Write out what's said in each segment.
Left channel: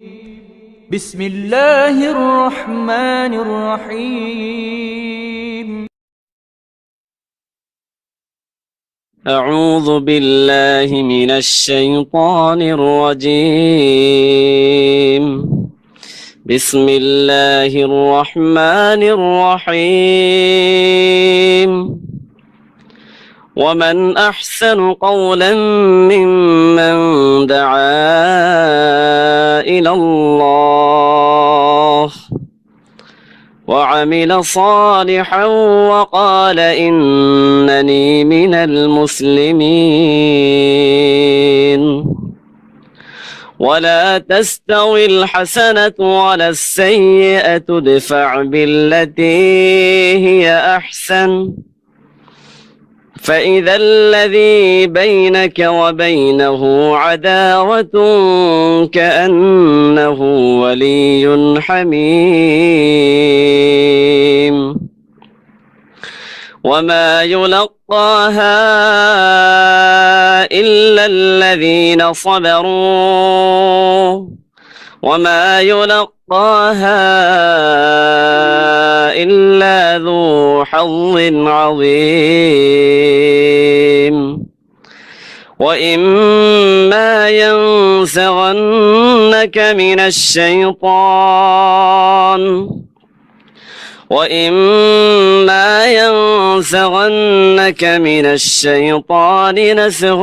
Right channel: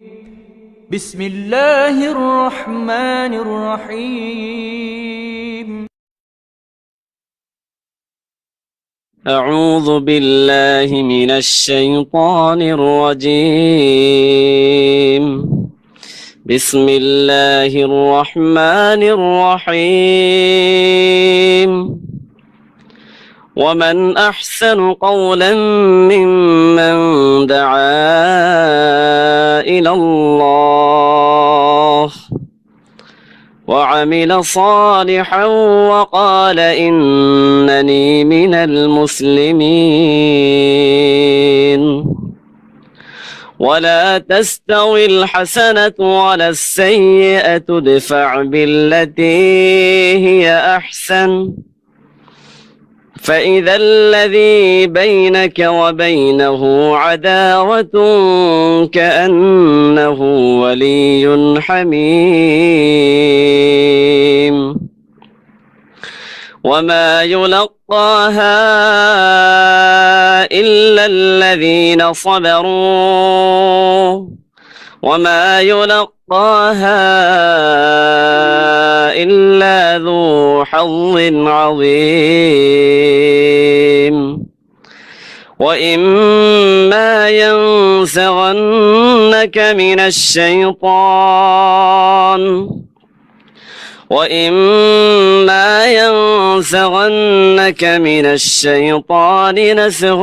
بسم الله الرحمن الرحيم. أعوذ بالله من الشيطان الرجيم. بسم الله الرحمن الرحيم. ومن أحسن قولا ممن دعا إلى الله وعمل صالحا وقال إنني من المسلمين. ولا تستوي الحسنة ولا السيئة ادفع بالتي هي أحسن فإذا الذي بينك وبينه عداوة كأنه ولي حميم. وما يلقاها إلا الذين صبروا وما يلقاها إلا ذو حظ عظيم. وإما ينزغنك من الشيطان نزغ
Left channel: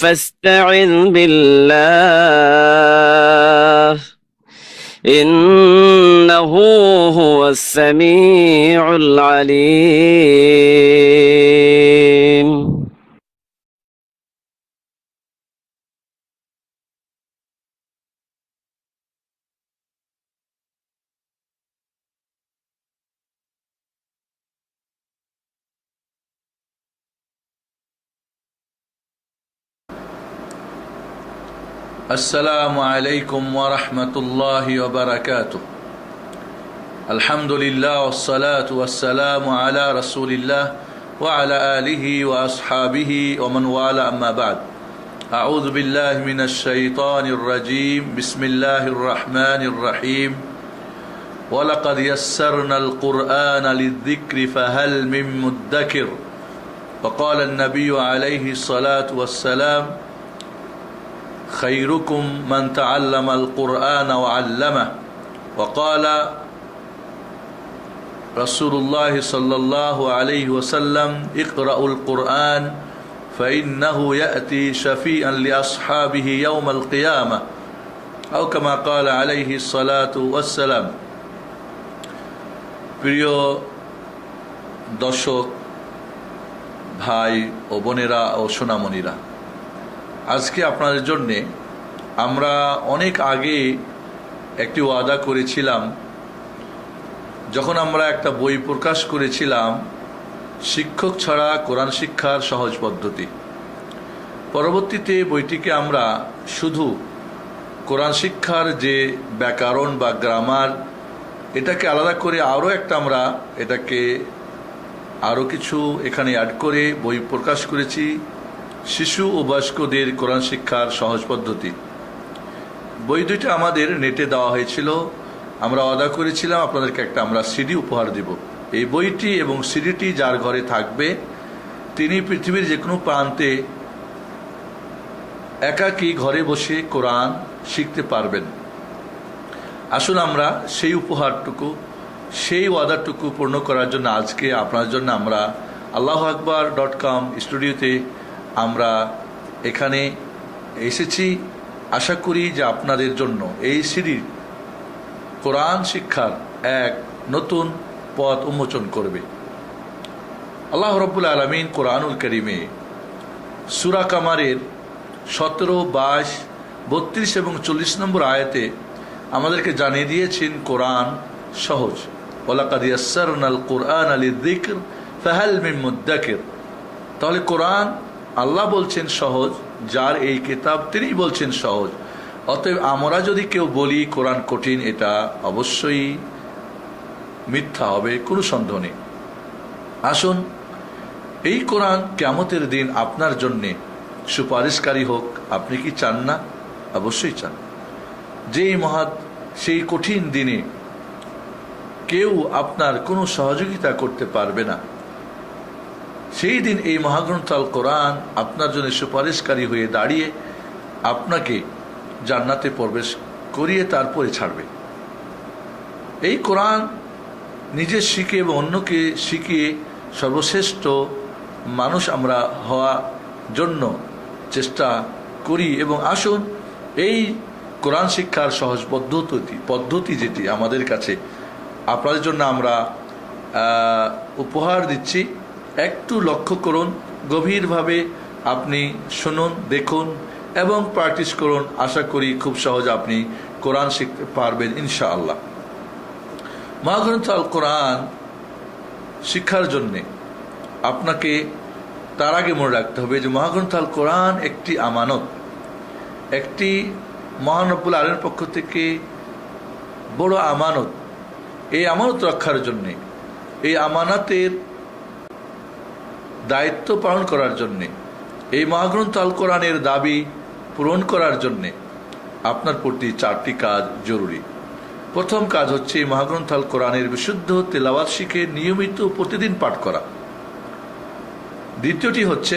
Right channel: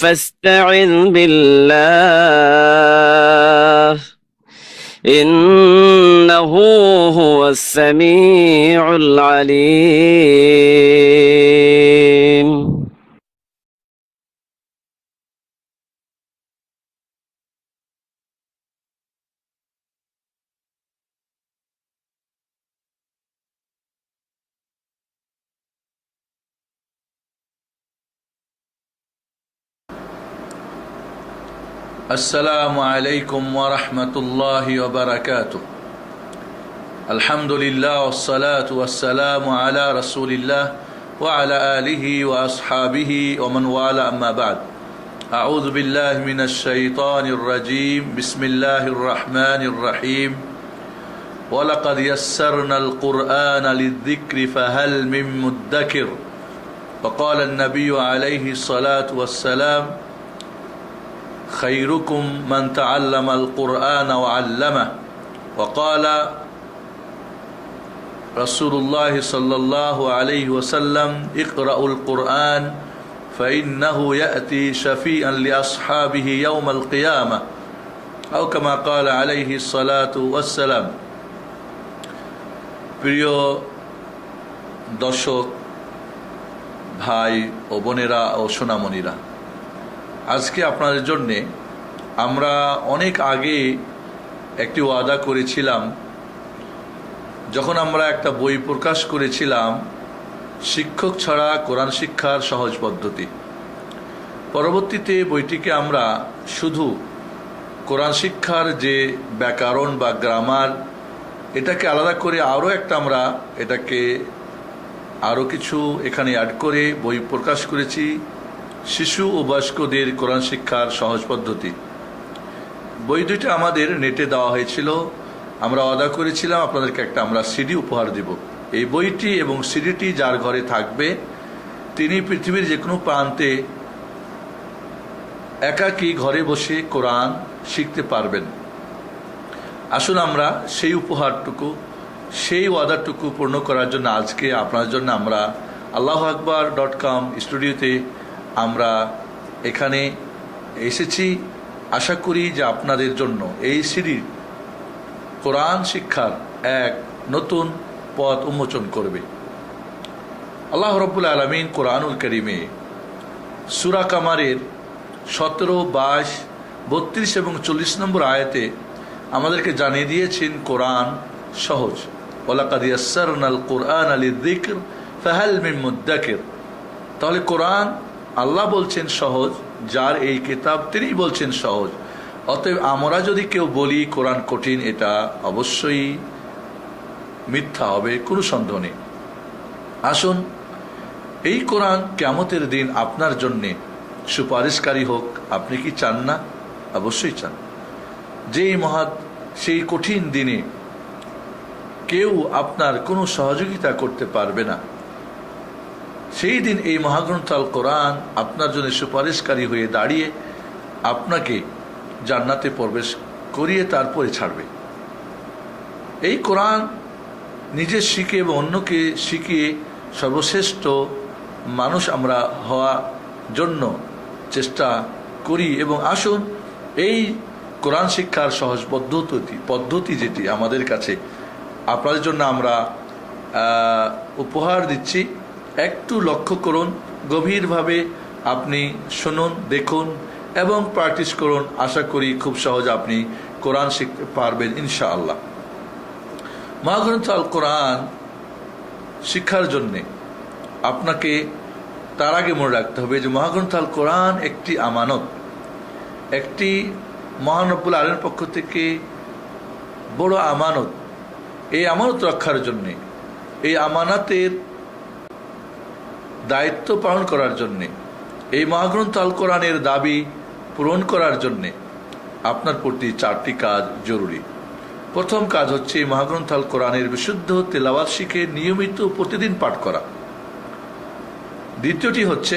فاستعذ بالله إنه هو السميع العليم. السلام عليكم ورحمة الله وبركاته. الحمد لله والصلاة والسلام على رسول الله وعلى آله وأصحابه ومن والاه أما بعد. أعوذ بالله من الشيطان الرجيم. بسم الله الرحمن الرحيم. ولقد يسرنا القرآن للذكر فهل من مدكر. وقال النبي عليه الصلاة والسلام خيركم من تعلم القرآن وعلمه. وقال رسول الله صلى الله عليه وسلم اقرأوا القرآن فإنه يأتي شفيعا لأصحابه يوم القيامة أو كما قال عليه الصلاة والسلام. প্রিয় দর্শক ভাই ও বোনেরা ও সোনামণিরা, আজকে আপনাদের জন্যে আমরা অনেক আগে একটি ওয়াদা করেছিলাম, যখন আমরা একটা বই প্রকাশ করেছিলাম শিক্ষক ছাড়া কোরআন শিক্ষার সহজ পদ্ধতি। পরবর্তীতে বইটিকে আমরা শুধু কোরআন শিক্ষার যে ব্যাকরণ বা গ্রামার, এটাকে আলাদা করে আরও একটা আমরা এটাকে আরও কিছু এখানে অ্যাড করে বই প্রকাশ করেছি, শিশু ও বয়স্কদের কোরআন শিক্ষার সহজ পদ্ধতি। বই দুইটা আমাদের নেটে দেওয়া হয়েছিল। আমরা ওয়াদা করেছিলাম আপনাদেরকে একটা আমরা সিডি উপহার দেব। এই বইটি এবং সিডিটি যার ঘরে থাকবে তিনি পৃথিবীর যে কোনো প্রান্তে একাকী ঘরে বসে কোরআন শিখতে পারবেন। আসুন আমরা সেই উপহারটুকু, সেই ওয়াদাটুকু পূর্ণ করার জন্য আজকে আপনার জন্য আমরা AllahAkbar.com স্টুডিওতে আমরা এখানে এসেছি। আশা করি যে আপনাদের জন্য এই সিডি কোরআন শিক্ষার এক নতুন পথ উন্মোচন করবে। আল্লাহ রাব্বুল আলামিন কোরআনুল কারীমে সূরা কামারের 17, 22, 32 এবং 40 নম্বর আয়াতে আমাদেরকে জানিয়ে দিয়েছেন কোরআন সহজ। ওয়ালাকাদ ইয়াসসারনাল কুরআনা লিযিকর ফাহাল মিন মুদ্দাকির। তাহলে কোরআন আল্লাহ বলছেন সহজ, যার এই কিতাব তিনি বলছেন সহজ। অতএব আমরা যদি কেউ বলি কোরআন কঠিন, এটা অবশ্যই মিথ্যা হবে, কোনো সন্দেহ নেই। আসুন এই কোরআন কিয়ামতের দিন আপনার জন্য সুপারিশকারী হোক। আপনি কি চান না? অবশ্যই চান। সেই কঠিন দিনে কেউ আপনার কোনো সহযোগিতা করতে পারবে না, সেই দিন এই মহাগ্রন্থ আল কোরআন আপনার জন্য সুপারিশকারী হয়ে দাঁড়িয়ে আপনাকে জান্নাতে প্রবেশ করিয়ে তারপরে ছাড়বে। এই কোরআন নিজে শিখে এবং অন্যকে শিখিয়ে সর্বশ্রেষ্ঠ মানুষ আমরা হওয়ার জন্য চেষ্টা করি। এবং আসুন এই কোরআন শিক্ষার সহজ পদ্ধতি যেটি আমাদের কাছে আপনাদের জন্য আমরা উপহার দিচ্ছি, একটু লক্ষ্য করুন, গভীরভাবে আপনি শুনুন, দেখুন এবং প্র্যাকটিস করুন। আশা করি খুব সহজে আপনি কোরআন শিখতে পারবেন ইনশাআল্লাহ। মহাগ্রন্থ আল কোরআন শিক্ষার জন্য আপনাকে তার আগে মনে রাখতে হবে যে মহাগ্রন্থ আল কোরআন একটি আমানত, একটি মহান রব্বুল আলামিনের পক্ষ থেকে বড় আমানত। এই আমানত রক্ষার জন্য, এই আমানতের দায়িত্ব পালন করার জন্য, এই মহাগ্রন্থ আল কোরআনের দাবি পূরণ করার জন্য আপনার প্রতি 4টি কাজ জরুরি। প্রথম কাজ হচ্ছে এই মহাগ্রন্থ আল কোরআনের বিশুদ্ধ তেলাওয়াত শিখে নিয়মিত প্রতিদিন পাঠ করা। দ্বিতীয়টি হচ্ছে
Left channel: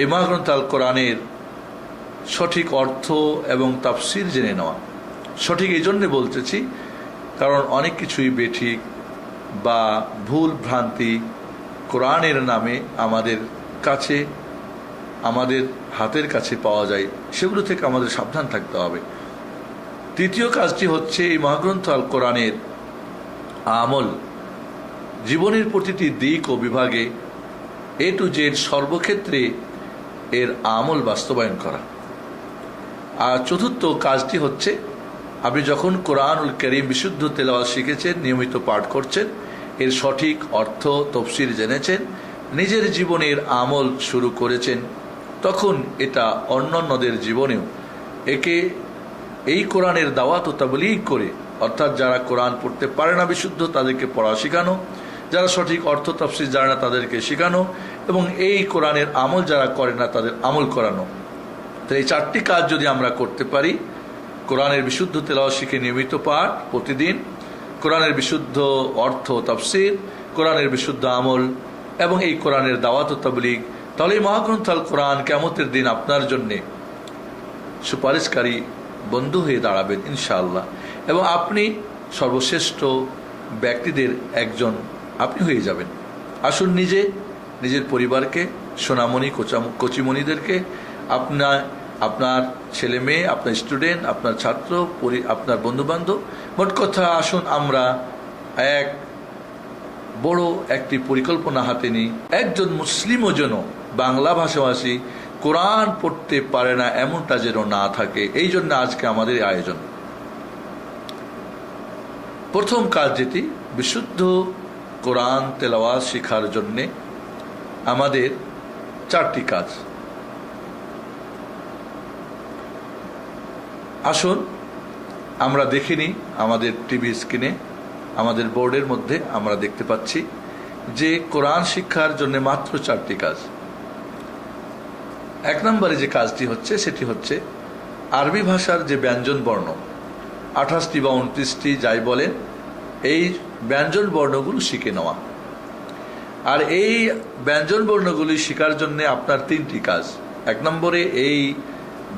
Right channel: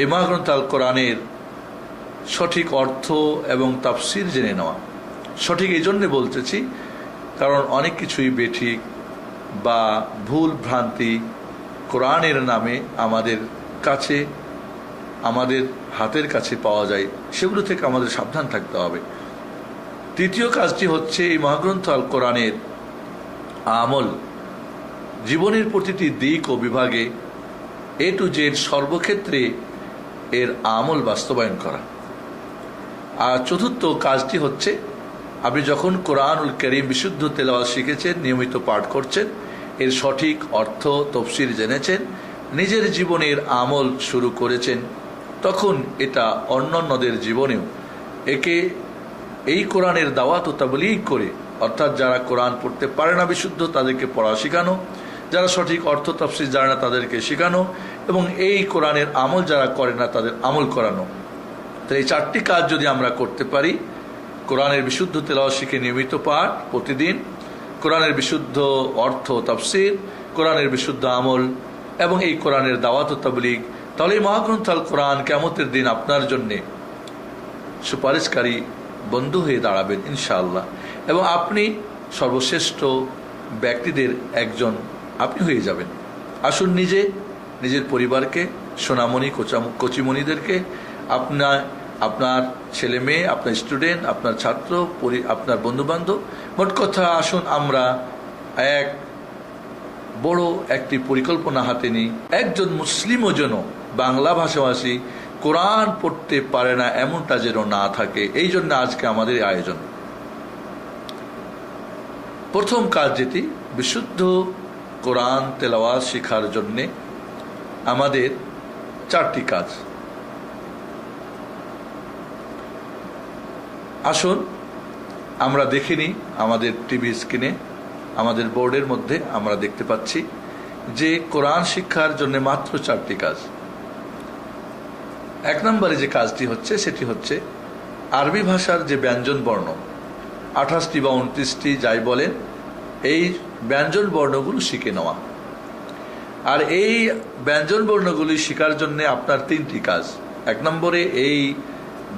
এই মহাগ্রন্থ আল কোরআনের সঠিক অর্থ এবং তাফসির জেনে নেওয়া। সঠিক এই জন্য বলতেছি কারণ অনেক কিছুই বেঠিক বা ভুল ভ্রান্তি কোরআনের নামে আমাদের কাছে, আমাদের হাতের কাছে পাওয়া যায়, সেগুলো থেকে আমাদের সাবধান থাকতে হবে। তৃতীয় কাজটি হচ্ছে এই মহাগ্রন্থ আল কোরআনের আমল, জীবনের প্রতিটি দিক ও বিভাগে A to Z সর্বক্ষেত্রে এর আমল বাস্তবায়ন করা। আর চতুর্থ কাজটি হচ্ছে আপনি যখন কোরআনুল কারীম বিশুদ্ধ তেলাওয়াত শিখেছেন, নিয়মিত পাঠ করছেন, এর সঠিক অর্থ তফসির জেনেছেন, নিজের জীবনের আমল শুরু করেছেন, তখন এটা অন্যান্যদের জীবনেও এই কোরআনের দাওয়াত ও তাবলীগ করে, অর্থাৎ যারা কোরআন পড়তে পারে না বিশুদ্ধ তাদেরকে পড়া শেখানো, যারা সঠিক অর্থ তাফসীর জানে না তাদেরকে শেখানো, এবং এই কোরআনের আমল যারা করে না তাদের আমল করানো। তো এই 4টি কাজ যদি আমরা করতে পারি, কোরআনের বিশুদ্ধ তেলাওয়াত শিখে নিয়মিত পাঠ প্রতিদিন, কোরআনের বিশুদ্ধ অর্থ তাফসীর, কোরআনের বিশুদ্ধ আমল এবং এই কোরআনের দাওয়াত ও তাবলীগ, তাহলে এই মহাগ্রন্থ আল কোরআন কিয়ামতের দিন আপনার জন্য সুপারিশকারী বন্ধু হয়ে দাঁড়াবেন ইনশাআল্লাহ, এবং আপনি সর্বশ্রেষ্ঠ ব্যক্তিদের একজন আপনি হয়ে যাবেন। আসুন নিজের পরিবারকে, সোনামণি কচিমণিদেরকে, আপনার ছেলে মেয়ে, আপনার স্টুডেন্ট, আপনার ছাত্র, আপনার বন্ধু বান্ধব, মোট কথা আসুন আমরা এক বড় একটি পরিকল্পনা হাতে নিই। একজন মুসলিমও যেন বাংলা ভাষাভাষী কোরআন পড়তে পারে না এমনটা যেন না থাকে, এই জন্য আজকে আমাদের আয়োজন। প্রথম কাজ যেটি, বিশুদ্ধ কোরআন তেলাওয়াত শেখার জন্য আমাদের 4টি কাজ। আসুন আমরা দেখে নিই, আমাদের টিভি স্ক্রিনে, আমাদের বোর্ডের মধ্যে আমরা দেখতে পাচ্ছি যে কোরআন শিক্ষার জন্য মাত্র 4টি কাজ। 1 নম্বরে যে কাজটি হচ্ছে সেটি হচ্ছে আরবি ভাষার যে ব্যঞ্জন বর্ণ 28টি বা 29টি যাই বলেন, এই ব্যঞ্জন বর্ণগুলো শিখে নেওয়া। আর এই ব্যঞ্জন বর্ণগুলি শেখার জন্য আপনার 3টি কাজ। 1 নম্বরে এই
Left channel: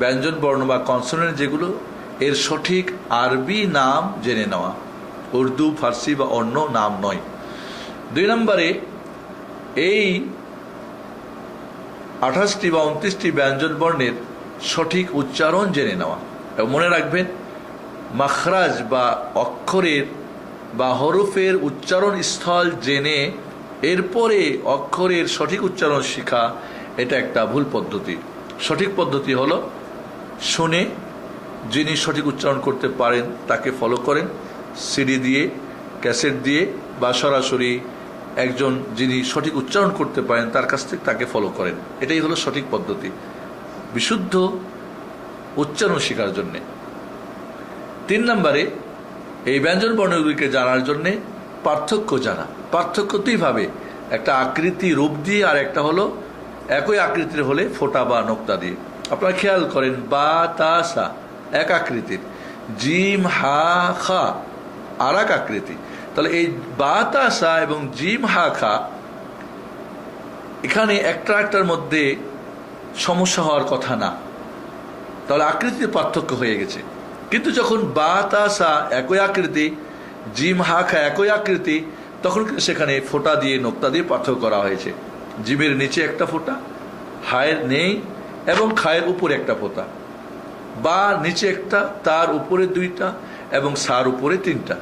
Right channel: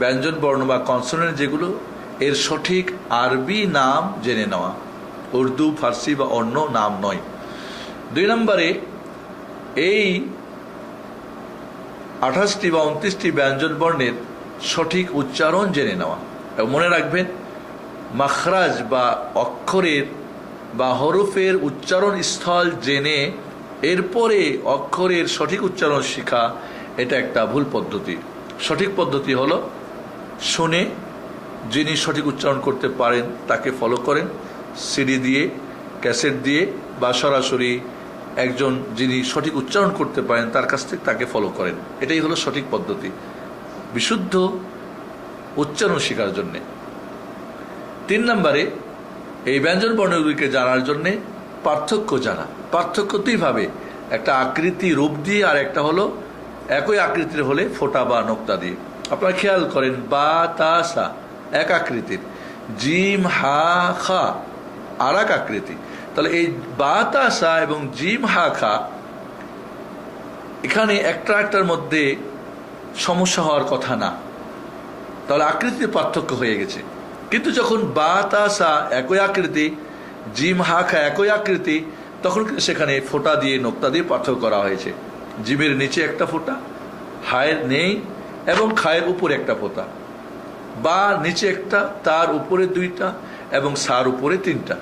ব্যঞ্জন বর্ণ বা কনসোনেন্ট যেগুলো, এর সঠিক আরবি নাম জেনে নেওয়া, উর্দু, ফার্সি বা অন্য নাম নয়। 2 নম্বরে এই 28টি বা 29টি ব্যঞ্জন বর্ণের সঠিক উচ্চারণ জেনে নেওয়া। এবং মনে রাখবেন, মাখরাজ বা অক্ষরের বা হরফের উচ্চারণ স্থল জেনে এরপরে অক্ষরের সঠিক উচ্চারণ শেখা, এটা একটা ভুল পদ্ধতি। সঠিক পদ্ধতি হলো শুনে, যিনি সঠিক উচ্চারণ করতে পারেন তাকে ফলো করেন, সিডি দিয়ে, ক্যাসেট দিয়ে বা সরাসরি একজন যিনি সঠিক উচ্চারণ করতে পারেন তার কাছ থেকে তাকে ফলো করেন। এটাই হলো সঠিক পদ্ধতি বিশুদ্ধ উচ্চারণ শেখার জন্য। 3 নম্বরে এই ব্যঞ্জন বর্ণগুলিকে জানার জন্য পার্থক্য জানা। পার্থক্য দুইভাবে, একটা আকৃতি রূপ দিয়ে আর একটা হলো একই আকৃতির হলে ফোঁটা বা নোক্তা দিয়ে। আপনারা খেয়াল করেন, বা তা সা এক আকৃতির, জিম হা খা আর এক আকৃতি। তাহলে এই বা তা সা এবং জিম হা খা এখানে একটা একটার মধ্যে সমস্যা হওয়ার কথা না, তাহলে আকৃতিতে পার্থক্য হয়ে গেছে। কিন্তু যখন বা তা সা একই আকৃতি, জিম হা খা একই আকৃতি, তখন সেখানে ফোঁটা দিয়ে নোক্তা দিয়ে পার্থক্য করা হয়েছে। জিমের নিচে একটা ফোঁটা, হায়ের নেই, এবং খায়ের উপরে একটা ফোঁটা, বা নিচে একটা, তার উপরে দুইটা, এবং সার উপরে তিনটা।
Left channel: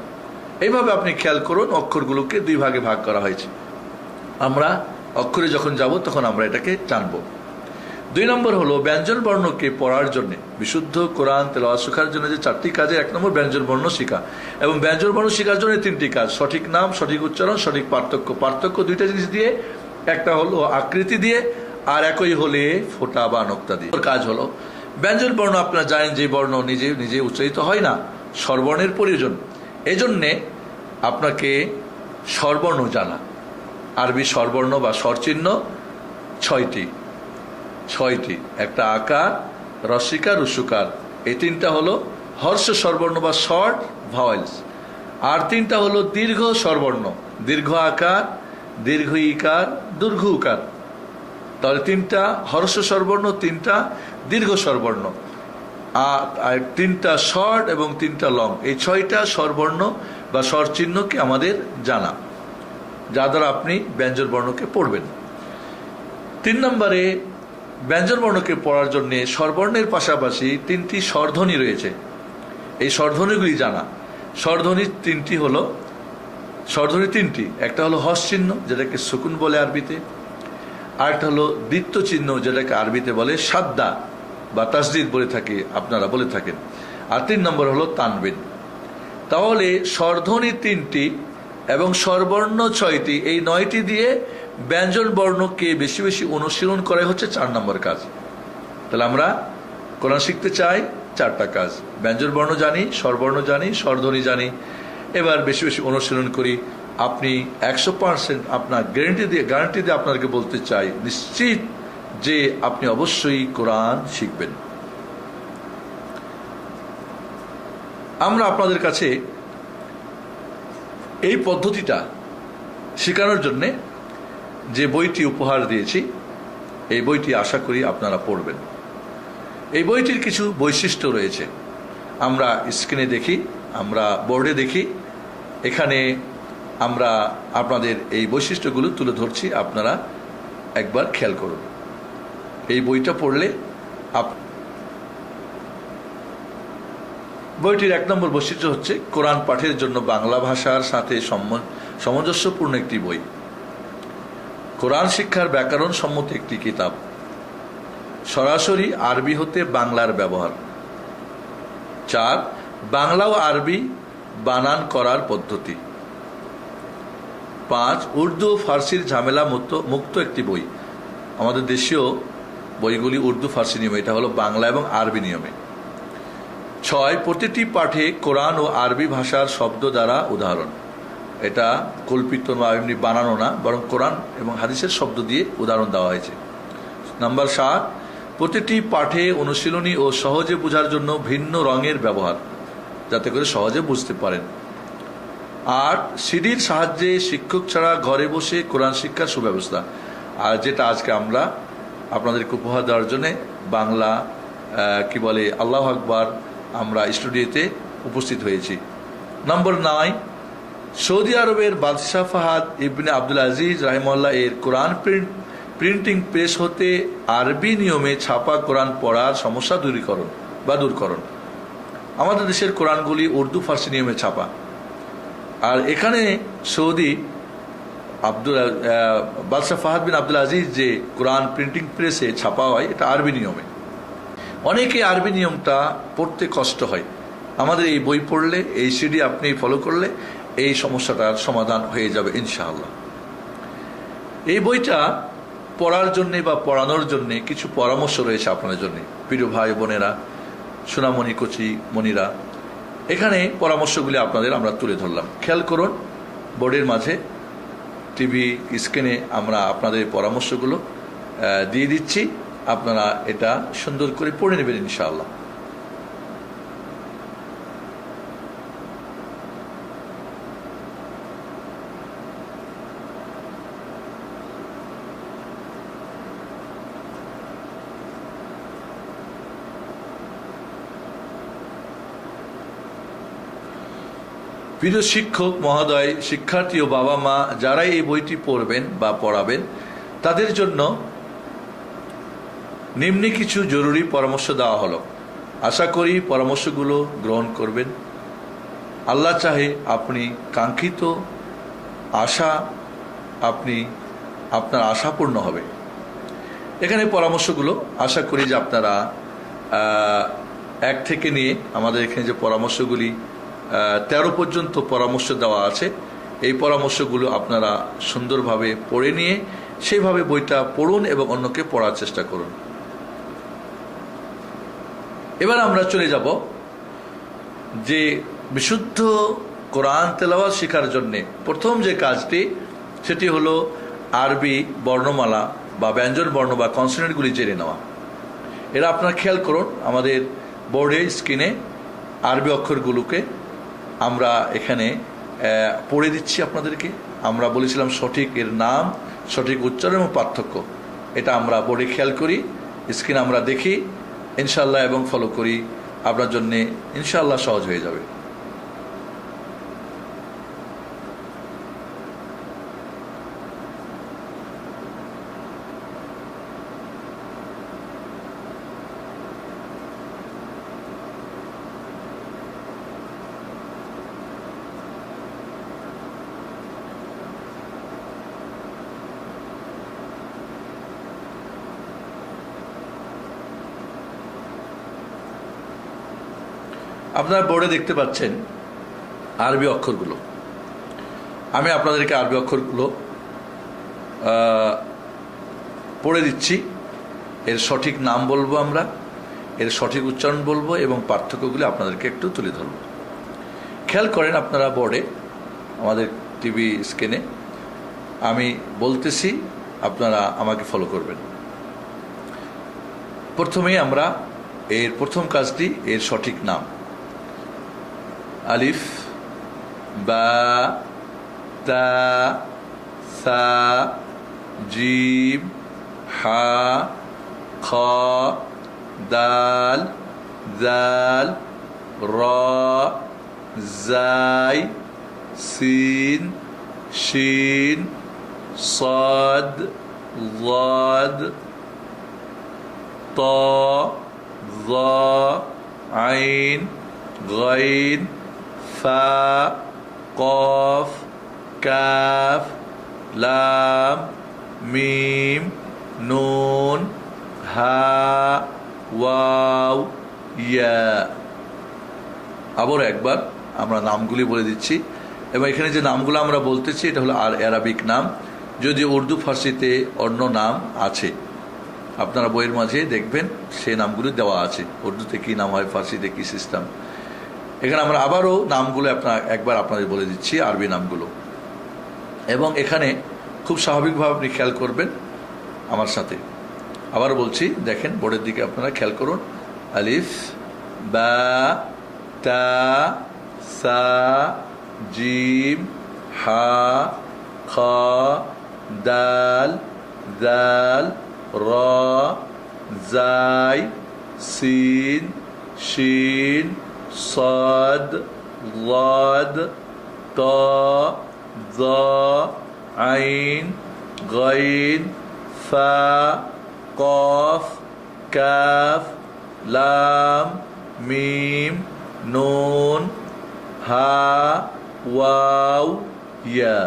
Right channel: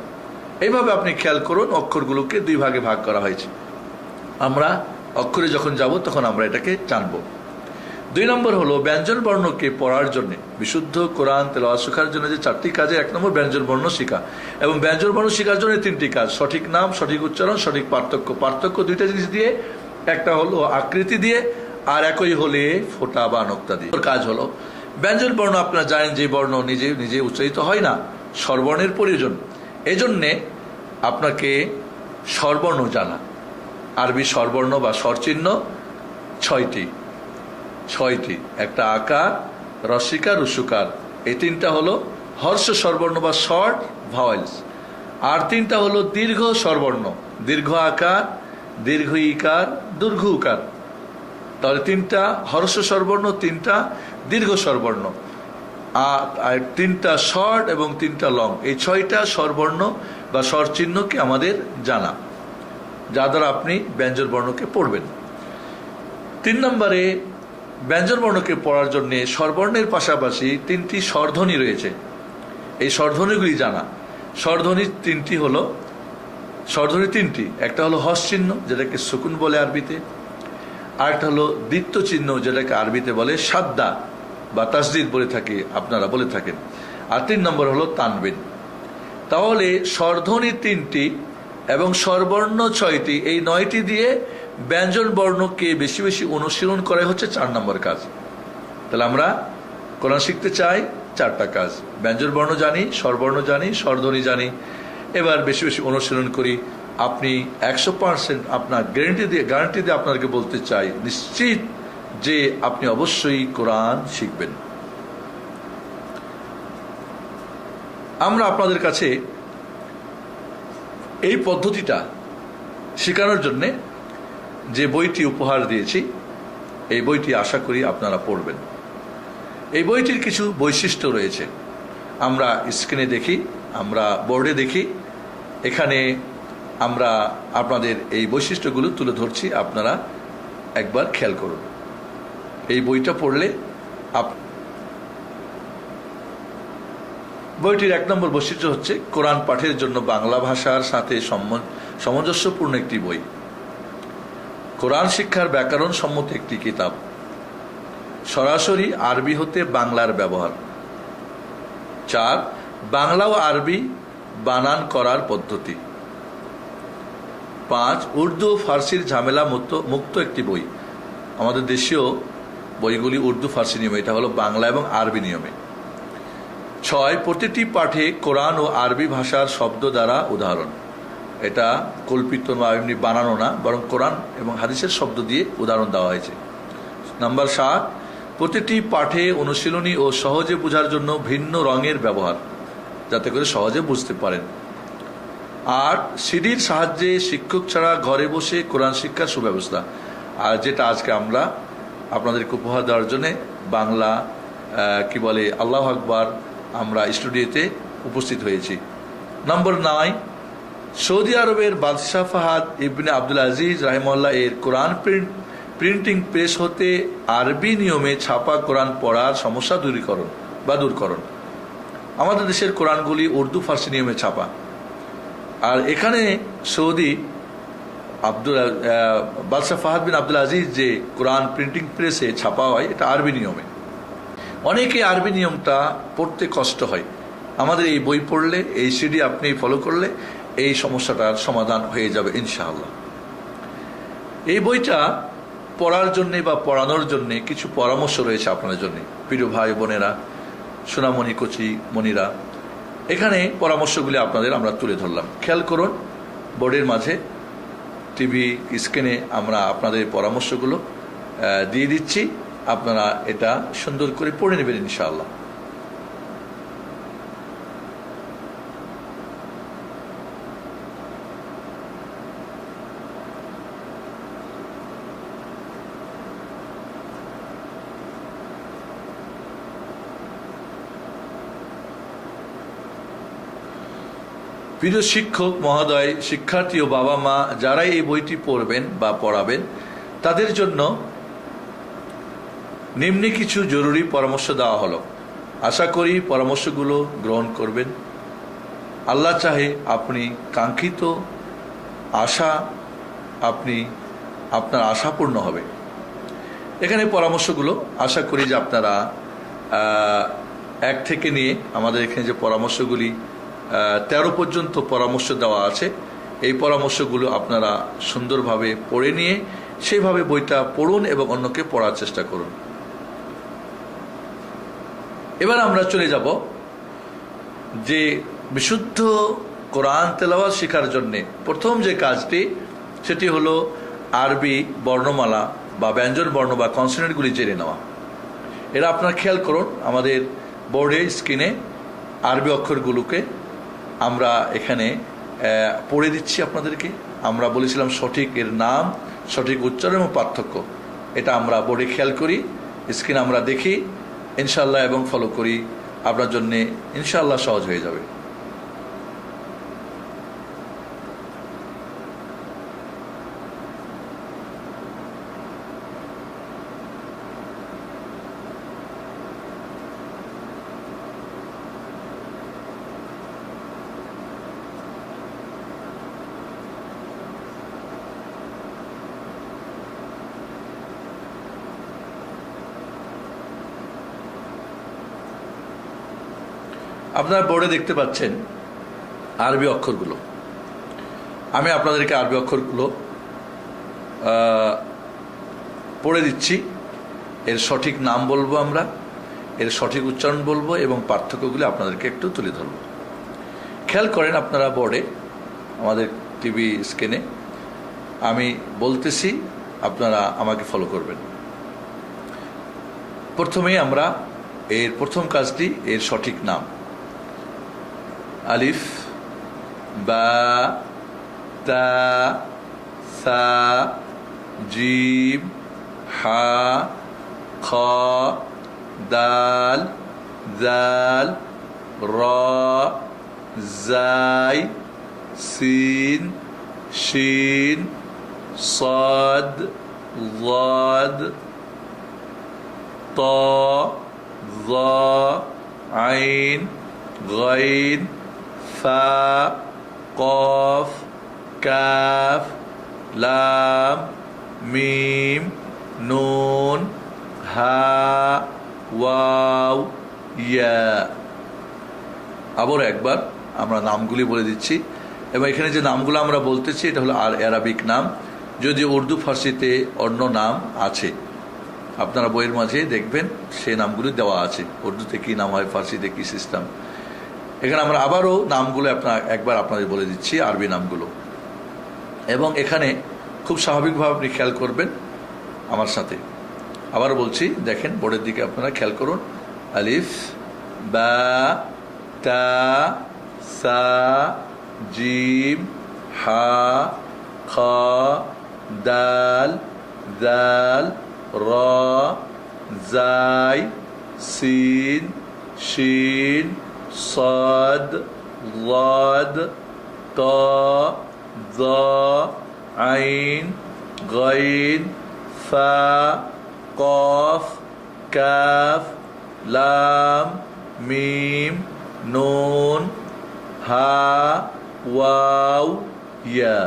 এইভাবে আপনি খেয়াল করুন, অক্ষরগুলোকে দুই ভাগে ভাগ করা হয়েছে। আমরা অক্ষরে যখন যাব তখন আমরা এটাকে জানবো। 2 নম্বর হলো ব্যঞ্জন বর্ণকে পড়ার জন্য, বিশুদ্ধ কোরআন তেলাওয়াত শেখার জন্য যে 4টি কাজে 1 নম্বর ব্যঞ্জন বর্ণ শেখা, এবং ব্যঞ্জন বর্ণ শেখার জন্য 3টি কাজ: সঠিক নাম, সঠিক উচ্চারণ, সঠিক পার্থক্য। পার্থক্য 2টা জিনিস দিয়ে, একটা হলো আকৃতি দিয়ে, আর একই হলে ফোঁটা বা নোক্তা দিয়ে। কাজ হলো ব্যঞ্জন বর্ণ, আপনারা জানেন যে বর্ণ নিজে নিজে উচ্চারিত হয় না, স্বরবর্ণের প্রয়োজন। এজন্যে আপনাকে স্বরবর্ণ জানা। আরবি স্বরবর্ণ বা স্বরচিহ্ন 6টি। একটা আকার, রস্বীকার, রস্যকার, এই 3টা হলো হর্ষ স্বরবর্ণ বা শর্ট ভাওয়েলস। আর 3টা হলো দীর্ঘ স্বরবর্ণ, দীর্ঘ আকার, দীর্ঘ ইকার, দীর্ঘ উকার। তাহলে 3টা হর্ষ স্বরবর্ণ, 3টা দীর্ঘ স্বরবর্ণ, আর 3টা শর্ট এবং 3টা লং। এই 6টা স্বরবর্ণ বা স্বরচিহ্নকে আমাদের জানা, যা দ্বারা আপনি ব্যঞ্জন বর্ণকে পড়বেন। 3 নম্বরে ব্যঞ্জন বর্ণকে পড়ার জন্য স্বরবর্ণের পাশাপাশি 3টি স্বরধ্বনি রয়েছে। এই স্বরধ্বনিগুলি জানা। স্বরধ্বনি 3টি হলো, স্বরধ্বনি 3টি। একটা হলো হর্ষ চিহ্ন, যেটাকে সুকুন বলে আরবিতে। আরেকটা হলো দ্বিত্ব চিহ্ন, যেটাকে আরবিতে বলে সাদ্দা বা তাসদিদ বলে থাকি, আপনারা বলে থাকেন। আর 3 নম্বর হলো তানবিন। তাহলে স্বরধ্বনি 3টি এবং স্বরবর্ণ 6টি, এই 9টি দিয়ে ব্যঞ্জন বর্ণকে বেশি বেশি অনুশীলন করা হচ্ছে 4 নম্বর কাজ। তাহলে আমরা কোরআন শিখতে চাই, 4টা কাজ: ব্যঞ্জন বর্ণ জানি, স্বরবর্ণ জানি, স্বরধ্বনি জানি। এবার বেশি বেশি অনুশীলন করি। আপনি 100% আপনার গ্যারান্টি দিয়ে আপনাকে বলতে চাই, নিশ্চিত যে আপনি অবশ্যই কোরআন শিখবেন। আমরা আপনাদের কাছে এই পদ্ধতিটা শেখানোর জন্য যে বইটি উপহার দিয়েছি, এই বইটি আশা করি আপনারা পড়বেন। এই বইটির কিছু বৈশিষ্ট্য রয়েছে, আমরা স্ক্রিনে দেখি, আমরা বোর্ডে দেখি। এখানে আমরা আপনাদের এই বৈশিষ্ট্যগুলো তুলে ধরছি, আপনারা একবার খেয়াল করুন। এই বইটা পড়লে বইটির 1 নম্বর বৈশিষ্ট্য হচ্ছে কোরআন পাঠের জন্য বাংলা ভাষার সাথে সামঞ্জস্যপূর্ণ একটি বই, কোরআন শিক্ষার ব্যাকরণ সম্মত একটি কিতাব, সরাসরি আরবি হতে বাংলার ব্যবহার। 4, বাংলা ও আরবি বানান করার পদ্ধতি। 5, উর্দু ও ফার্সির ঝামেলা মুক্ত একটি বই। আমাদের দেশীয় বইগুলি উর্দু ফার্সি নিয়মে, এটা হলো বাংলা এবং আরবি নিয়মে। 6, প্রতিটি পাঠে কোরআন ও আরবি ভাষার শব্দ দ্বারা উদাহরণ। এটা কল্পিত বা এমনি বানানো না, বরং কোরআন এবং হাদিসের শব্দ দিয়ে উদাহরণ দেওয়া হয়েছে। নাম্বার 7, প্রতিটি পাঠে অনুশীলনী ও সহজে বোঝার জন্য ভিন্ন রঙের ব্যবহার, যাতে করে সহজে বুঝতে পারেন। 8, সিডির সাহায্যে শিক্ষক ছাড়া ঘরে বসে কোরআন শিক্ষার সুব্যবস্থা। আর যেটা আজকে আমরা আপনাদেরকে উপহার দেওয়ার জন্য বাংলা আল্লাহু আকবার আমরা স্টুডিওতে উপস্থিত হয়েছি। নম্বর 9, সৌদি আরবের বাদশাহ ফাহাদ ইবনে আব্দুল আজিজ রাহিমাহুল্লাহ এর কোরআন প্রিন্টিং প্রেস হতে আরবি নিয়মে ছাপা কোরআন পড়ার সমস্যা দূরীকরণ। আমাদের দেশের কোরআনগুলি উর্দু ফার্সি নিয়মে ছাপা, আর এখানে সৌদি বাদশাহ ফাহাদ বিন আব্দুল আজিজ যে কোরআন প্রিন্টিং প্রেসে ছাপা হয়, এটা আরবি নিয়মে। অনেকে আরবি নিয়মটা পড়তে কষ্ট হয়। আমাদের এই বই পড়লে, এই সিডি আপনি ফলো করলে এই সমস্যাটার সমাধান হয়ে যাবে ইনশাআল্লাহ। এই বইটা পড়ার জন্য বা পড়ানোর জন্য কিছু পরামর্শ রয়েছে আপনাদের জন্য, প্রিয় ভাই বোনেরা, সোনামণি কচি মণিরা। এখানে পরামর্শগুলি আপনাদের আমরা তুলে ধরলাম। খেয়াল করুন, বোর্ডের মাঝে, টিভি স্ক্রিনে আমরা আপনাদের পরামর্শগুলো দিয়ে দিচ্ছি। আপনারা এটা সুন্দর করে পড়ে নেবেন ইনশাআল্লাহ। প্রিয় শিক্ষক মহোদয়, শিক্ষার্থী ও বাবা মা যারাই এই বইটি পড়বেন বা পড়াবেন, তাদের জন্য নিম্নে কিছু জরুরি পরামর্শ দেওয়া হলো। আশা করি পরামর্শগুলো গ্রহণ করবেন। আল্লাহ চাহে আপনি কাঙ্ক্ষিত আশা আপনার আশা পূর্ণ হবে। এখানে পরামর্শগুলো আশা করি যে আপনারা 1 থেকে নিয়ে আমাদের এখানে যে পরামর্শগুলি 13 পর্যন্ত পরামর্শ দেওয়া আছে, এই পরামর্শগুলো আপনারা সুন্দরভাবে পড়ে নিয়ে সেইভাবে বইটা পড়ুন এবং অন্যকে পড়ার চেষ্টা করুন। এবার আমরা চলে যাব যে বিশুদ্ধ কোরআন তেলাওয়াত শেখার জন্য প্রথম যে কাজটি, সেটি হলো আরবি বর্ণমালা বা ব্যঞ্জন বর্ণ বা কনসোনেন্টগুলি জেনে নেওয়া। এরা আপনারা খেয়াল করুন, আমাদের বোর্ডে স্ক্রিনে আরবি অক্ষরগুলোকে আমরা এখানে পড়ে দিচ্ছি আপনাদেরকে। আমরা বলেছিলাম সঠিক এর নাম, সঠিক উচ্চারণ এবং পার্থক্য, এটা আমরা বোর্ডে খেয়াল করি, স্ক্রিন আমরা দেখি ইনশাআল্লাহ এবং ফলো করি। আপনার জন্য ইনশাআল্লাহ সহজ হয়ে যাবে। আপনারা বোর্ডে দেখতে পাচ্ছেন আরবি অক্ষরগুলো। আমি আপনাদেরকে আরবি অক্ষরগুলো পড়ে দিচ্ছি। এর সঠিক নাম বলবো, আমরা এর সঠিক উচ্চারণ বলবো এবং পার্থক্যগুলো আপনাদেরকে একটু তুলে ধরব। খেয়াল করেন আপনারা বোর্ডে, আমাদের টিভি স্ক্রিনে আমি বলতেছি, আপনারা আমাকে ফলো করবেন। প্রথমেই আমরা এর প্রথম কাজটি এর সঠিক নাম। আলিফ, বা, তা, সা, জিম, হা, খ, দাল, জাল, র, জাই, সিন, শিন, صاد ضاد طا ظا عين غين فا قاف كاف لام ميم نون হা ওয়াও ইয়া। আবার একবার আমরা নামগুলি বলে দিচ্ছি এবং এখানে যে নামগুলো আমরা বলতেছি এটা হলো আরবিক নাম, যদি উর্দু ফার্সিতে অন্য নাম আছে আপনারা বইয়ের মাঝে দেখবেন সেই নামগুলি দেওয়া আছে, উর্দুতে কি নাম হয়, ফার্সিতে কি সিস্টেম। এখানে আমরা আবারও নামগুলো একবার আপনাদের বলে দিচ্ছি, আরবি নামগুলো। এবং এখানে খুব স্বাভাবিকভাবে আপনি খেয়াল করবেন আমার সাথে। আবার বলছি, দেখেন বোর্ডের দিকে আপনারা খেয়াল করুন। আলিফ, বা, তা, সা, জিম, হা, খ, দাল, দাল, র, জাই, সিন, শিন, صاد ضاد طا ظا عين غين فا قاف كاف لام ميم نون হা ওয়াও ইয়া।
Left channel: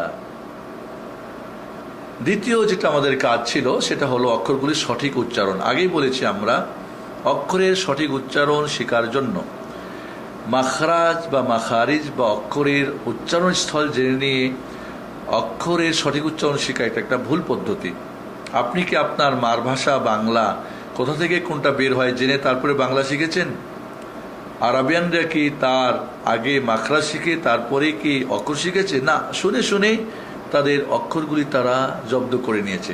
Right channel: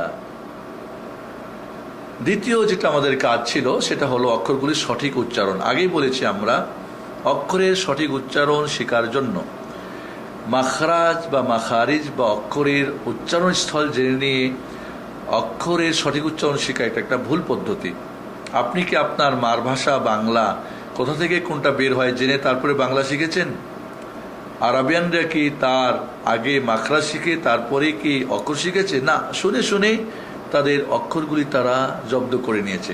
দ্বিতীয় যেটা আমাদের কাজ ছিল সেটা হলো অক্ষরগুলির সঠিক উচ্চারণ। আগেই বলেছি আমরা অক্ষরের সঠিক উচ্চারণ শেখার জন্য মাখরাজ বা মাখারিজ বা অক্ষরের উচ্চারণ স্থল জেনে নিয়ে অক্ষরের সঠিক উচ্চারণ শেখা এটা একটা ভুল পদ্ধতি। আপনি কি আপনার মার ভাষা বাংলা কোথা থেকে কোনটা বের হয় জেনে তারপরে বাংলা শিখেছেন? আরাবিয়ানরা কি তার আগে মাখরাজ শিখে তারপরে কি অক্ষর শিখেছে? না, শুনে শুনে তাদের অক্ষরগুলি তারা জব্দ করে নিয়েছে।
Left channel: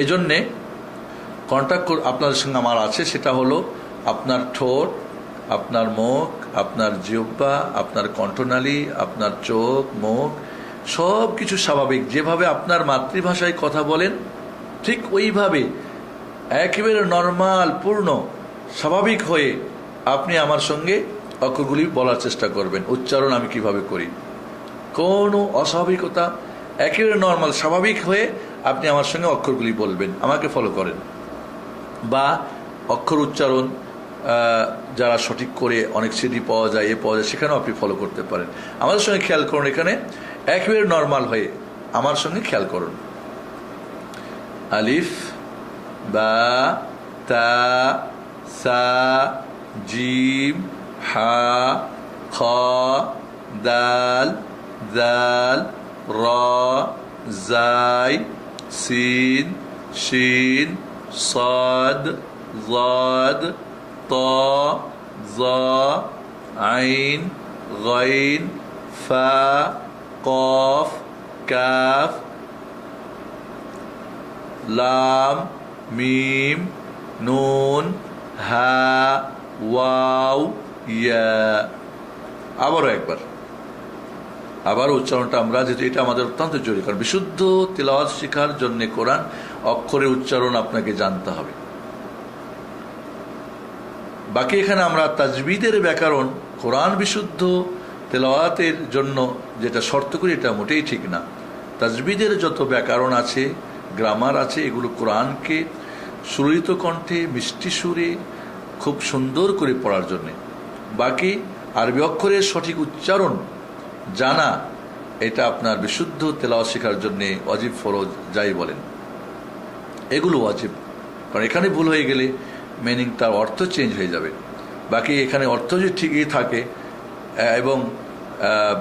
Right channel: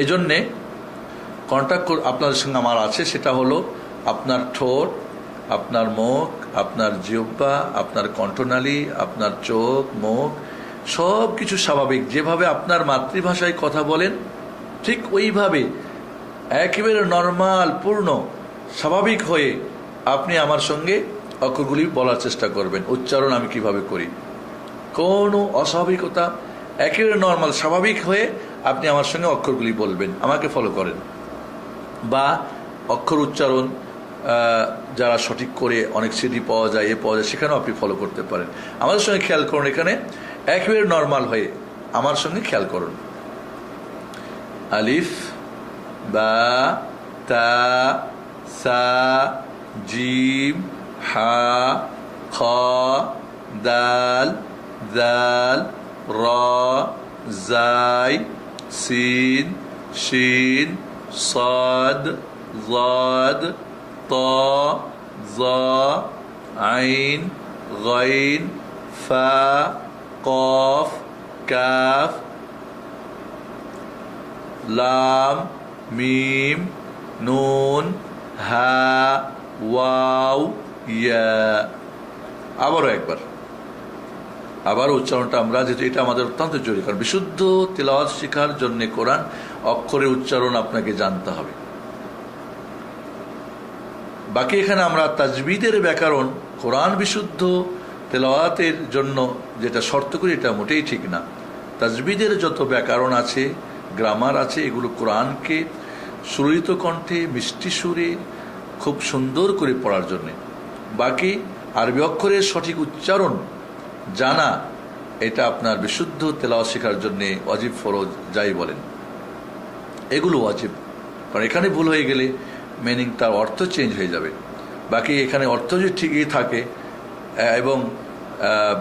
এই জন্যে কন্ট্যাক্ট আপনাদের সঙ্গে আমার আছে, সেটা হলো আপনার ঠোঁট, আপনার মুখ, আপনার জিহ্বা, আপনার কণ্ঠনালী, আপনার চোখ, মুখ সব কিছু স্বাভাবিক। যেভাবে আপনার মাতৃভাষায় কথা বলেন ঠিক ওইভাবে একেবারে নর্মাল পূর্ণ স্বাভাবিক হয়ে আপনি আমার সঙ্গে অক্ষরগুলি বলার চেষ্টা করবেন। উচ্চারণ আমি কিভাবে করি কোনো অস্বাভাবিকতা, একেবারে নর্মাল স্বাভাবিক হয়ে আপনি আমার সঙ্গে অক্ষরগুলি বলবেন, আমাকে ফলো করেন। বা অক্ষর উচ্চারণ যারা সঠিক করে অনেক সিডি পাওয়া যায়, পাওয়া যায়, সেখানেও আপনি ফলো করতে পারেন। আমাদের সঙ্গে খেয়াল করুন, এখানে একেবারে নর্মাল হয়ে আমার সঙ্গে খেয়াল করুন। আলিফ, বা, তা, সা, জিম, হা, খ, দাল, জাল, র, জাই, সিন, শিন, صاد ضاد طا ظا عين غين فا قاف كاف লাম, মিম, নুন, হা, ওয়াও, ইয়া। আবারও একবার, আবার উচ্চারণটা আমরা, যেহেতু এটা আমাদের অত্যন্ত জরুরি, কারণ বিশুদ্ধ তিলাওয়াত শেখার জন্য কোরআন অক্ষরের উচ্চারণ আপনাকে জানতে হবে। বাকি এখানে আমরা তাজবিদের ব্যাকরণ, কোরআন বিশুদ্ধ তেলাওয়াতের জন্য যেটা শর্ত করি, এটা মোটেই ঠিক না। তাজবিদের যত ব্যাকরণ আছে, গ্রামার আছে, এগুলো কোরআনকে সুরিত কণ্ঠে মিষ্টি সুরে খুব সুন্দর করে পড়ার জন্য। বাকি আরবি অক্ষরের সঠিক উচ্চারণ জানা, এটা আপনার বিশুদ্ধ তেলাওয়াত শেখার জন্য ওয়াজিব, ফরজ যাই বলেন, এগুলো ওয়াজিব। কারণ এখানে ভুল হয়ে গেলে মিনিং, তার অর্থ চেঞ্জ হয়ে যাবে। বাকি এখানে অর্থ যদি ঠিকই থাকে এবং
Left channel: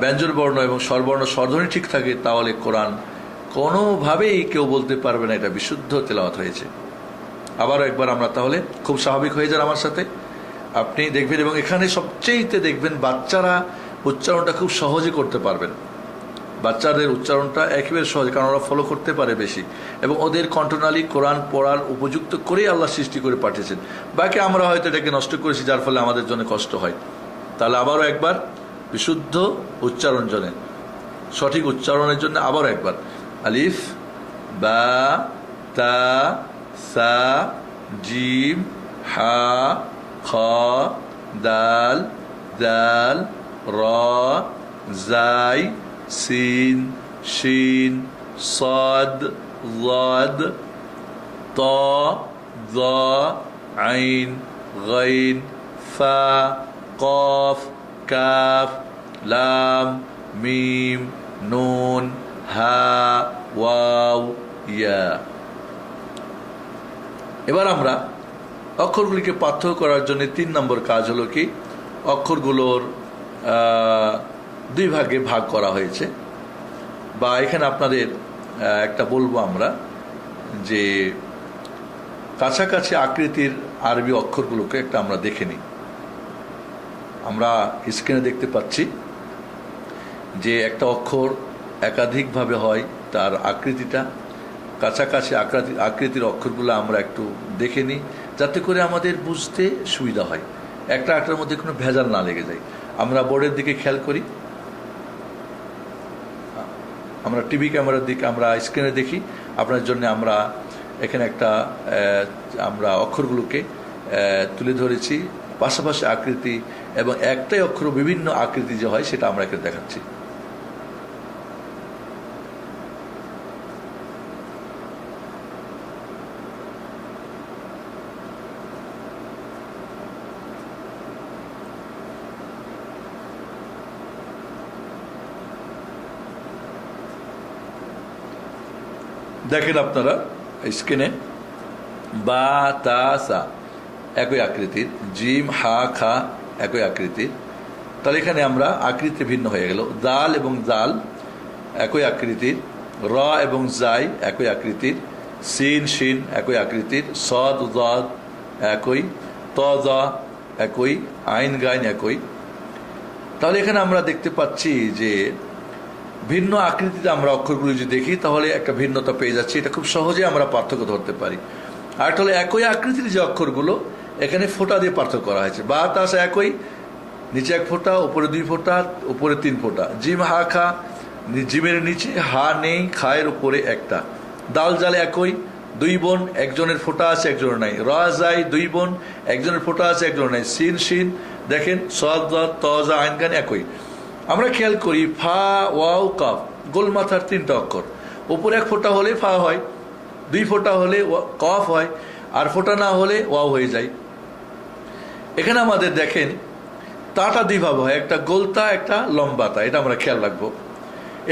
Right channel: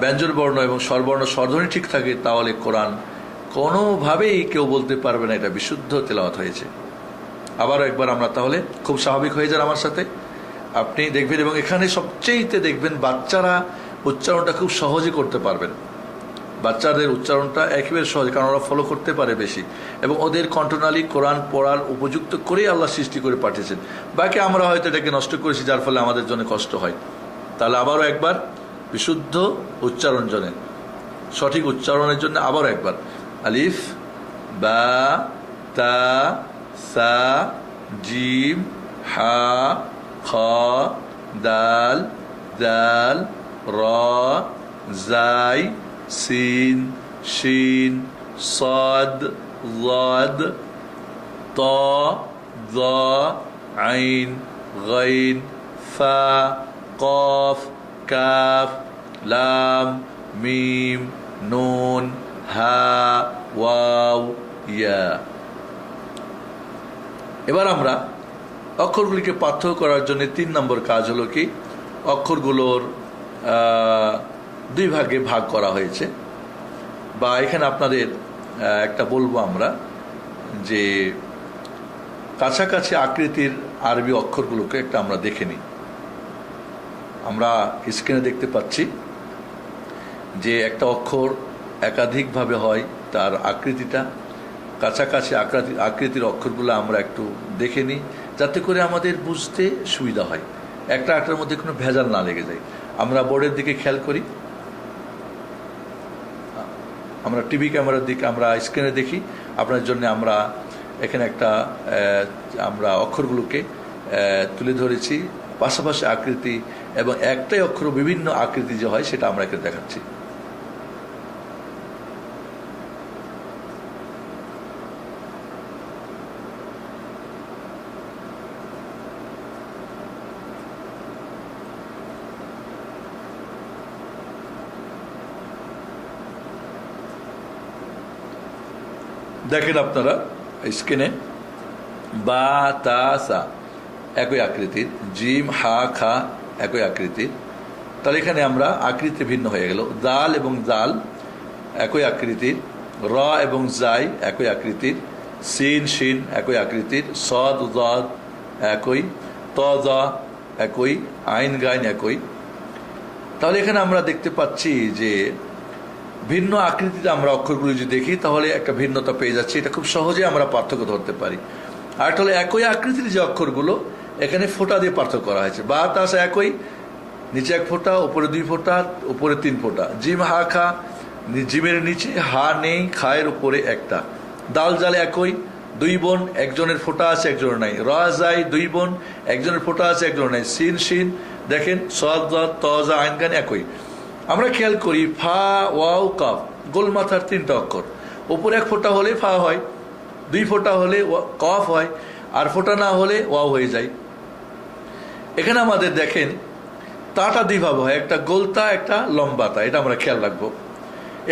ব্যঞ্জন বর্ণ এবং স্বরবর্ণ স্বরধ্বনি ঠিক থাকে, তাহলে কোরআন কোনোভাবেই কেউ বলতে পারবে না এটা বিশুদ্ধ তেলাওয়াত হয়েছে। আবারও একবার আমরা তাহলে খুব স্বাভাবিক হয়ে যান আমার সাথে, আপনি দেখবেন। এবং এখানে সবচেয়েতে দেখবেন বাচ্চারা উচ্চারণটা খুব সহজে করতে পারবেন। বাচ্চাদের উচ্চারণটা একেবারে সহজ, কারণ ওরা ফলো করতে পারে বেশি, এবং ওদের কণ্ঠনালী কোরআন পড়ার উপযুক্ত করেই আল্লাহ সৃষ্টি করে পাঠিয়েছেন। বাকি আমরা হয়তো এটাকে নষ্ট করেছি, যার ফলে আমাদের জন্য কষ্ট হয়। তাহলে আবারও একবার বিশুদ্ধ উচ্চারণ জন্য, সঠিক উচ্চারণের জন্য আবারও একবার, আলিফ, বা, তা, সা, জিম, হা, খ, দাল, জাল, র, জাই, সিন, শিন, صاد ضاد طا ظا عين غين فا قاف كاف لام মিম, নুন, হা, ওয়াও, ইয়া। এবার আমরা অক্ষরগুলিকে পার্থক্য করার জন্য 3 নম্বর কাজ হলো কি, অক্ষরগুলোর 2 ভাগে ভাগ করা হয়েছে। বা এখানে আপনাদের একটা বলবো আমরা, যে কাছাকাছি আকৃতির আরবি অক্ষরগুলোকে একটা আমরা দেখে নিই। আমরা স্ক্রিনে দেখতে পাচ্ছি যে একটা অক্ষর একাধিকভাবে হয়, তার আকৃতিটা কাছাকাছি আকৃতির অক্ষরগুলো আমরা একটু দেখে নিই, যাতে করে আমাদের বুঝতে সুবিধা হয়, একটা একটার মধ্যে কোনো ভেজাল না লেগে যায়। আমরা বোর্ডের দিকে খেয়াল করি, আমরা টিভি ক্যামেরার দিকে, আমরা স্ক্রিনে দেখি। আপনার জন্য আমরা এখানে একটা আমরা অক্ষরগুলোকে তুলে ধরেছি, পাশাপাশি আকৃতি, এবং একটাই অক্ষর বিভিন্ন আকৃতি যে হয় সেটা আমরা এখানে দেখাচ্ছি। দেখেন আপনারা স্ক্রিনে, বা, তা, সা একই আকৃতির, জিম, হা, খা একই আকৃতির। তাহলে এখানে আমরা আকৃতি ভিন্ন হয়ে গেল। দাল এবং জাল একই আকৃতির, র এবং জাই একই আকৃতির, সিন, শিন একই আকৃতির, সদ, দাদ একই, ত, দা একই, আইন, গাইন একই। তাহলে এখানে আমরা দেখতে পাচ্ছি যে ভিন্ন আকৃতিতে আমরা অক্ষরগুলি যদি দেখি, তাহলে একটা ভিন্নতা পেয়ে যাচ্ছি। এটা খুব সহজে আমরা পার্থক্য ধরতে পারি। আর তাহলে একই আকৃতির যে অক্ষরগুলো, এখানে ফোঁটা দিয়ে পার্থক্য করা হয়েছে। বা, তা, সা একই, নিচে 1 ফোঁটা, উপরে 2 ফোঁটা, উপরে 3 ফোঁটা। জিম, হা, খা, জিমের নিচে হা নেই, খায়ের উপরে একটা। দাল, জাল একই, 2 বোন, একজনের ফোঁটা আছে একজনের নাই। র, জাই 2 বোন, একজনের ফোঁটা আছে একজনের নাই। সিন, শিন দেখেন, সদ, ত, জা, আইন, গান একই। আমরা খেয়াল করি ফা, ওয়াও, কাফ, গোল মাথার 3টা অক্ষর। উপরে 1 ফোঁটা হলে ফা হয়, 2 ফোঁটা হলে কফ হয়, আর ফোঁটা না হলে ওয়াও হয়ে যায়। এখানে আমাদের দেখেন তাটা 2 ভাবে হয়, একটা গোলতা, একটা লম্বাতা, এটা আমরা খেয়াল রাখবো।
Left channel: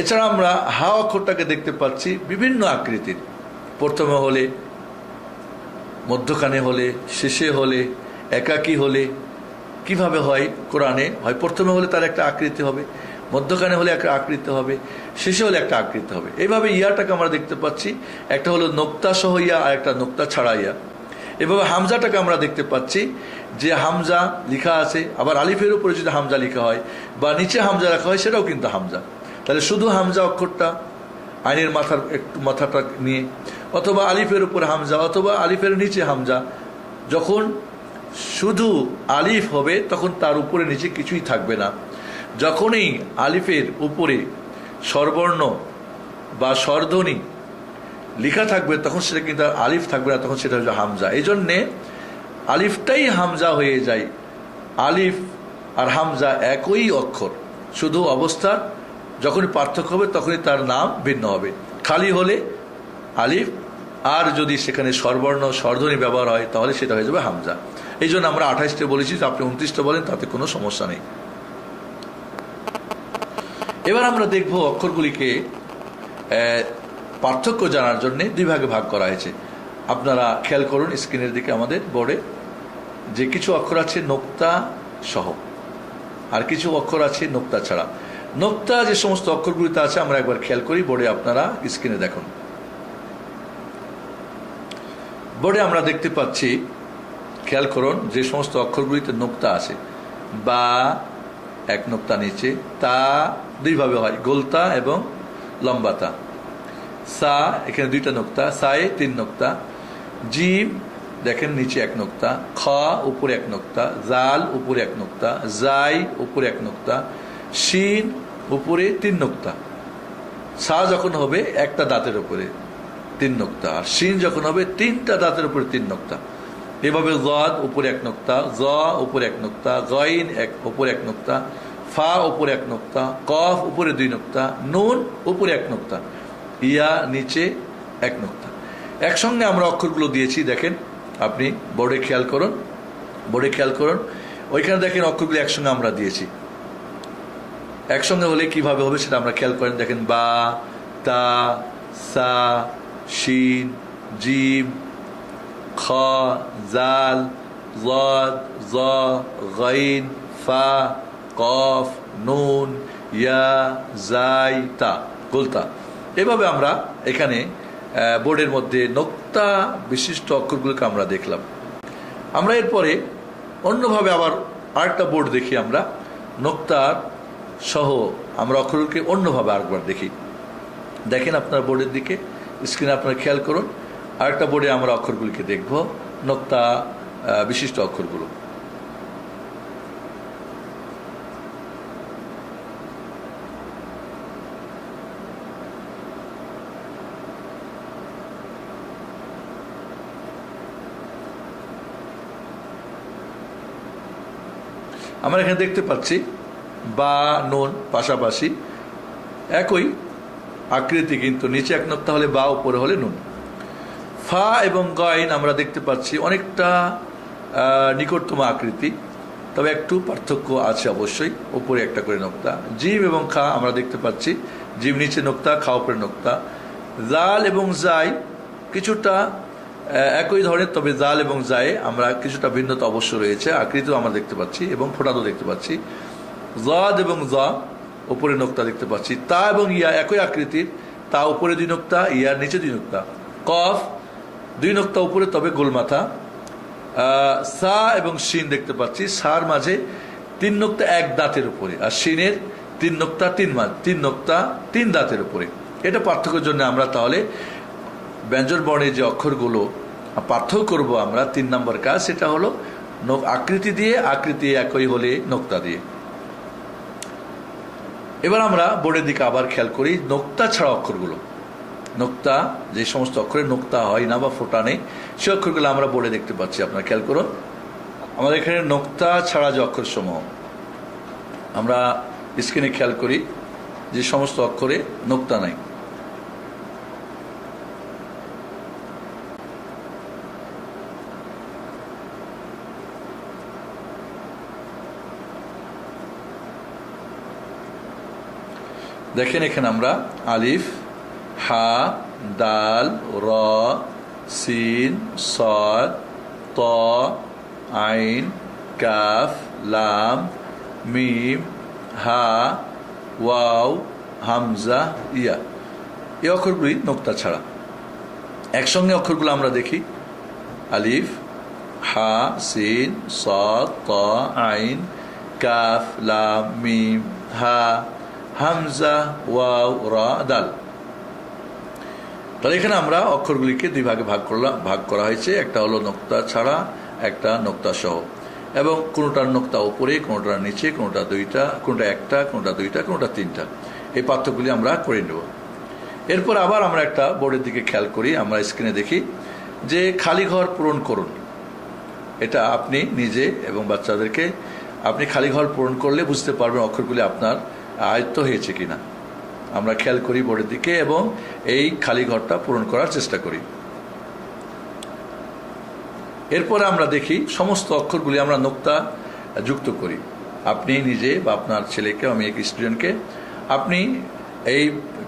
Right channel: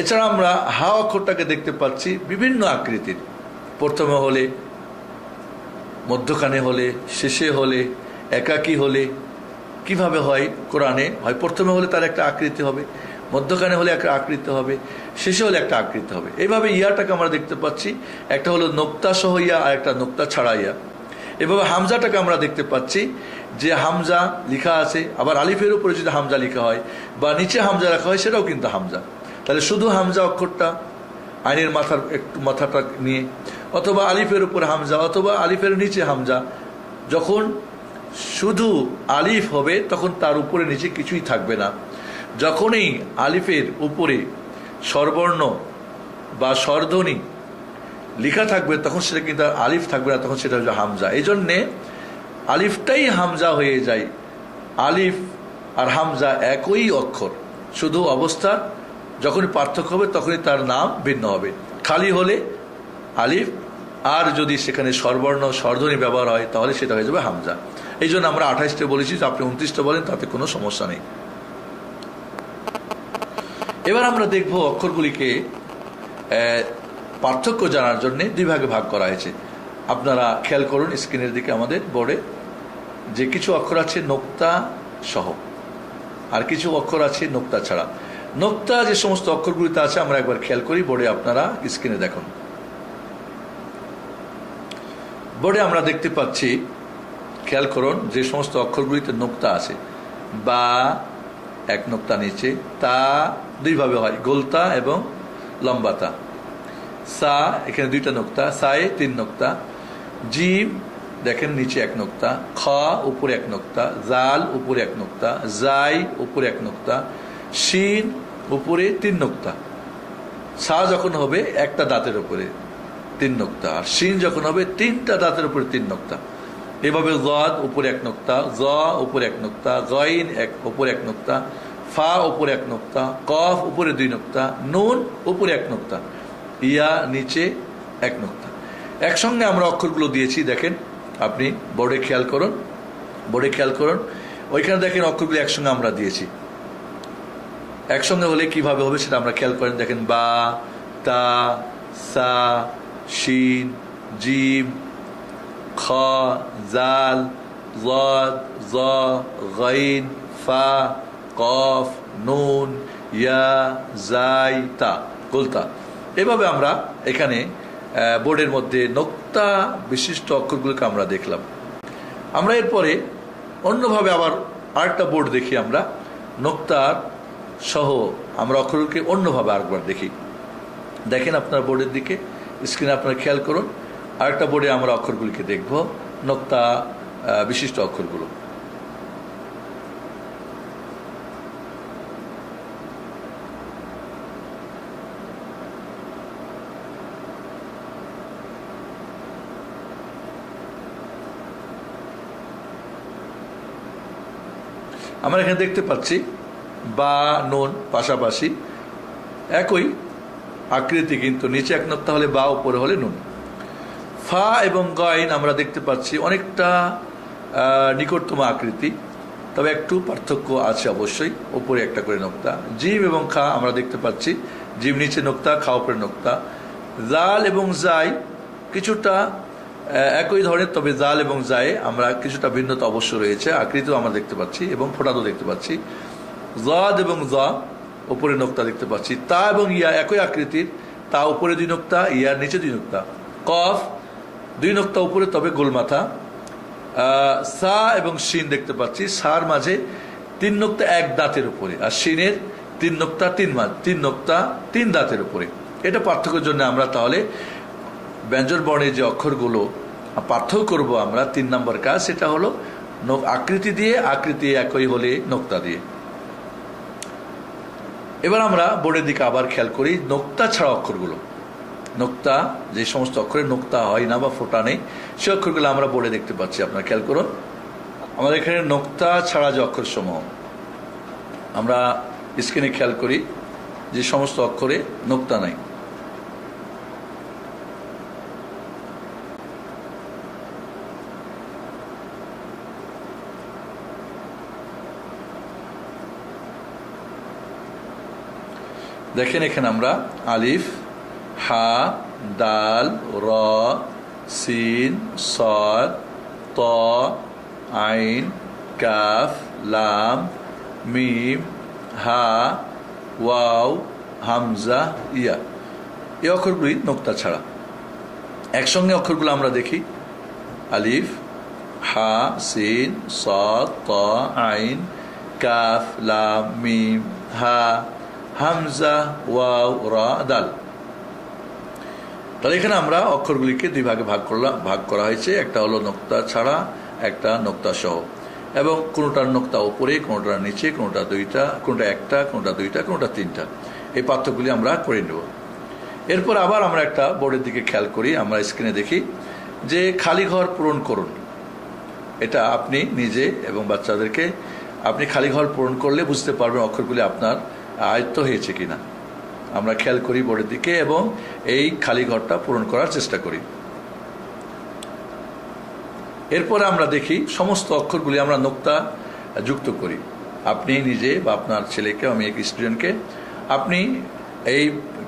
এছাড়া আমরা হা অক্ষরটাকে দেখতে পাচ্ছি বিভিন্ন আকৃতির, প্রথমে হলে, মধ্যখানে হলে, শেষে হলে, একাকী হলে। কিভাবে হয় কোরআনে? হয় প্রথমে হলে তার একটা আকৃতি হবে, মধ্যখানে হলে একটা আকৃতি হবে, শেষে হলে একটা আকৃতি হবে। এইভাবে ইয়াটাকে আমরা দেখতে পাচ্ছি, একটা হলো নোক্তা সহ ইয়া আর একটা নোক্তা ছাড়া ইয়া। এভাবে হামজাটাকে আমরা দেখতে পাচ্ছি যে হামজা লিখা আছে, আবার আলিফের উপরে যদি হামজা লিখা হয় বা নিচে হামজা রাখা হয় সেটাও কিন্তু হামজা। তাহলে শুধু হামজা অক্ষরটা আইনের একটু মাথাটা নিয়ে, অথবা আলিফের উপরে হামজা, অথবা আলিফের নিচে হামজা। যখন শুধু আলিফ হবে তখন তার উপরে নিচে কিছুই থাকবে না। যখনই আলিফের উপরে স্বরবর্ণ বা স্বরধ্বনি লেখা থাকবে তখন সেটা কিন্তু আলিফ থাকবে না, তখন সেটা হচ্ছে হামজা। এই জন্যে আলিফটাই হামজা হয়ে যায়। আলিফ আর হামজা একই অক্ষর, শুধু অবস্থা যখনই পার্থক্য হবে তখনই তার নাম ভিন্ন হবে। খালি হলে আলিফ, আর যদি সেখানে স্বরবর্ণ স্বরধ্বনি ব্যবহার হয় তাহলে সেটা হয়ে যাবে হামজা। এই জন্য আমরা 28টা বলেছি, আপনি 29টা বলেন, তাতে কোনো সমস্যা নেই। এবার আমরা দেখব অক্ষরগুলিকে পার্থক্য জানার জন্য 2 ভাগে ভাগ করা হয়েছে। আপনারা খেয়াল করুন স্ক্রিনের দিকে, আমাদের বোর্ডে যে কিছু অক্ষর আছে নোক্তা সহ, আর কিছু অক্ষর আছে নোক্তা ছাড়া। নোক্তা যে সমস্ত অক্ষরগুলিতে আছে আমরা একবার খেয়াল করি, বোর্ডে আপনারা স্ক্রিনে দেখুন। বোর্ডে আমরা দেখতে পাচ্ছি, খেয়াল করুন, যে সমস্ত অক্ষরগুলিতে নোক্তা আছে, বা 1 নোক্তা নিচে, তা 2 ভাবে হয়, গোলতা এবং লম্বাতা। সা, এখানে 2টা নোক্তা, সায়ে 3 নোক্তা। জিম দেখেন নিচে 1 নোক্তা, খ উপরে 1 নোক্তা, জাল উপরে 1 নোক্তা, জাই উপরে 1 নোক্তা, শিন উপরে 3 নোক্তা। সা যখন হবে 1টা দাঁতের উপরে 3 নোক্তা, আর শিন যখন হবে 3টা দাঁতের উপরে 3 নোক্তা। এভাবে জদ উপরে 1 নোক্তা, জ উপরে 1 নোক্তা, গইন উপরে 1 নোক্তা, ফা উপরে 1 নোক্তা, কফ উপরে 2 নোক্তা, নুন উপরে 1 নোক্তা, ইয়া নিচে 1 নোক্তা। একসঙ্গে আমরা অক্ষরগুলো দিয়েছি, দেখেন আপনি বোর্ডে খেয়াল করুন, ওইখানে দেখেন অক্ষরগুলো একসঙ্গে আমরা দিয়েছি। একসঙ্গে হলে কিভাবে হবে সেটা আমরা খেয়াল করেন, দেখেন বা, তা, সা, শিন, জিম, খ, জাল, জদ, জ, গাইন, ফা, কফ, নুন, ইয়া, জাই, তা, গোলতা। এভাবে আমরা এখানে বোর্ডের মধ্যে নোক্তা বিশিষ্ট অক্ষরগুলোকে আমরা দেখলাম। আমরা এরপরে অন্যভাবে আবার আরেকটা বোর্ড দেখি, আমরা নোক্তার সহ আমরা অক্ষরগুলোকে অন্যভাবে আরেকবার দেখি। দেখেন আপনার বোর্ডের দিকে, স্ক্রিনে আপনারা খেয়াল করুন, আরেকটা বোর্ডে আমরা অক্ষরগুলিকে দেখব, নোক্তা বিশিষ্ট অক্ষরগুলো। আমরা এখানে দেখতে পাচ্ছি বা, নুন পাশাপাশি, একই আকৃতি, কিন্তু নিচে 1 নোক্তা হলে বা, উপরে হলে নুন। ফা এবং গাইন আমরা দেখতে পাচ্ছি অনেকটা নিকটতম আকৃতি, তবে একটু পার্থক্য আছে অবশ্যই, উপরে 1টা করে নোক্তা। জিম এবং খা আমরা দেখতে পাচ্ছি, জিম নিচে নোক্তা, খা উপরে নোক্তা। জাল এবং জাই কিছুটা একই ধরনের, তবে জাল এবং জায়ে আমরা কিছুটা ভিন্নতা অবশ্য রয়েছে, আকৃতিও আমরা দেখতে পাচ্ছি এবং ফোঁটাও দেখতে পাচ্ছি। জদ এবং জ উপরে নোক্তা দেখতে পাচ্ছি। তা এবং ইয়া একই আকৃতির, তা উপরে 2 নোক্তা, ইয়ার নিচে 2 নোক্তা। কফ 2 নোক্তা উপরে, তবে গোলমাথা। সা এবং শিন দেখতে পাচ্ছি, সার মাঝে 3 নোক্তা 1 দাঁতের উপরে, আর শিনের 3 নোক্তা 3 নোক্তা 3 দাঁতের উপরে। এটা পার্থক্যের জন্য আমরা তাহলে ব্যঞ্জন বর্ণের যে অক্ষরগুলো পার্থক্য করব আমরা, 3 নম্বর কাজ, সেটা হলো আকৃতি দিয়ে, আকৃতি একই হলে নোক্তা দিয়ে। এবার আমরা বোর্ডের দিকে আবার খেয়াল করি নোক্তা ছাড়া অক্ষরগুলো। নোক্তা যে সমস্ত অক্ষরে নোক্তা হয় না বা ফোঁটা নেই, সে অক্ষরগুলো আমরা বোর্ডে দেখতে পাচ্ছি। আপনারা খেয়াল করুন, আমাদের এখানে নোক্তা ছাড়া যে অক্ষর সমূহ, আমরা স্ক্রিনে খেয়াল করি যে সমস্ত অক্ষরে নোক্তা নাই। দেখেন এখানে আমরা আলিফ, হা, দাল, র, সিন, সাদ, ত, আইন, কাফ, লাম, মিম, হা, ওয়াও, হামজা, ইয়া, এই অক্ষরগুলি নোক্তা ছাড়া। একসঙ্গে অক্ষরগুলো আমরা দেখি, আলিফ, হা, সিন, সাদ, ত, আইন, কাফ, লাম, মিম, হা, হামজা, ওয়াও, রা, দাল। তাহলে এখানে আমরা অক্ষরগুলিকে দুই ভাগে ভাগ করা হয়েছে, একটা হলো নোক্তা ছাড়া, একটা নোক্তা সহ, এবং কোনটার নোক্তা উপরে, কোনটার নিচে, কোনটা দুইটা, কোনটা একটা, কোনটা দুইটা, কোনটা তিনটা, এই পার্থক্যগুলি আমরা করে নেব। এরপর আবার আমরা একটা বোর্ডের দিকে খেয়াল করি, আমরা স্ক্রিনে দেখি যে খালি ঘর পূরণ করুন। এটা আপনি নিজে এবং বাচ্চাদেরকে আপনি খালি ঘর পূরণ করলে বুঝতে পারবেন অক্ষরগুলি আপনার আয়ত্ত হয়েছে কিনা। আমরা খেয়াল করি বোর্ডের দিকে এবং এই খালি ঘরটা পূরণ করার চেষ্টা করি। এরপরে আমরা দেখি সমস্ত অক্ষরগুলি আমরা নোক্তা যুক্ত করি। আপনি নিজে বা আপনার ছেলেকে, আমি এক স্টুডেন্টকে, আপনি এই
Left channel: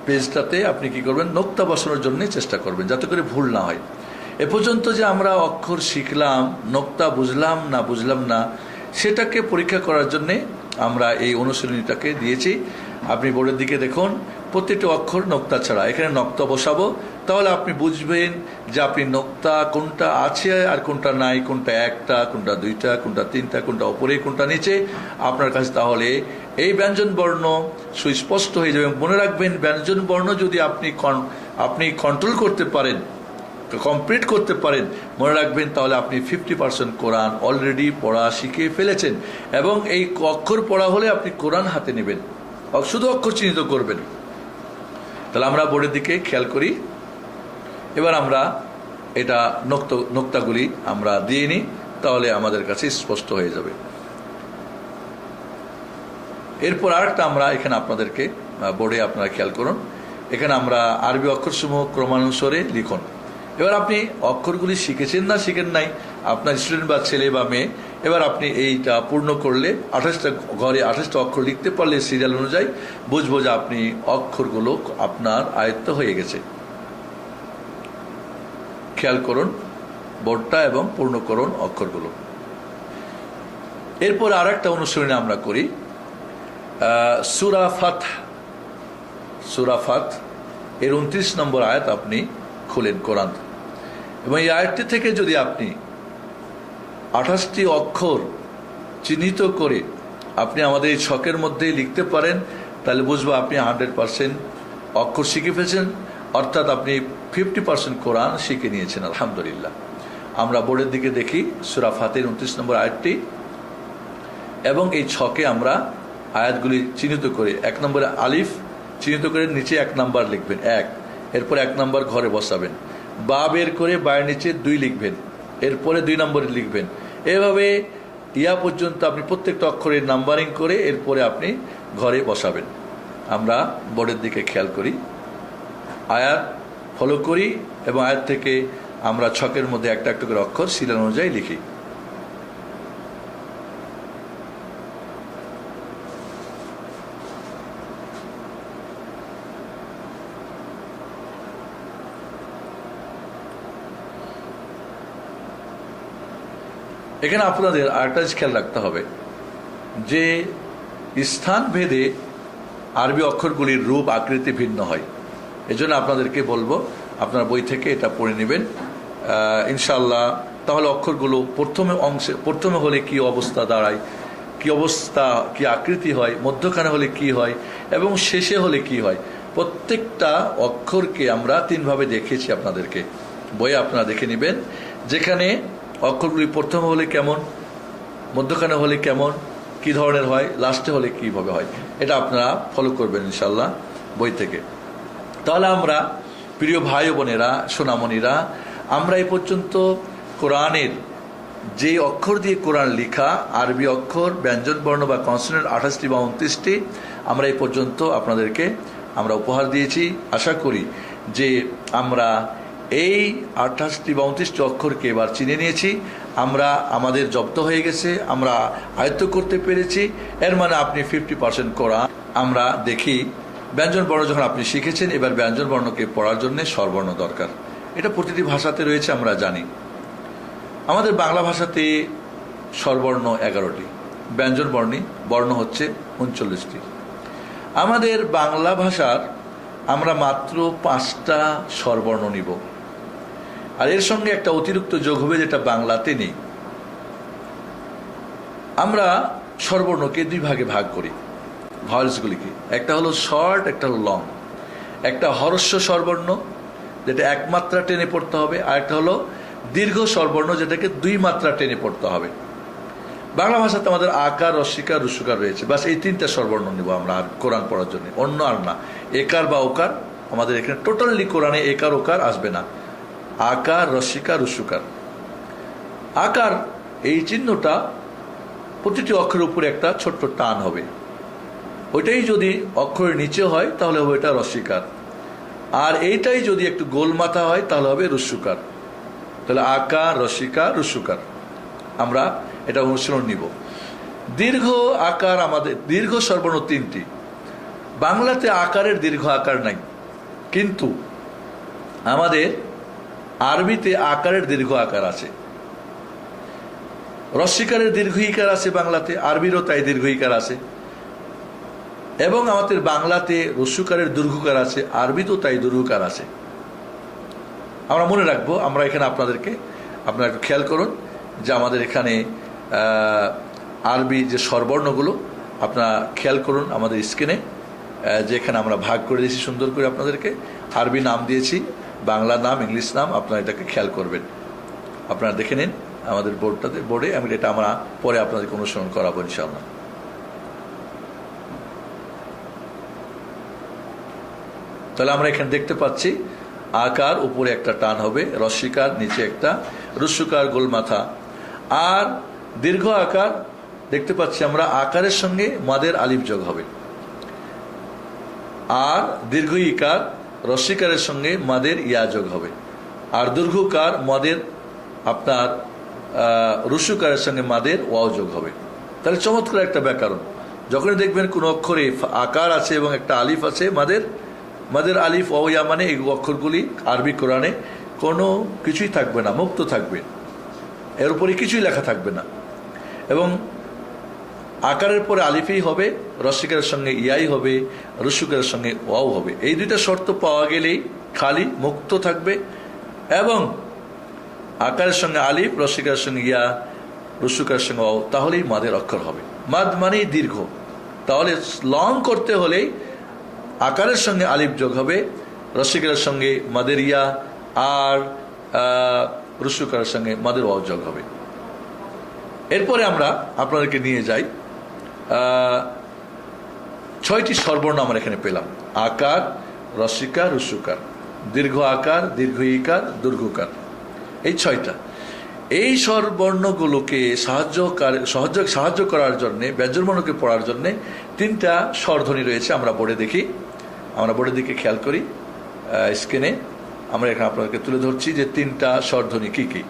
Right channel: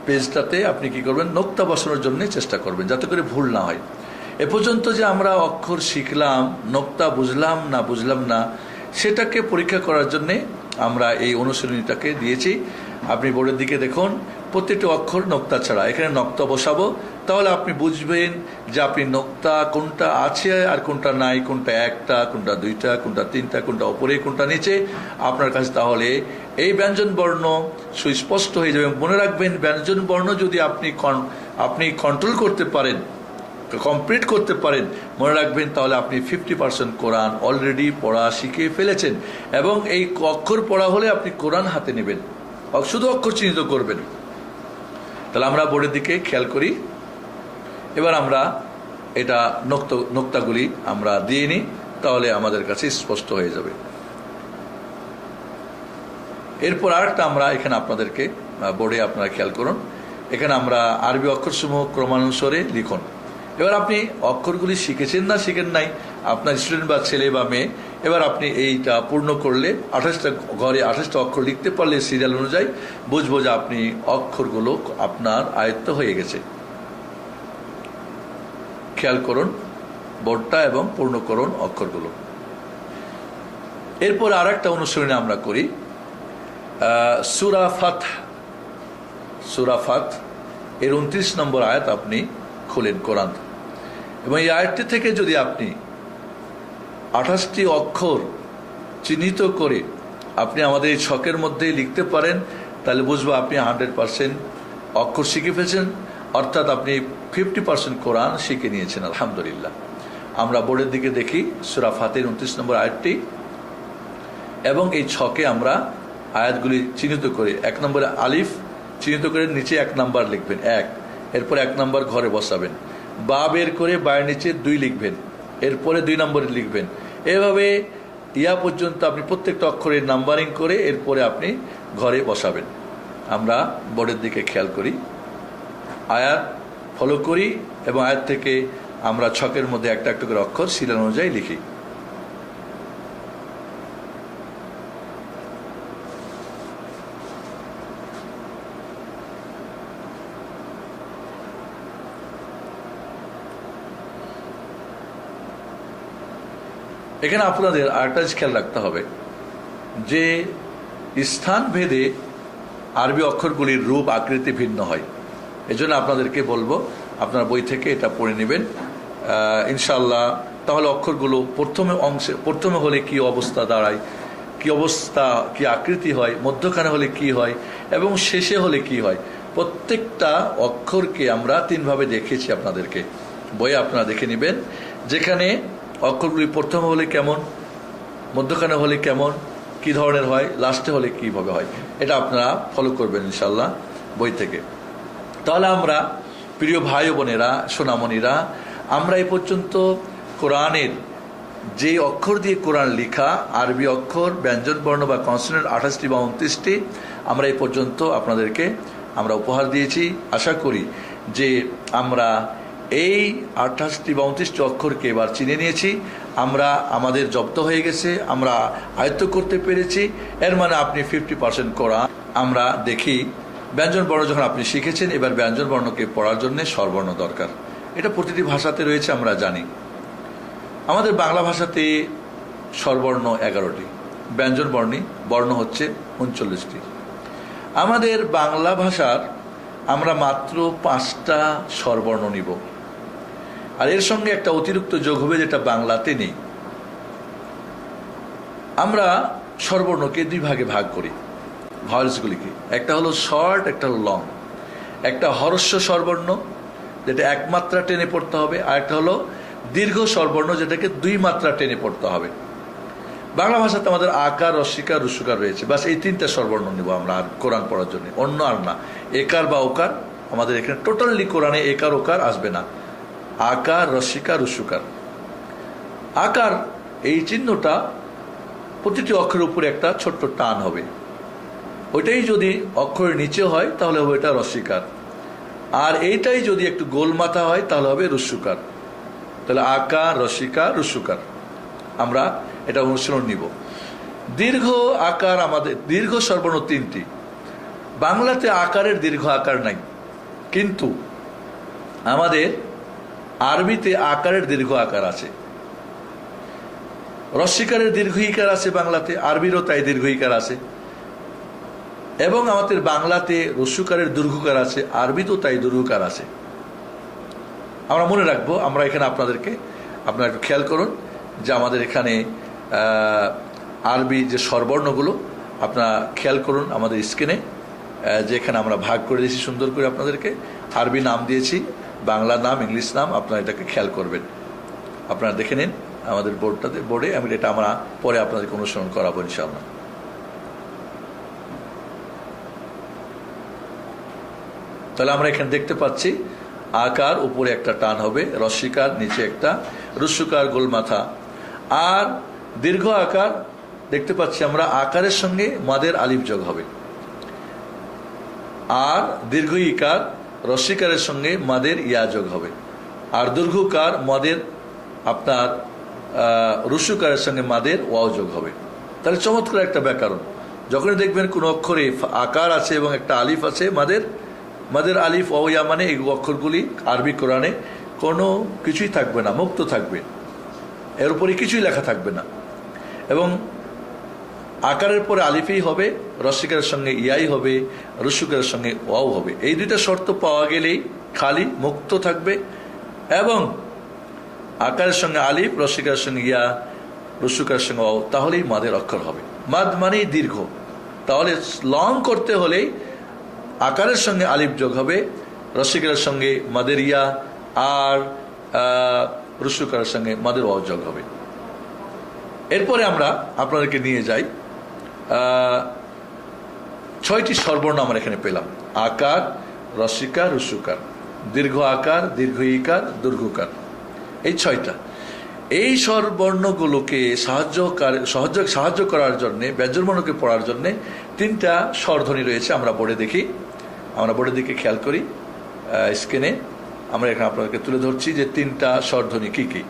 পেজটাতে আপনি কি করবেন, নোক্তা বসানোর জন্য চেষ্টা করবেন যাতে করে ভুল না হয়। এ পর্যন্ত যে আমরা অক্ষর শিখলাম, নোক্তা বুঝলাম না সেটাকে পরীক্ষা করার জন্য আমরা এই অনুশীলনীটাকে দিয়েছি। আপনি বোর্ডের দিকে দেখুন, প্রত্যেকটি অক্ষর নোক্তা ছাড়া, এখানে নোক্তা বসাবো, তাহলে আপনি বুঝবেন যে আপনি নোক্তা কোনটা আছে আর কোনটা নাই, কোনটা একটা, কোনটা দুইটা, কোনটা তিনটা, কোনটা উপরে, কোনটা নিচে আপনার কাছে। তাহলে এই ব্যঞ্জন বর্ণ সুস্পষ্ট হয়ে যাবে। মনে রাখবেন, ব্যঞ্জন বর্ণ যদি আপনি কন্ট্রোল করতে পারেন, কমপ্লিট করতে পারেন, মনে রাখবেন তাহলে আপনি 50% কোরআন অলরেডি পড়া শিখে ফেলেছেন। এবং এই অক্ষর পড়া হলে আপনি কোরআন হাতে নেবেন, শুধু অক্ষর চিহ্নিত করবেন। তাহলে আমরা বোর্ডের দিকে খেয়াল করি। এবার আমরা এটা নোক্তাগুলি আমরা দিয়ে নিই, তাহলে আমাদের কাছে স্পষ্ট হয়ে যাবে। এরপর আরেকটা আমরা এখানে আপনাদেরকে বোর্ডে আপনারা খেয়াল করুন, এখানে আমরা আরবি অক্ষরসমূহ ক্রমানুসারে লিখুন। এবার আপনি অক্ষরগুলি শিখেছেন না শিখেন নাই, আপনার স্টুডেন্ট বা ছেলে বা মেয়ে, এবার আপনি এইটা পূর্ণ করলে 28টা ঘরে 28টা অক্ষর লিখতে পারলে সিরিয়াল অনুযায়ী বুঝবো যে আপনি অক্ষরগুলো আপনার আয়ত্ত হয়ে গেছে। খেয়াল করুন বোর্ডটা এবং পূর্ণ করুন অক্ষরগুলো। এরপর আর একটা অনুশীলনী আমরা করি, সূরা ফাত এর 29 নম্বর আয়াত আপনি খুলেন কোরআন, এবং এই আয়াতটি থেকে যদি আপনি 28টি অক্ষর চিহ্নিত করে আপনি আমাদের এই ছকের মধ্যে লিখতে পারেন, তাহলে বুঝবো আপনি 100% অক্ষর শিখে ফেলছেন, অর্থাৎ আপনি 50% কোরআন শিখে নিয়েছেন। আলহামদুলিল্লাহ। আমরা বোর্ডের দিকে দেখি সূরা ফাতের 29 নম্বর আয়াতটি, এবং এই ছকে আমরা আয়াতগুলি চিহ্নিত করে 1 নম্বরে আলিফ চিহ্নিত করে নিচে 1 নাম্বার লিখবেন, 1, এরপর 1 নাম্বার ঘরে বসাবেন, বা বের করে বায়ের নিচে 2 লিখবেন, এরপরে 2 নম্বরে লিখবেন। এভাবে ইয়া পর্যন্ত আপনি প্রত্যেকটা অক্ষরের নাম্বারিং করে এরপরে আপনি ঘরে বসাবেন। আমরা বোর্ডের দিকে খেয়াল করি, আয়াত ফলো করি, এবং আয়াত থেকে আমরা ছকের মধ্যে একটা একটা করে অক্ষর সিরিয়াল অনুযায়ী লিখি। এখানে আপনাদের আরেকটা খেয়াল রাখতে হবে যে স্থান ভেদে আরবি অক্ষরগুলির রূপ আকৃতি ভিন্ন হয়। এজন্য আপনাদেরকে বলবো আপনার বই থেকে এটা পড়ে নেবেন ইনশাআল্লাহ। তাহলে অক্ষরগুলো প্রথমে হলে কি অবস্থা দাঁড়ায়, কি অবস্থা, কি আকৃতি হয়, মধ্যখানে হলে কি হয় এবং শেষে হলে কি হয়, প্রত্যেকটা অক্ষরকে আমরা 3 ভাবে দেখিয়েছি আপনাদেরকে। বইয়ে আপনারা দেখে নেবেন, যেখানে অক্ষরগুলি প্রথমে হলে কেমন, মধ্যখানে হলে কেমন, কি ধরনের হয়, লাস্টে হলে কিভাবে হয়, এটা আপনারা ফলো করবেন ইনশাআল্লাহ বই থেকে। তাহলে আমরা প্রিয় ভাই বোনেরা, সোনামণিরা, আমরা এই পর্যন্ত কোরআনের যে অক্ষর দিয়ে কোরআন লেখা, আরবি অক্ষর, ব্যঞ্জন বর্ণ বা কনসোনেন্ট 28টি বা 29টি, আমরা এই পর্যন্ত আপনাদেরকে আমরা উপহার দিয়েছি। আশা করি যে আমরা এই 28টি বা 29টি অক্ষরকে এবার চিনে নিয়েছি, আমরা আমাদের জব্দ হয়ে গেছে, আমরা আয়ত্ত করতে পেরেছি। এর মানে আপনি 50% কোরআন। আমরা দেখি ব্যঞ্জন বর্ণ যখন আপনি শিখেছেন, এবার ব্যঞ্জন বর্ণকে পড়ার জন্য স্বরবর্ণ দরকার। এটা প্রতিটি ভাষাতে রয়েছে, আমরা জানি। আমাদের বাংলা ভাষাতে স্বরবর্ণ 11টি, ব্যঞ্জন বর্ণ হচ্ছে 39টি। আমাদের বাংলা ভাষার আমরা মাত্র 5টা স্বরবর্ণ নিব, আর এর সঙ্গে একটা অতিরিক্ত যোগ হবে যেটা বাংলাতে নেই। আমরা স্বরবর্ণকে 2 ভাগে ভাগ করি, ভয়েলসগুলিকে। একটা হলো শর্ট, একটা হলো লং। একটা হরস্ব স্বরবর্ণ যেটা 1 মাত্রা টেনে পড়তে হবে, আর একটা হলো দীর্ঘ স্বরবর্ণ যেটাকে 2 মাত্রা টেনে পড়তে হবে। বাংলা ভাষাতে আমাদের আকার, রস্বীকার, রস্যকার রয়েছে। বাস এই 3টা স্বরবর্ণ নিব আমরা কোরআন পড়ার জন্য, অন্য আর না। একার বা ওকার আমাদের এখানে টোটালি কোরআনে একার ওকার আসবে না। আকার, রস্বীকার, রস্যকার। আকার এই চিহ্নটা প্রতিটি অক্ষরের উপরে একটা ছোট্ট টান হবে, ওইটাই যদি অক্ষরের নিচে হয় তাহলে হবে এটা রস্বীকার, আর এইটাই যদি একটু গোল মাথা হয় তাহলে হবে রস্যকার। তাহলে আকার, রস্বীকার, রস্যকার আমরা এটা অনুশীলন নিব। দীর্ঘ আকার আমাদের দীর্ঘ স্বরবর্ণ 3টি। বাংলাতে আকারের দীর্ঘ আকার নাই, কিন্তু আমাদের আরবিতে আকারের দীর্ঘ আকার আছে। রস্বীকারের দীর্ঘ ইকার আছে বাংলাতে, আরবিরও তাই দীর্ঘ ইকার আছে। এবং আমাদের বাংলাতে রস্যকারের দীর্ঘকার আছে, আরবিতেও তাই দীর্ঘকার আছে। আমরা মনে রাখবো। আমরা এখানে আপনারা একটু খেয়াল করুন যে আমাদের এখানে আরবি যে স্বরবর্ণগুলো আপনারা খেয়াল করুন আমাদের স্ক্রিনে, যেখানে আমরা ভাগ করে দিয়েছি সুন্দর করে আপনাদেরকে। আরবি নাম দিয়েছি, বাংলা নাম, ইংলিশ নাম, আপনারা এটাকে খেয়াল করবেন। আপনারা দেখে নিন আমাদের বোর্ডে। আমি এটা আমরা পরে আপনাদেরকে অনুসরণ করাবো ইনশাআল্লাহ। তাহলে আমরা এখানে দেখতে পাচ্ছি আকার উপরে একটা টান হবে, রস্বীকার নিচে একটা, রস্যকার গোল মাথা। আর দীর্ঘ আকার দেখতে পাচ্ছি আমরা আকারের সঙ্গে মাদের আলিফ যোগ হবে, আর দীর্ঘ ইকার রস্বীকারের সঙ্গে মাদের ইয়া যোগ হবে, আর দীর্ঘকার মাদের আপনার রস্যকারের সঙ্গে মাদের ওয়াও যোগ হবে। তাহলে চমৎকার একটা ব্যাকরণ। যখনই দেখবেন কোন অক্ষরে আকার আছে এবং একটা আলিফ আছে, মাদের আলিফ ওয়াও ইয়া, মানে এই অক্ষরগুলি আরবি কোরআনে কোনো কিছুই থাকবে না, মুক্ত থাকবে, এর উপরে কিছুই লেখা থাকবে না। এবং আকারের পরে আলিফই হবে, রস্বীকারের সঙ্গে ইয়াই হবে, রস্যকারের সঙ্গে ওয়াও হবে। এই 2টা শর্ত পাওয়া গেলেই খালি মুক্ত থাকবে। এবং আকারের সঙ্গে আলিফ, রস্বীকারের সঙ্গে ইয়া, রস্যকারের সঙ্গে ওয়াও, তাহলেই মাদের অক্ষর হবে। মাদ মানেই দীর্ঘ। তাহলে লং করতে হলেই আকারের সঙ্গে আলিফ যোগ হবে, রস্বীকারের সঙ্গে মাদের ইয়া, আর রস্যকারের সঙ্গে মাদের ওয়াও যোগ হবে। এরপরে আমরা আপনাদেরকে নিয়ে যাই 6টি স্বরবর্ণ আমরা এখানে পেলাম। আকার, রস্বীকার, রস্যকার, দীর্ঘ আকার, দীর্ঘ ইকার, দীর্ঘকার, এই 6টা। এই স্বরবর্ণগুলোকে সাহায্য করার জন্য, ব্যঞ্জনবর্ণকে পড়ার জন্য 3টা স্বরধ্বনি রয়েছে। আমরা বোর্ডে দেখি, আমরা বোর্ডের দিকে খেয়াল করি। স্ক্রিনে আমরা এখানে আপনাদেরকে তুলে ধরছি যে 3টা স্বরধ্বনি কি কি।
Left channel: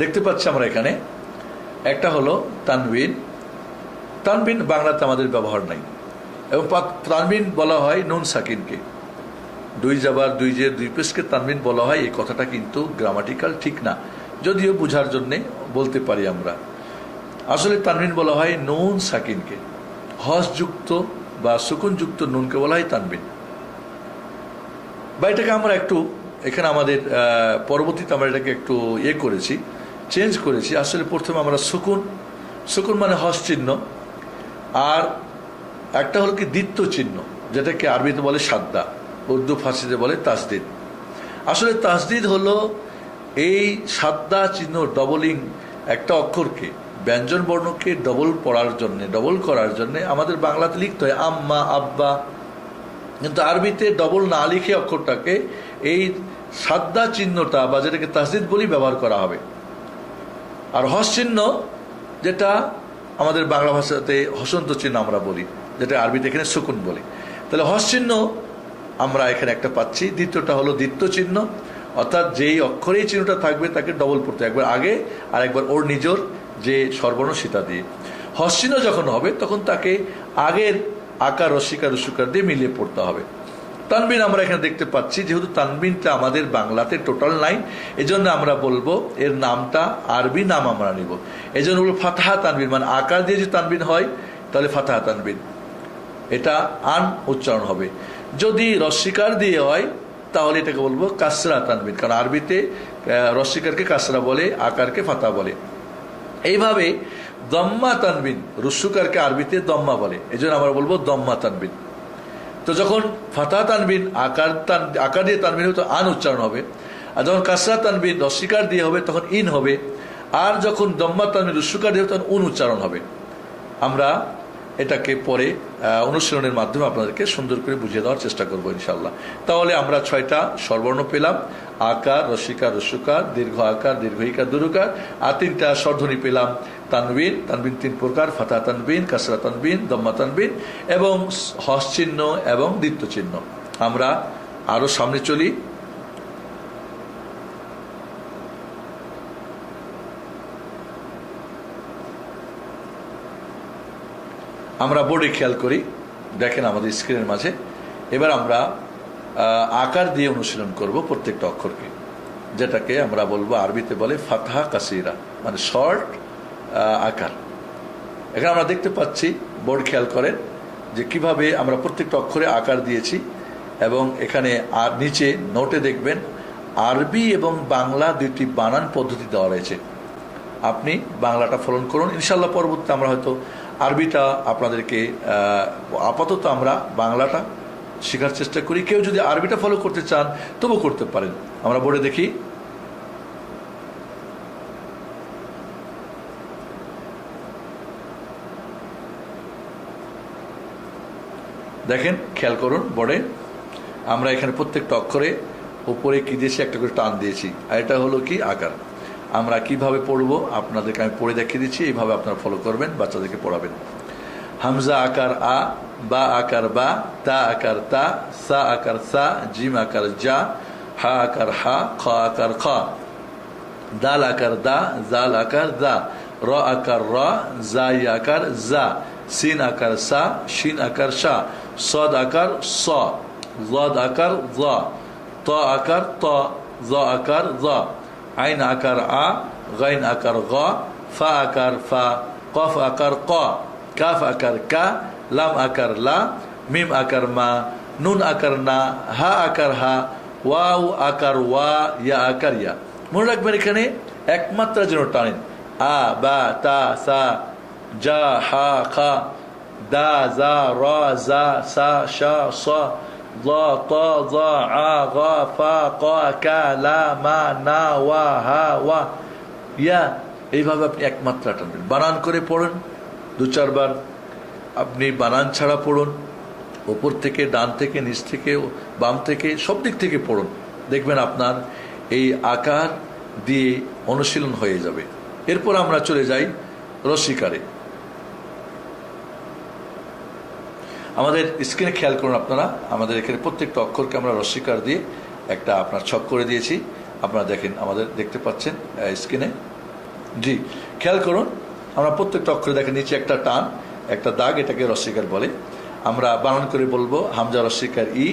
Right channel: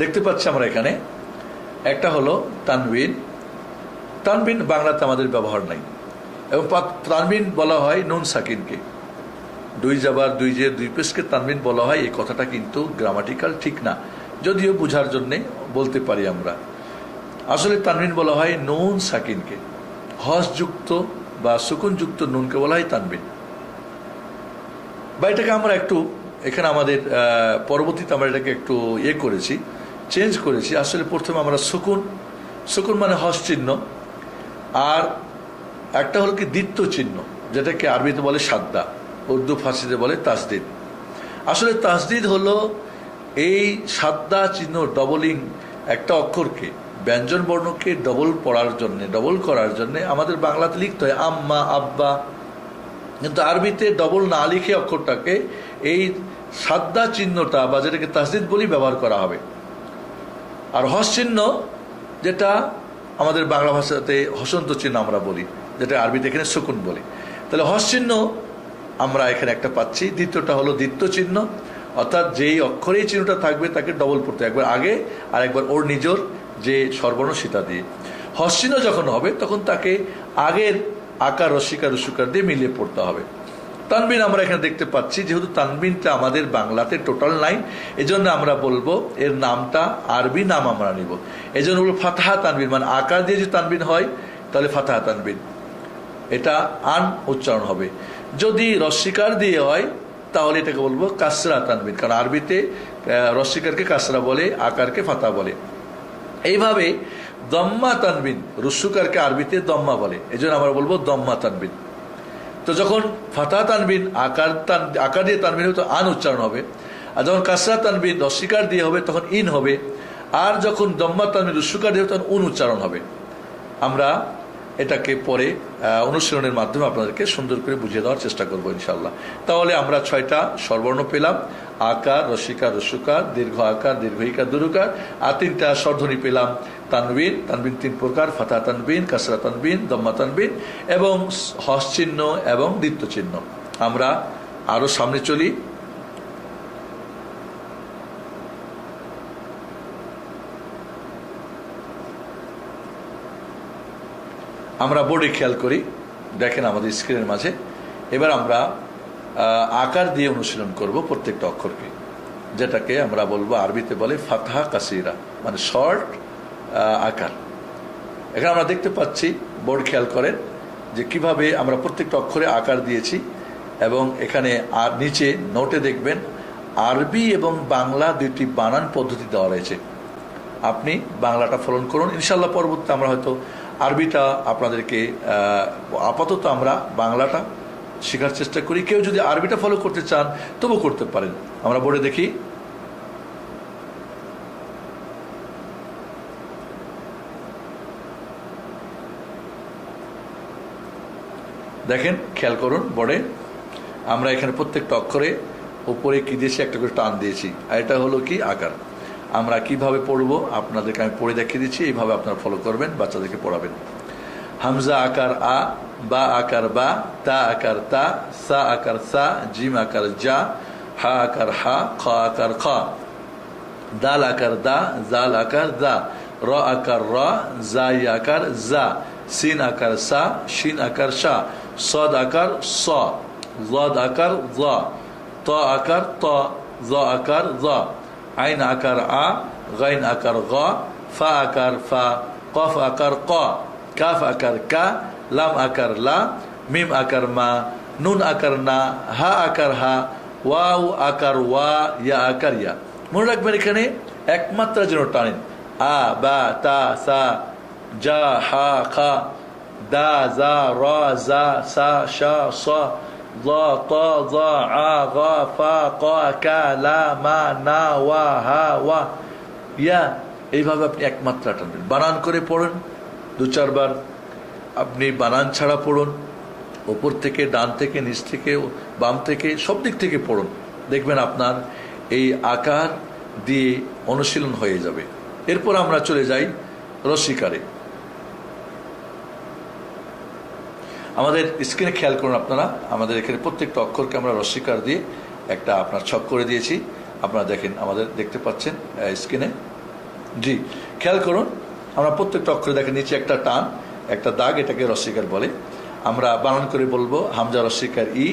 দেখতে পাচ্ছি আমরা এখানে একটা হলো তানবিন। তানবিন বাংলাতে আমাদের ব্যবহার নাই, এবং তানবিন বলা হয় নুন সাকিনকে। 2 জাবার 2 জের 2 পেশকে তানবিন বলা হয়। এই কথাটা কিন্তু গ্রামাটিক্যাল ঠিক না, যদিও বোঝার জন্য বলতে পারি আমরা। আসলে তানবিন বলা হয় নুন সাকিনকে, হসযুক্ত বা সুকুনযুক্ত নুনকে বলা হয় তানবিন। বা এটাকে আমরা একটু এখানে আমাদের পরবর্তীতে আমরা এটাকে একটু করেছি, চেঞ্জ করেছি। আসলে প্রথমে আমরা সুকুন মানে হস চিহ্ন, আর একটা হলো কি দ্বিত্ব চিহ্ন, যেটাকে আরবিতে বলে সাদ্দা, উর্দু ফার্সিতে বলে তাসদিদ। আসলে তাসদিদ হলো এই সাদ্দা চিহ্ন ডবলিং একটা অক্ষরকে, ব্যঞ্জন বর্ণকে ডবল করার জন্য আমাদের বাংলাতে লিখতে হয় আম্মা, আব্বা, কিন্তু আরবিতে ডবল না লিখে অক্ষরটাকে এই সাদ্দা চিহ্নটা বা যেটাকে তাসদিদ বলি ব্যবহার করা হবে। আর হস চিহ্ন যেটা আমাদের বাংলা ভাষাতে হসন্ত চিহ্ন আমরা বলি, যেটা আরবিতে এখানে সুকুন বলি। তাহলে হস চিহ্ন আমরা এখানে একটা পাচ্ছি। দ্বিতীয়টা হলো দ্বিতীয় চিহ্ন, অর্থাৎ যেই অক্ষরে এই চিহ্নটা থাকবে তাকে ডবল পড়তে, একবার আগে আর একবার ওর নিজের যে স্বরবর্ণ সেটা দিয়ে। হস চিহ্ন যখন হবে তখন তাকে আগের আকার রস্যিকার রস্যকার দিয়ে মিলিয়ে পড়তে হবে। তানবিন আমরা এখানে দেখতে পাচ্ছি, যেহেতু তানবিনটা আমাদের বাংলাতে টোটাল নাই, এজন্য আমরা বলবো এর নামটা আরবি নাম আমরা নিব। এই জন্য বলবো ফাতাহা তানবিন, মানে আকার দিয়ে যে তানবিন হয় তাহলে ফাতাহা তানবিন, এটা আন উচ্চারণ হবে। যদি রস্যিকার দিয়ে হয় তাহলে এটাকে বলবো কাসরা তানবিন, কারণ আরবিতে রস্যিকারকে কাসরা বলে, আকারকে ফাতা বলে। এইভাবে দম্মা তানবিন, রস্যকারকে আরবিতে দম্মা বলে, এই জন্য আমরা বলবো দম্মা তানবিন। তো যখন ফাতা তানবিন আকার দিয়ে তানবিন হবে তো আন উচ্চারণ হবে, আর যখন কাসরা তানবিন রস্যিকার দিয়ে হবে তখন ইন হবে, আর যখন দম্মা তানবিন রস্যকার দিয়ে হবে তখন উন উচ্চারণ হবে। আমরা এটাকে পরে অনুশীলনের মাধ্যমে আপনাদেরকে সুন্দর করে বুঝিয়ে দেওয়ার চেষ্টা করবো ইনশাল্লাহ। তাহলে আমরা 6টা স্বরবর্ণ পেলাম, আকার রস্যিকার রস্যকার, দীর্ঘ আকার দীর্ঘ ইকার দুরুকার, আর 3টা স্বরধ্বনি পেলাম তানবিন, তানবিন 3 প্রকার, ফাতা তানবিন, কাসরা তানবিন, দম্মা তানবিন এবং হস চিহ্ন এবং দ্বিত্ব চিহ্ন। আমরা আরো সামনে চলি। আমরা বোর্ডে খেয়াল করি, দেখেন আমাদের স্ক্রিনের মাঝে। এবার আমরা আকার দিয়ে অনুশীলন করব প্রত্যেকটা অক্ষরকে, যেটাকে আমরা বলবো আরবিতে বলে ফাতহা কাসিরা, মানে শর্ট আকার। এখানে আমরা দেখতে পাচ্ছি, বোর্ড খেয়াল করেন যে কিভাবে আমরা প্রত্যেকটা অক্ষরে আকার দিয়েছি, এবং এখানে আর নিচে নোটে দেখবেন আরবি এবং বাংলা দুটি বানান পদ্ধতি দেওয়া রয়েছে। আপনি বাংলাটা ফলো করুন, ইনশাল্লাহ পরবর্তীতে আমরা হয়তো আরবিটা আপনাদেরকে, আপাতত আমরা বাংলাটা শেখার চেষ্টা করি। কেউ যদি আরবিটা ফলো করতে চান তবু করতে পারেন। আমরা বোর্ডে দেখি, দেখেন খেয়াল করুন বোর্ডে আমরা এখানে প্রত্যেকটা অক্ষরে উপরে কি দিয়েছি, একটা করে টান দিয়েছি, আর এটা হলো কি আকার। আমরা কিভাবে পড়বো আপনাদেরকে আমি পড়ে দেখিয়ে দিচ্ছি, এইভাবে আপনারা ফলো করবেন, বাচ্চাদেরকে পড়াবেন। হামজা আকার আ, বা আকার বা, তা আকার তা, সা আকার সা, জিম আকার জা, হা আকার হা, খ আকার খ, দাল আকার দা, জাল আকার দা, র আকার র, জাই আকার জা, সিন আকার সা, শিন আকার শা, সদ আকার স, জদ আকার জ, ত আকার ত, জ আকার জ, আইন আকার আ, গাইন আকার গ, ফা আকার ফা, কফ আকার ক, কাফ আকার কা, লাম আকার লা, মিম আকার মা, নুন আকার না, হা আকার হা, ওয়াও আকার ওয়া, ইয়া আকার ইয়া। মনে রাখবেন এখানে একমাত্রা যেন টানেন, আ বা তা সা, জা হা খা, দা জা র জা সা শা স, জ ত জ আ গ ফা ক কা লা মা না ওয়া হা ওয়া ইয়া। এইভাবে আপনি একমাত্রা টানবেন, বানান করে পড়েন 2-4 বার। আপনি বানান ছাড়া পড়ুন, উপর থেকে ডান থেকে নিচ থেকে বাম থেকে সব দিক থেকে পড়ুন, দেখবেন আপনার এই আকার দিয়ে অনুশীলন হয়ে যাবে। এরপর আমরা চলে যাই রস্যিকারে। আমাদের স্ক্রিনে খেয়াল করুন আপনারা, আমাদের এখানে প্রত্যেকটা অক্ষরকে আমরা রস্যিকার দিয়ে একটা আপনার ছক করে দিয়েছি। আপনারা দেখেন, আমাদের দেখতে পাচ্ছেন স্ক্রিনে। জি, খেয়াল করুন, আমরা প্রত্যেকটা অক্ষরে দেখেন নিচে একটা টান, একটা দাগ, এটাকে রস্যিকার বলে। আমরা বানান করে বলবো, হামজা রস্যিকার ই,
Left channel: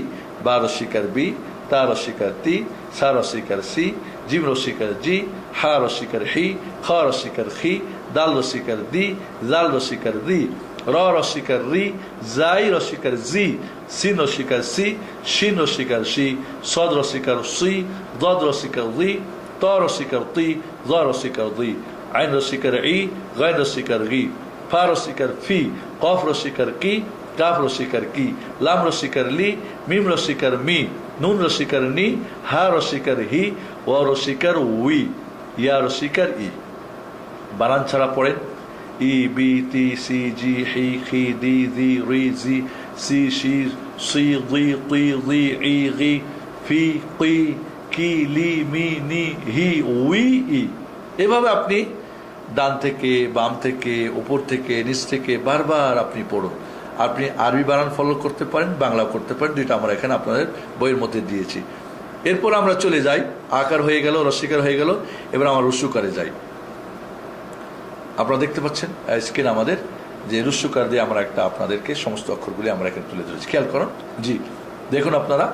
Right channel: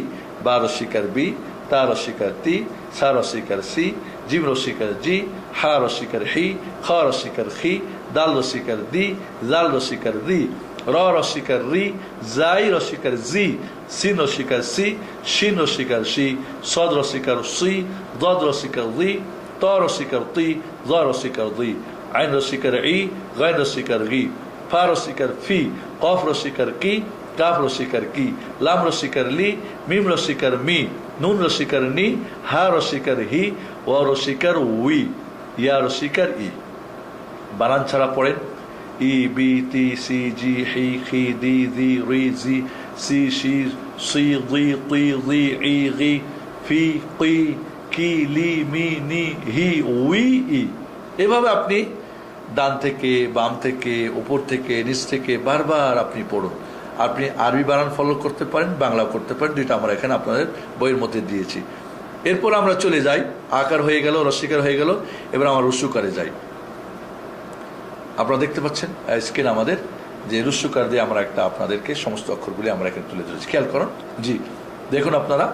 বা রস্যিকার বি, তা রস্যিকার তি, সা রস্যিকার সি, জিম রস্যিকার জি, হা রস্যিকার হি, খ রস্যিকার খি, দাল রস্যিকার দি, জাল রস্যিকার রি, র রস্যিকার রি, জাই রস্যিকার জি, সিন রস্যিকার সি, শিন রস্যিকার শি, সদ রস্যিকার সি, দদ রস্যিকার রি, ত রস্যিকার তি, জ রস্যিকার দি, আইন রস্যিকার ই, গাইন রস্যিকার গি, ফা রস্যিকার ফি, কফ রস্যিকার কি, কাফ রস্যিকার কি, লাম রস্যিকার লি, মিম রস্যিকার মি, নুন রস্যিকার নি, হা রস্যিকার হি, ওয়া রস্যিকার উই, ইয়া রস্যিকার ই। বানান ছাড়া পড়েন, ই বি তি সি জি হি খি দি জি রি জি সি শির সি দি কি দি ই গি ফি কি কি লি মি নি হি উই ই। এভাবে আপনি ডান থেকে বাম থেকে উপর থেকে নিচ থেকে বারবার আপনি পড়ুন। আপনি আরবি বানান ফলো করতে পারেন, বাংলা করতে পারেন, দুইটা আমরা এখানে আপনাদের বইয়ের মধ্যে দিয়েছি। এরপর আমরা চলে যাই, আকার হয়ে গেল, রস্বীকার হয়ে গেল, এবার আমরা রস্যুকারে যাই। আপনারা দেখতে পাচ্ছেন স্ক্রিন আমাদের যে রস্যুকার দিয়ে আমরা একটা আপনাদেরকে সমস্ত অক্ষরগুলি আমরা এখানে তুলে ধরেছি, খেয়াল করুন। জি দেখুন আপনারা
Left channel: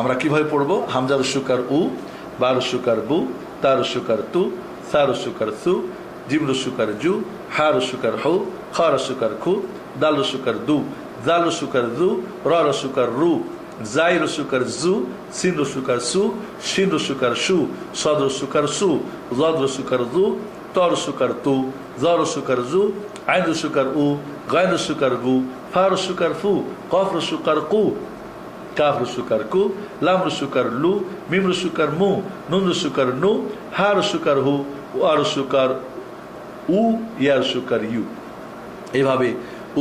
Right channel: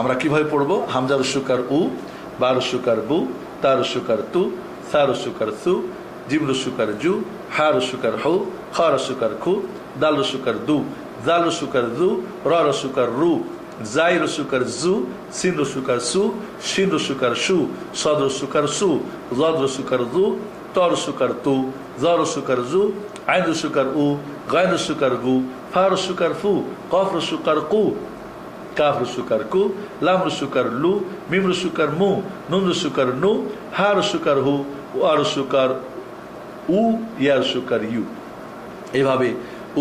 আমরা কিভাবে পড়বো। হামজা রস্যুকার উ, বা রস্যুকার বু, তা রস্যুকার তু, সা রস্যুকার সু, জিম রস্যুকার জু, হা রস্যুকার হু, খ রস্যুকার খু, দাল রস্যুকার দু, জাল রস্যুকার দু, র রস্যুকার রু, জাই রস্যুকার জু, সিন রস্যুকার সু, শিন রস্যুকার সু, সদ রস্যুকার সু, জদ রস্যুকার দু, ত রস্যুকার তু, জ রস্যুকার জু, আইন রস্যুকার উ, গাইন রস্যুকার গু, ফা রস্যুকার ফু, কফ রস্যুকার কু, কাফ রস্যুকার কু, লাম রস্যুকার লু, মিম রস্যুকার মু, নুন রস্যুকার নু, হা রস্যুকার হু, ওয়া রস্যুকার উ, ইয়া রস্যুকার ইউ। এভাবে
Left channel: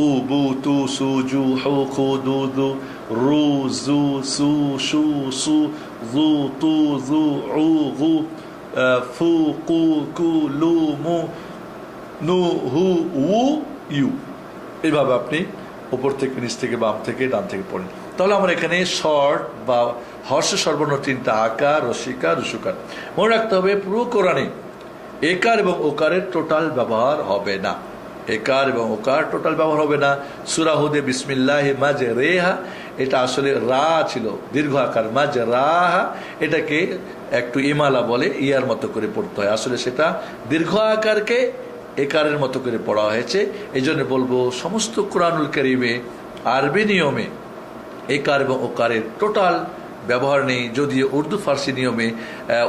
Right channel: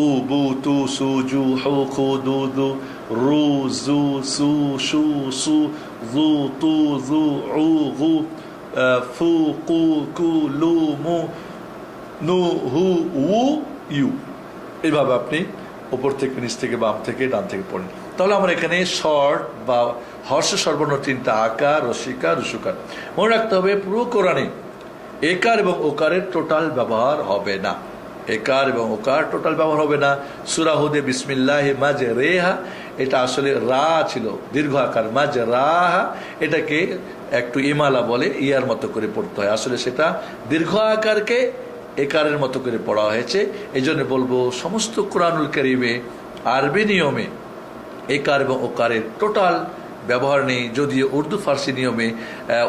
উ, বু, তু, সু, জু, হু, খু, দু, দু, রু, জু, সু, সু, সু, জু, তু, জু, উ, গু, ফু, কু, কু, লু, মু, নু, হু, উ, ইউ। এইভাবে আপনি উপর থেকে নিচ থেকে বাম থেকে ডান থেকে পড়েন। তাহলে আমরা এখানে শর্ট বা হর্ষ সর্বর্ণ তিনটা আকার, রস্বীকার, রস্যুকার মনে রাখতে হবে। পুরো কোরআনে একার এবং ওকারের টোটাল ব্যবহার হবে না। একার এবং ওকার টোটাল ব্যবহার হবে না। সূরা হুদে বিসমিল্লাহি মাজরেহা, এটা আসলে রা ছিল দীর্ঘ আকার, মাজরাহা এটাকে একটু ইমালা বলে, ইয়ার মতো করে পড়তে হয়। আসলে সেটা দীর্ঘ আকারকে একারের মতো করে পড়া হয়েছে। এই জন্য বলবো সমস্ত কোরআনুল কারীমে আরবি নিয়মে একার এবং ওকারের টোটাল ব্যবহার নেই। যদিও উর্দু ফার্সি নিয়মে,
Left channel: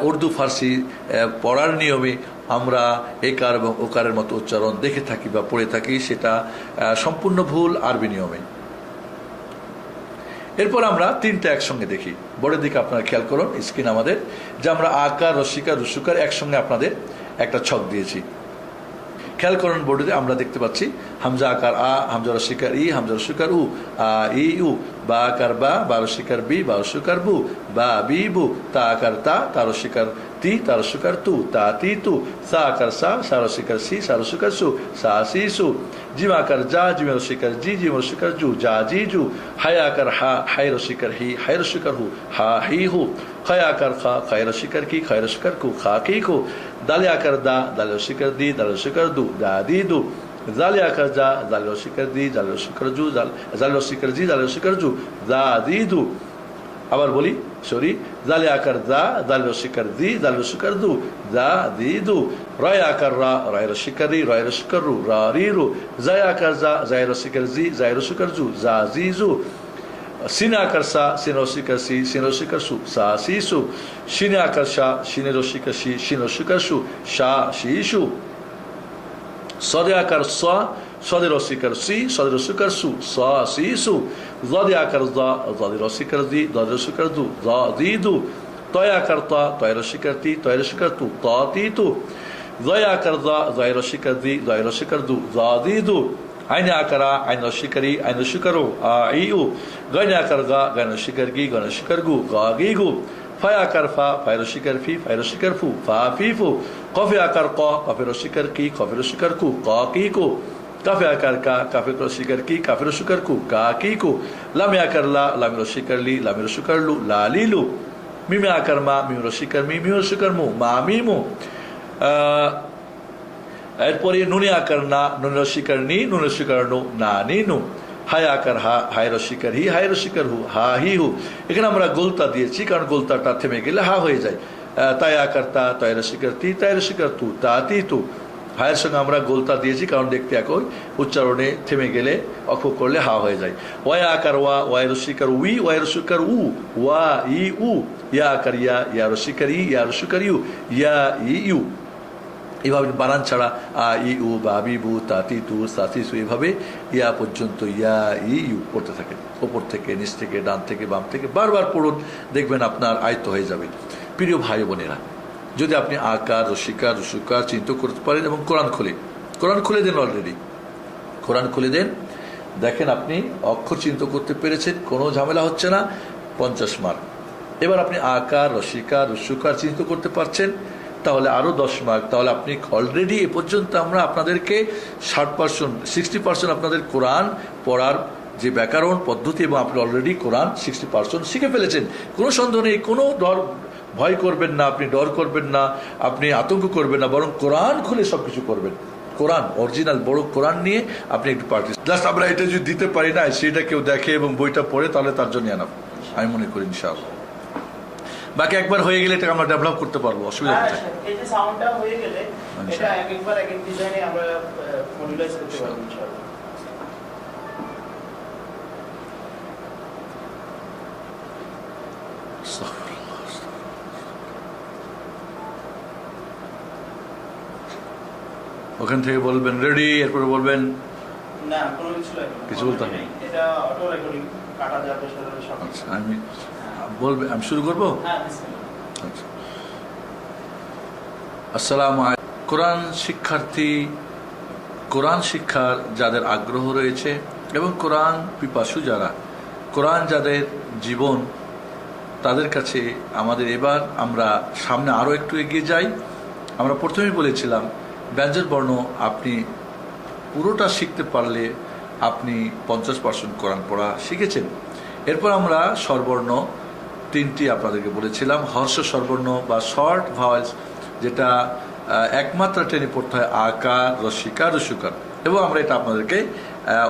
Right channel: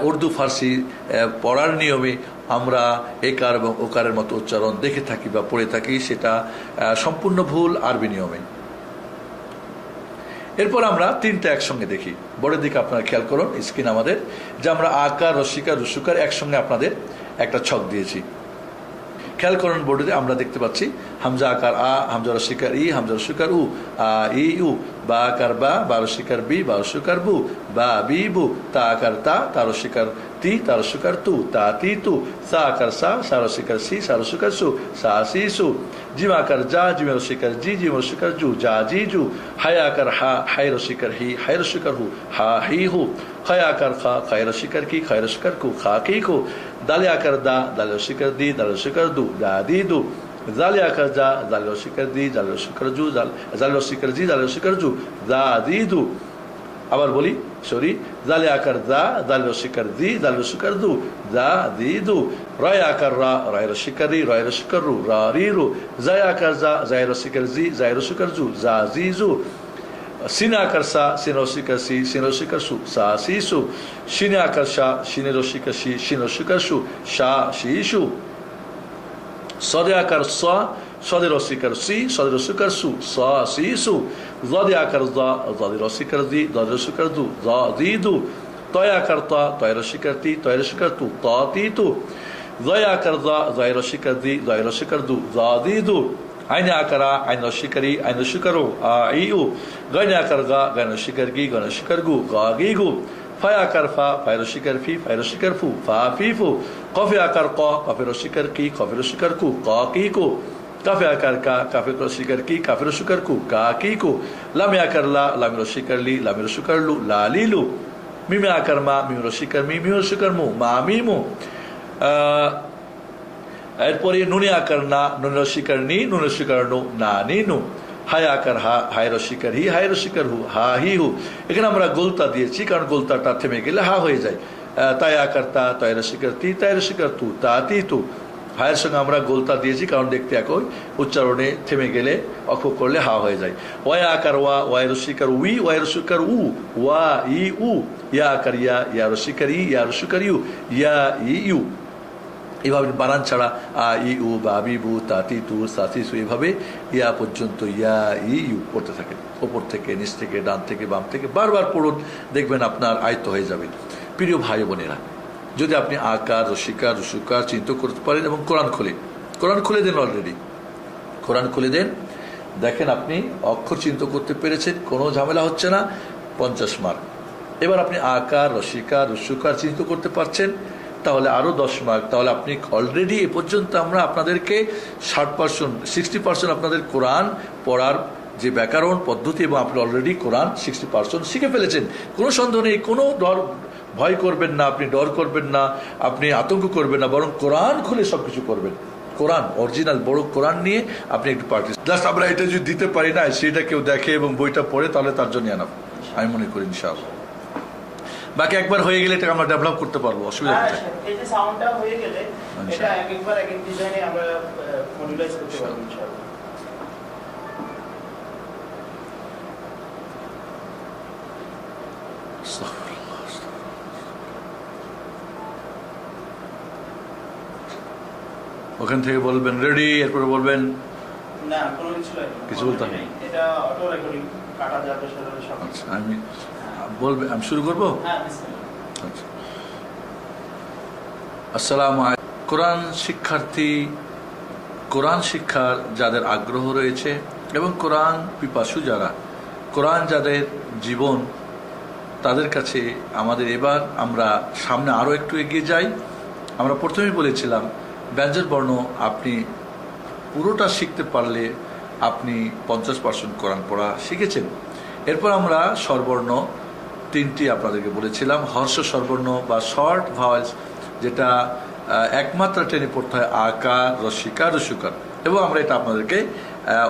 উর্দু ফার্সি পড়ার নিয়মে আমরা একার এবং ওকারের মতো উচ্চারণ দেখে থাকি বা পড়ে থাকি, সেটা সম্পূর্ণ ভুল আরবি নিয়মে। এরপর আমরা তিনটা একসঙ্গে দেখি। বোর্ডের দিকে আপনারা খেয়াল করুন, স্ক্রিন আমাদের যে আমরা আকার, রস্বীকার, রস্যুকার একসঙ্গে আপনাদের একটা ছক দিয়েছি। খেয়াল করুন বোর্ডে আমরা দেখতে পাচ্ছি হামজা আকার আ, হামজা রস্বীকার ই, হামজা রস্যুকার উ, আ ই উ, বা আকার বা, বা রস্বীকার বি, বা রস্যুকার বু, বা বি বু, তা আকার তা, তা রস্বীকার তি, তা রস্যুকার তু, তা তি তু, সা আকার সা, সা রস্বীকার সি, সা রস্যুকার সু, সা সি সু, জিম আকার যা, জিম রস্বীকার জি, জিম রস্যুকার জু, যা জি জু, হায় আকার হা, হায় রস্বীকার হি, হায় রস্যুকার হু, হা হি হু, খায় আকার খা, খায় রস্বীকার কি, খায় রস্যুকার কু, খা কি কু, দালে আকার দা, দালে রস্বীকার দি, দালে রস্যুকার দু, দা দি দু, জালে আকার যা, জালে রস্বীকার দি, জালে রস্যুকার জু, জালে রস্বীকার জি, জালে রস্যুকার জু, দা দি দু। আবার বলি, সরি, জালে আকার দা, জালে রস্বীকার দি, জালে রস্যুকার দু, দা দি দু। রয় আকার রা, রয় রস্বীকার রি, রয় রস্যুকার রু, রা রি রু। জায় আকার যা, জায় রস্বীকার জি, জায় রস্যুকার জু, যা জি জু। সিন আকার সা, সিন রস্বীকার সি, সিন রস্বীকার সু, সা সি সু। সিনে আকার সা, সিনে রস্বীকার সি, সিন রস্বীকার সু, সা সি সু। সদে আকার স, সদে রস্বীকার সি, সদে রস্বীকার সু, সা সি সু। জদে আকার দা, জদে রস্বীকার দি, দদে রস্বীকার দু, জ দি দু। তয় আকার তা, তয় রস্বীকার তি, তয় রস্বীকার তু, ত তি তু। জয় আকার দা, জয় রস্বীকার দি, জয় রস্বীকার দু, জ দি দু। আইনে আকারা, আইন রস্বীকারি, আইন রস্বীকার ও, আ ই উ। গাইনে আকার গা, গাইন রস্বীকার গি, গাইন রস্বীকার গু, গা গি গু। ফায় আকার ফা, ফায় রস্বীকার ফি, ফায় রস্বীকার ফু, ফা ফি ফু। কফে আকার ক, কফে রস্বীকার কি, কফে রস্বীকার কু, ক কি কু। কাফে আকার কা, কাফে রস্বীকার কি, কাফে রস্বীকার কু, কা কি কু। লামে আকার লা, লামে রস্বীকার লি, লামে রস্বীকার লু, লা লি লু। মিমে আকার মা, মিম রস্বীকার মি, মিম রস্বীকার মু, মা মি মু। এরপরে নুনে আকার না, নুন রস্বীকার নি, নুন রস্বীকার নু, না নি নু। হায় আকার হা, হায় রস্বীকার হি, হায় রস্বীকার হু, হা হি হু। এখানে আমরা গোলতা দিয়েছি কারণ গোলতাটা থেমে গেলে হা হয়ে যায়। তাই আকার তা, তাই রস্বীকার তি, তাই রস্বীকার তু, তা তি তু। হায়ের সঙ্গে আমরা গোলতা দিয়েছি কারণ দেখতে একই, উচ্চারণে থেমে গেলে অক্ষ করলে হা হয়ে যায়। ওয়া আকার ওয়া, ওয়াই রস্বীকার উই, ওয়াই রস্বীকার উ, ওয়া ই উ। ইয়া আকার ইয়া, ইয়া রস্বীকার ই, ইয়া রস্বীকার ইউ, ইয়া ই ইউ। এভাবে বানান ছাড়া আ ই উ, বা বি বু, তাতি তু, সাতি সু, এভাবে ইয়া পর্যন্ত ইয়া ই ইউ পড়তে থাকে। ওপর থেকে নিচ থেকে ডান থেকে বাম থেকে বারবার পড়ুন, দেখবেন আপনার আয়ত্ত হয়ে যাবে। প্রিয় ভাই বোনেরা, যদি আপনি আকার, রস্বীকার, রস্যুকার চিন্তা করতে পারেন এবং কোরআন খুলে দেন, অলরেডি কোরআন খুলে দেন, দেখেন আপনি অক্ষর চিন্তা করতে পেরেছেন, কোনো ঝামেলা হচ্ছে না, 50 মার্ক। এবার আপনি আকার, রসিকার, রস্যকার চিন্তা করতে পারছেন, তাহলে আরো 10 মার্ক। তাহলে আপনি অলরেডি এ পর্যন্ত আমরা আপনাদেরকে 60%, 60% আপনাদের কোরআন পড়ার যে ব্যাকরণ পদ্ধতি, এবং আপনি অলরেডি কোরআন 60% শিখে ফেলেছেন। কোনো সন্দেহ নেই, কোনো ডর ভয় করবেন না, আপনি ডর করবেন না, আপনি আতঙ্ক করবেন না, বরং কোরআন খুলে সবকিছু করবেন। কোরআন অরিজিনাল বড় কোরআন নিয়ে আপনি একটু প্র্যাকটিস, জাস্ট আমরা এটা যদি দিতে পারি না, সেটা কেউ দেখে এবং বইটা পড়ে, তাহলে তার জন্য আনা আমি মনে করি ইনশাআল্লাহ। বাকি একবার হয়ে গেলে এটাকে আমরা ডেভেলপ করতে পারবো, অসুবিধা কোথায়? এই যে সাউন্ডটা হয়ে গেলে এটা একবার এক এক ডিজাইনে আমরা মডুলাইজ করতে পারবো ইনশাআল্লাহ। ওখান থেকে বলবেন রেডি, এরপরে বলবেন না কোনো কিছু বলতে হবে? এটা অটো রেকর্ডিং কাটা যাবে সাথে। আচ্ছা, আমি বলবেন, আমি শুরু করবো। হ্যাঁ বিসমিল্লাহ। আচ্ছা। আসসালামু আলাইকুম। কোরআন শিক্ষার্থী, কোরআন শিক্ষার যাদের আগ্রহ রয়েছে এবং কোরআন পিপাসু যারা, কোরআন যাদের জীবন, তাদের কাছে আমাদের এবার আমরা সামনে আরো একটু এগিয়ে যাই। আমরা প্রথমেই বলেছিলাম ব্যঞ্জন বর্ণ আপনি পুরোটা শিখতে পারলে আপনি 50% কোরআন পড়া শিখেছেন। এরপর আমরা স্বরবর্ণ 3টি আপনাদেরকে বলেছিলাম, হর্ষ স্বরবর্ণ বা শর্ট ভাওয়েলস, যেটা একমাত্র টেনে পড়তে হয়, আকার, রসিকার, রস্যকার, এবং আমরা এটা আপনাদেরকে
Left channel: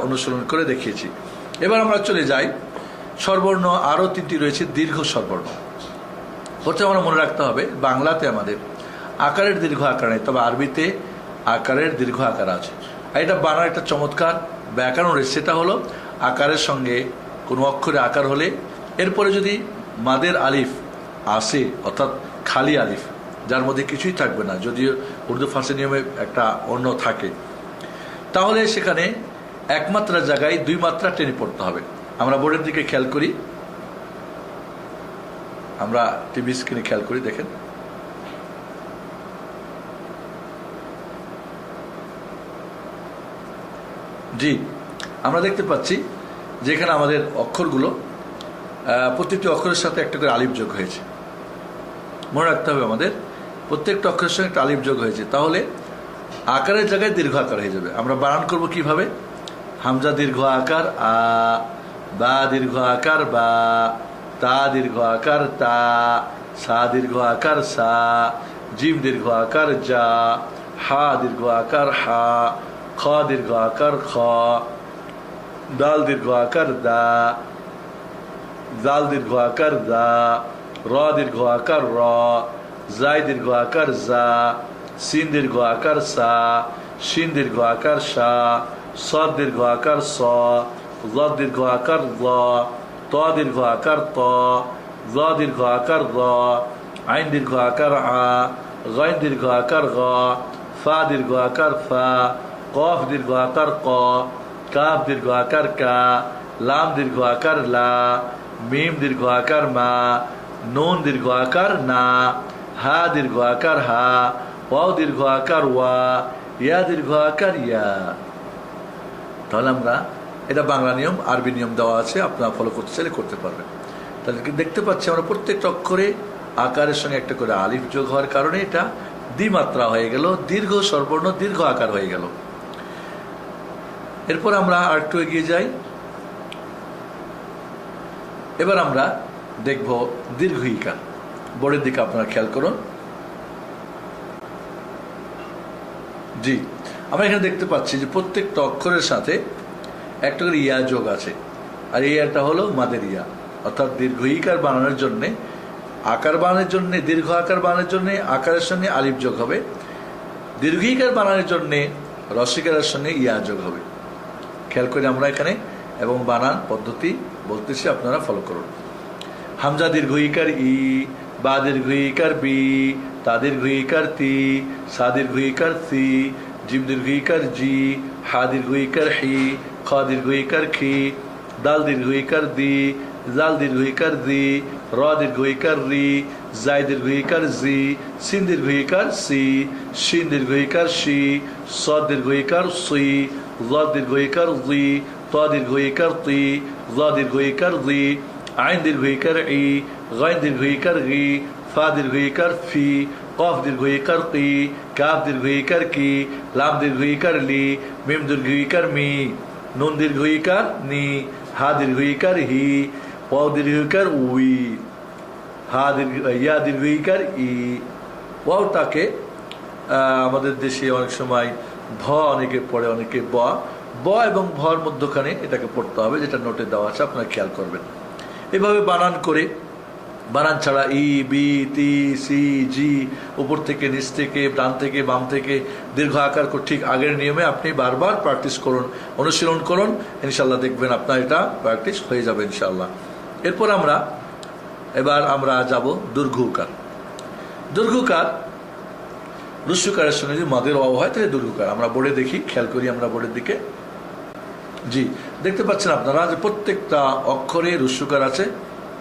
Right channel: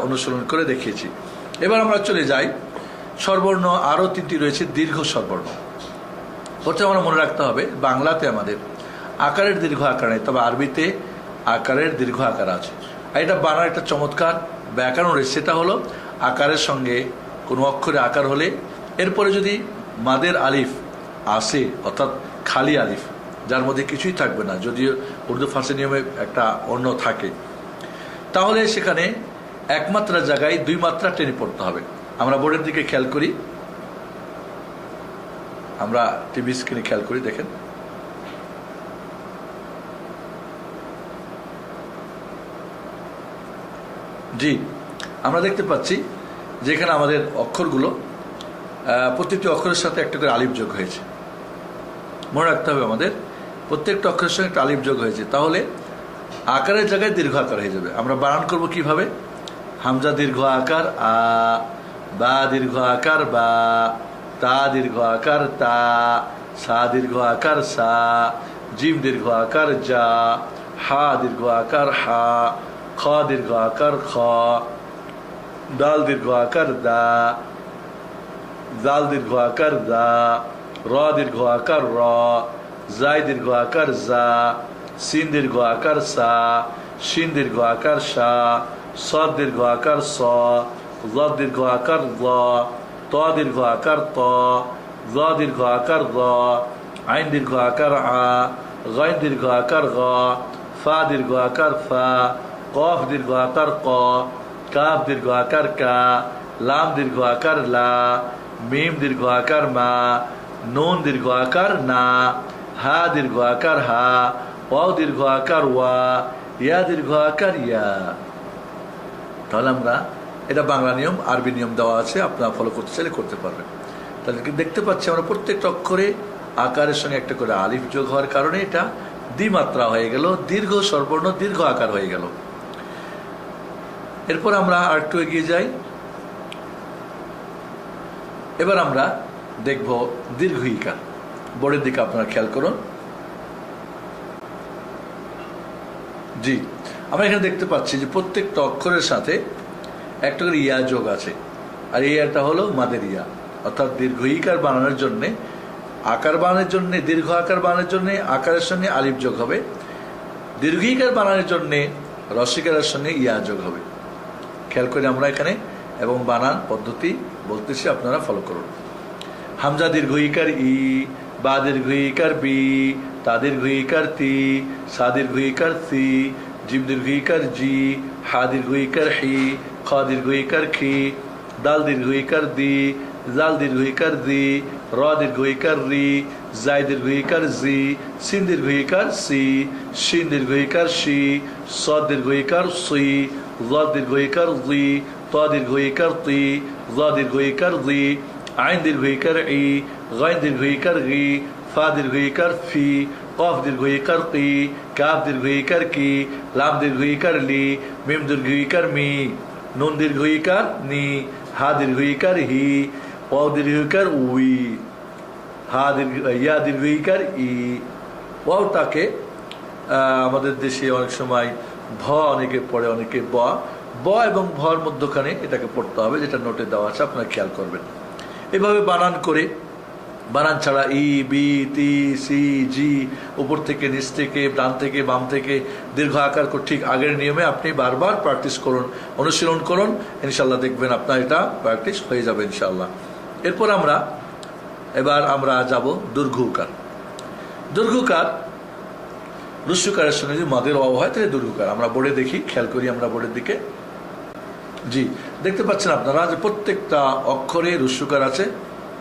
অনুসরণ করে দেখিয়েছি। এবার আমরা চলে যাই স্বরবর্ণ, আরো 3টি রয়েছে দীর্ঘ স্বরবর্ণ। প্রথমে আমরা মনে রাখতে হবে বাংলাতে আমাদের আকারের দীর্ঘ আকার নেই, তবে আরবিতে আকারের দীর্ঘ আকার আছে। আর এটা বানার একটা চমৎকার ব্যাকরণ রয়েছে, সেটা হলো আকারের সঙ্গে কোনো অক্ষরে আকার হলে এরপরে যদি মাদের আলিফ আসে, অর্থাৎ খালি আলিফ যার মধ্যে কিছুই থাকবে না, যদিও উর্দু ফার্সি নিয়মে একটা অন্য থাকে, তাহলে সেখানে একমাত্রা জায়গায় 2 মাত্রা টেনে পড়তে হবে। আমরা বোর্ডের দিকে খেয়াল করি, আমরা টিভি স্ক্রিনে খেয়াল করি, দেখেন জি, আমরা দেখতে পাচ্ছি যেখানে আমাদের অক্ষরগুলো প্রত্যেকটি অক্ষরের সাথে একটা করে আলিফ যোগ হয়েছে। মনে রাখতে হবে আমাদের প্রত্যেকটা অক্ষরের সঙ্গে একটা আলিফ যোগ হয়েছে, তাহলে আকারের জায়গায় দীর্ঘ আকার হয়ে যাবে। আমরা বানান করব কিভাবে? হামজা দীর্ঘ আকার আ, বা দীর্ঘ আকার বা, তা দীর্ঘ আকার তা, সা দীর্ঘ আকার সা, জিম দীর্ঘ আকার যা, হা দীর্ঘ আকার হা, খ দীর্ঘ আকার খ, দাল দীর্ঘ আকার দা, জাল দীর্ঘ আকার দা, র দীর্ঘ আকার র, জাই দীর্ঘ আকার জা, সিন দীর্ঘ আকার সা, শিন দীর্ঘ আকার সা, সদ দীর্ঘ আকার স, জ দীর্ঘ আকার জ, ত দীর্ঘ আকার ত, জ দীর্ঘ আকার জ, আইন দীর্ঘ আকার আ, গাইন দীর্ঘ আকার গ, ফা দীর্ঘ আকার ফা, কফ দীর্ঘ আকার ক, কাফ দীর্ঘ আকার কা, লাম দীর্ঘ আকার লা, মিম দীর্ঘ আকার মা, নুন দীর্ঘ আকার না, হা দীর্ঘ আকার হা, ওয়াও দীর্ঘ আকার ওয়া, ইয়া দীর্ঘ আকার ইয়া। তাহলে আমরা এটা বাংলা নিয়ম, আরবি নিয়ম দেওয়া আছে, আপনারা ফলো করতে চাইলে করতে পারবেন। তাহলে দেখতে পাচ্ছি আমরা প্রত্যেকটা অক্ষরে আকারের সঙ্গে একটা করে আলিফ যোগ হওয়ার কারণে এটা দ্বিমাত্রা হয়ে গেল, দীর্ঘ স্বরবর্ণ দীর্ঘ আকার হয়ে গেল। এরপর আমরা আর একটু এগিয়ে যাই। এবার আমরা দেখব দীর্ঘ ইকার। বোর্ডের দিকে আপনারা খেয়াল করুন। জি, আমরা এখানে দেখতে পাচ্ছি যে প্রত্যেকটা অক্ষরের সাথে একটা করে ইয়া যোগ আছে, আর এই ইয়াটা হলো মাদের ইয়া, অর্থাৎ দীর্ঘ ইকার বানানোর জন্য, আকার বানানোর জন্য, দীর্ঘ আকার বানানোর জন্য আকারের সঙ্গে আলিফ যোগ হবে, দীর্ঘ ইকার বানানোর জন্য রসিকারের সঙ্গে ইয়া যোগ হবে। খেয়াল করে আমরা এখানে এবং বানান পদ্ধতি বলতেছি, আপনারা ফলো করুন। হামজা দীর্ঘ ইকার ই, বা দীর্ঘ ইকার বি, তা দীর্ঘ ইকার তি, সা দীর্ঘ ইকার সি, জিম দীর্ঘ ইকার জি, হা দীর্ঘ ইকার হি, খ দীর্ঘ ইকার খি, দাল দীর্ঘ ইকার দি, জাল দীর্ঘ ইকার দি, র দীর্ঘ ইকার রি, জাই দীর্ঘ ইকার জি, সিন দীর্ঘ ইকার সি, শিন দীর্ঘ ইকার শি, স দীর্ঘ ইকার সি, জ দীর্ঘ ইকার জি, ত ত দীর্ঘ ইকার তি, জ দীর্ঘ ইকার জি, আইন দীর্ঘ ইকার ই, গাইন দীর্ঘ ইকার গি, ফা দীর্ঘ ইকার ফি, কফ দীর্ঘ ইকার কি, কাফ দীর্ঘ ইকার কি, লাম দীর্ঘ ইকার লি, মিম দীর্ঘ ইকার মি, নুন দীর্ঘ ইকার নি, হা দীর্ঘ ইকার হি, ওয়াও দীর্ঘ ইকার উই, হা দীর্ঘ ইয়া দীর্ঘ ইকার ই। ওয়াওটাকে আমাদের দেশে অনেক সময় ভ অনেকে পড়ে, অনেকে ব, ব এবং ভর মধ্যখানে এটাকে পড়তে হবে, যেটা নোটে দেওয়া আছে, আপনারা খেয়াল করবেন। এভাবে বানান করে, বানান ছাড়া ই, বি, তি, সি, জি, উপর থেকে নিচ থেকে, ডান থেকে বাম থেকে দীর্ঘ আকার ঠিক আগের নিয়মে আপনি বারবার প্র্যাকটিস করুন, অনুশীলন করুন, ইনশাল্লাহ দেখবেন আপনার এটা প্র্যাকটিস হয়ে যাবে ইনশাল্লাহ। এরপর এবার আমরা যাব দীর্ঘকার। দীর্ঘকার রস্যকারের সঙ্গে যদি মাদের অভাব হয় তাহলে দীর্ঘকার। আমরা বোর্ডে দেখি, খেয়াল করি আমরা বোর্ডের দিকে। জি, দেখতে পাচ্ছেন আপনারা যে প্রত্যেকটা অক্ষরে রস্যকার আছে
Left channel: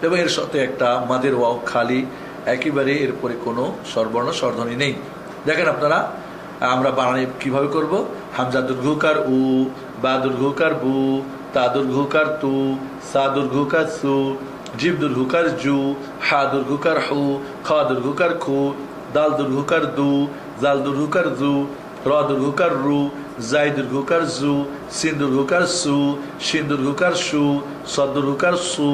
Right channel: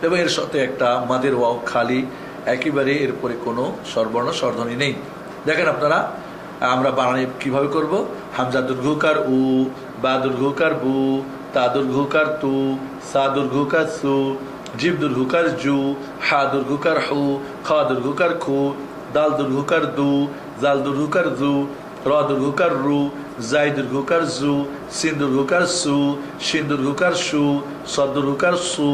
এবং এর সাথে একটা মাদের ওয়াও খালি, একেবারে এরপরে কোনো স্বরবর্ণ স্বরধ্বনি নেই। দেখেন আপনারা, আমরা বানানি কিভাবে করব। হামজা দীর্ঘকার উ, বা দীর্ঘকার বু, তা দীর্ঘকার তু, সা দীর্ঘকার সু, জিব দীর্ঘকার জু, হা দীর্ঘকার হু, খা দীর্ঘকার খু, দাল দীর্ঘকার দু, জাল দীর্ঘকার জু, র দীর্ঘকার রু, জাই দীর্ঘকার জু, সিন দীর্ঘকার সু, শিন দীর্ঘকার সু, স দীর্ঘকার সু,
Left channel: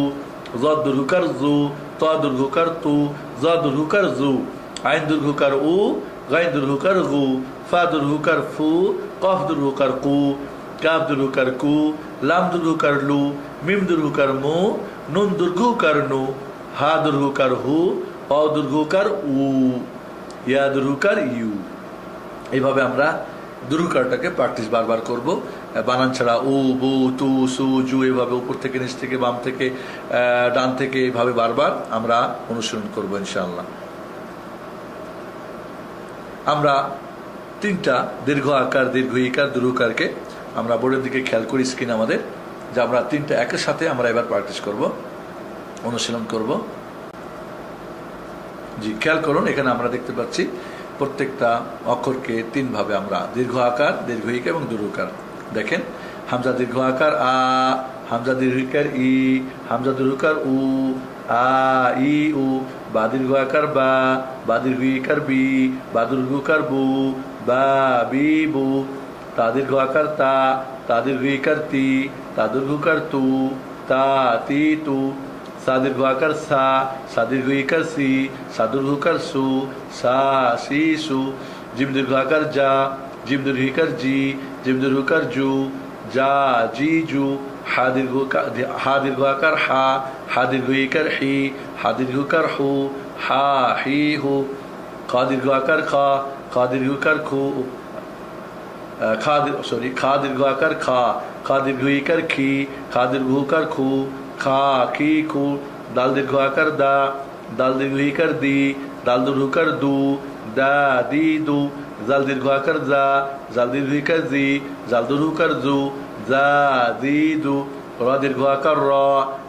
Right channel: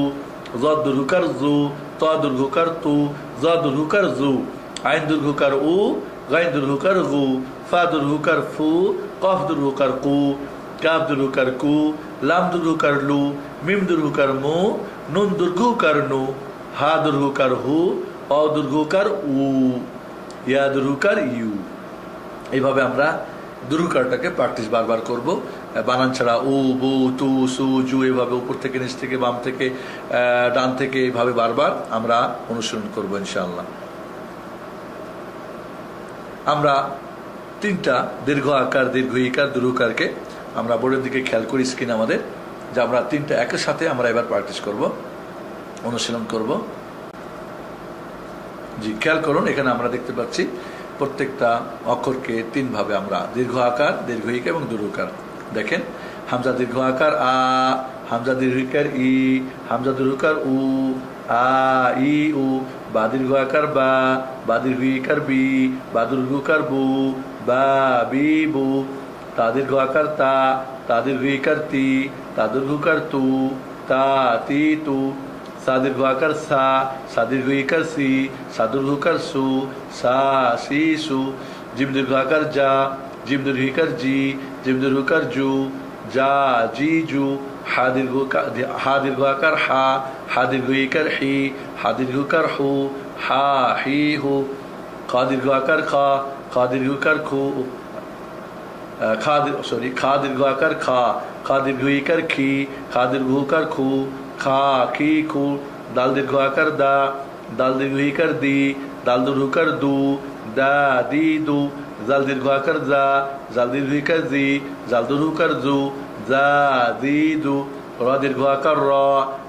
জ দীর্ঘকার জু, ত দীর্ঘকার তু, জ দীর্ঘকার জু, আইন দীর্ঘকার উ, গাইন দীর্ঘকার গু, ফা দীর্ঘকার ফু, কফ দীর্ঘকার কু, কাফ দীর্ঘকার কু, লাম দীর্ঘকার লু, মিম দীর্ঘকার মু, নুন দীর্ঘকার নু, হা দীর্ঘকার হু, অ দীর্ঘকার উ, ইয়া দীর্ঘকার ইউ। এইভাবে আমরা দীর্ঘকারটাকে প্র্যাকটিস বারবার করব। বানান ছাড়া উ, বু, তু, সু, জু, এভাবে উপর থেকে নিচ থেকে বাম থেকে ডান থেকে এইভাবে বারবার আমরা অনুসরণ করব ইনশাআল্লাহ। আমরা তিনটা দীর্ঘ আকার, দীর্ঘ ইকার, দীর্ঘকারকে আমরা বোর্ডের দিকে খেয়াল করি স্ক্রিন আমাদের, যে আমরা তিনটা একের সাথে আমরা এবার প্র্যাকটিস করব, অনুশীলন করব। জি, খেয়াল করুন, এখানে আমরা দেখতে পাচ্ছি প্রত্যেকটা অক্ষরকে তিন ভাবে আমরা দীর্ঘ আকার, দীর্ঘ ইকার এবং দীর্ঘকার। দেখেন, হামজা দীর্ঘ আকার আ, হামজা দীর্ঘ ইকার ই, হামজা দীর্ঘকার উ, আ ই উ, বা দীর্ঘ আকার বা, বা দীর্ঘ ইকার বি, বা দীর্ঘকার বু, বা বি বু, তা দীর্ঘ আকার তা, তা দীর্ঘ ইকার তি, তা দীর্ঘকার তু, তা তি তু, সা দীর্ঘ আকার সা, সা দীর্ঘ ইকার সি, সা দীর্ঘকার সু, সা সি সু, জিম দীর্ঘ আকার যা, জিম দীর্ঘ ইকার জি, জিম দীর্ঘকার জু, যা জি জু, হা দীর্ঘ আকার হা, হা দীর্ঘ ইকার হি, হা দীর্ঘকার হু, হা হি হু, খা দীর্ঘ আকার খা, খা দীর্ঘকার খু, খা দীর্ঘ আকার খা, খা দীর্ঘ ইকার খি, খা দীর্ঘকার খু, খা খি খু, দাল দীর্ঘ আকার দা, দাল দীর্ঘ ইকার দি, দাল দীর্ঘকার দু, দা দি দু, জাল দীর্ঘ আকার জা, জাল দীর্ঘ ইকার জি, জাল দীর্ঘকার জু, জা দি দু, র দীর্ঘ আকার র,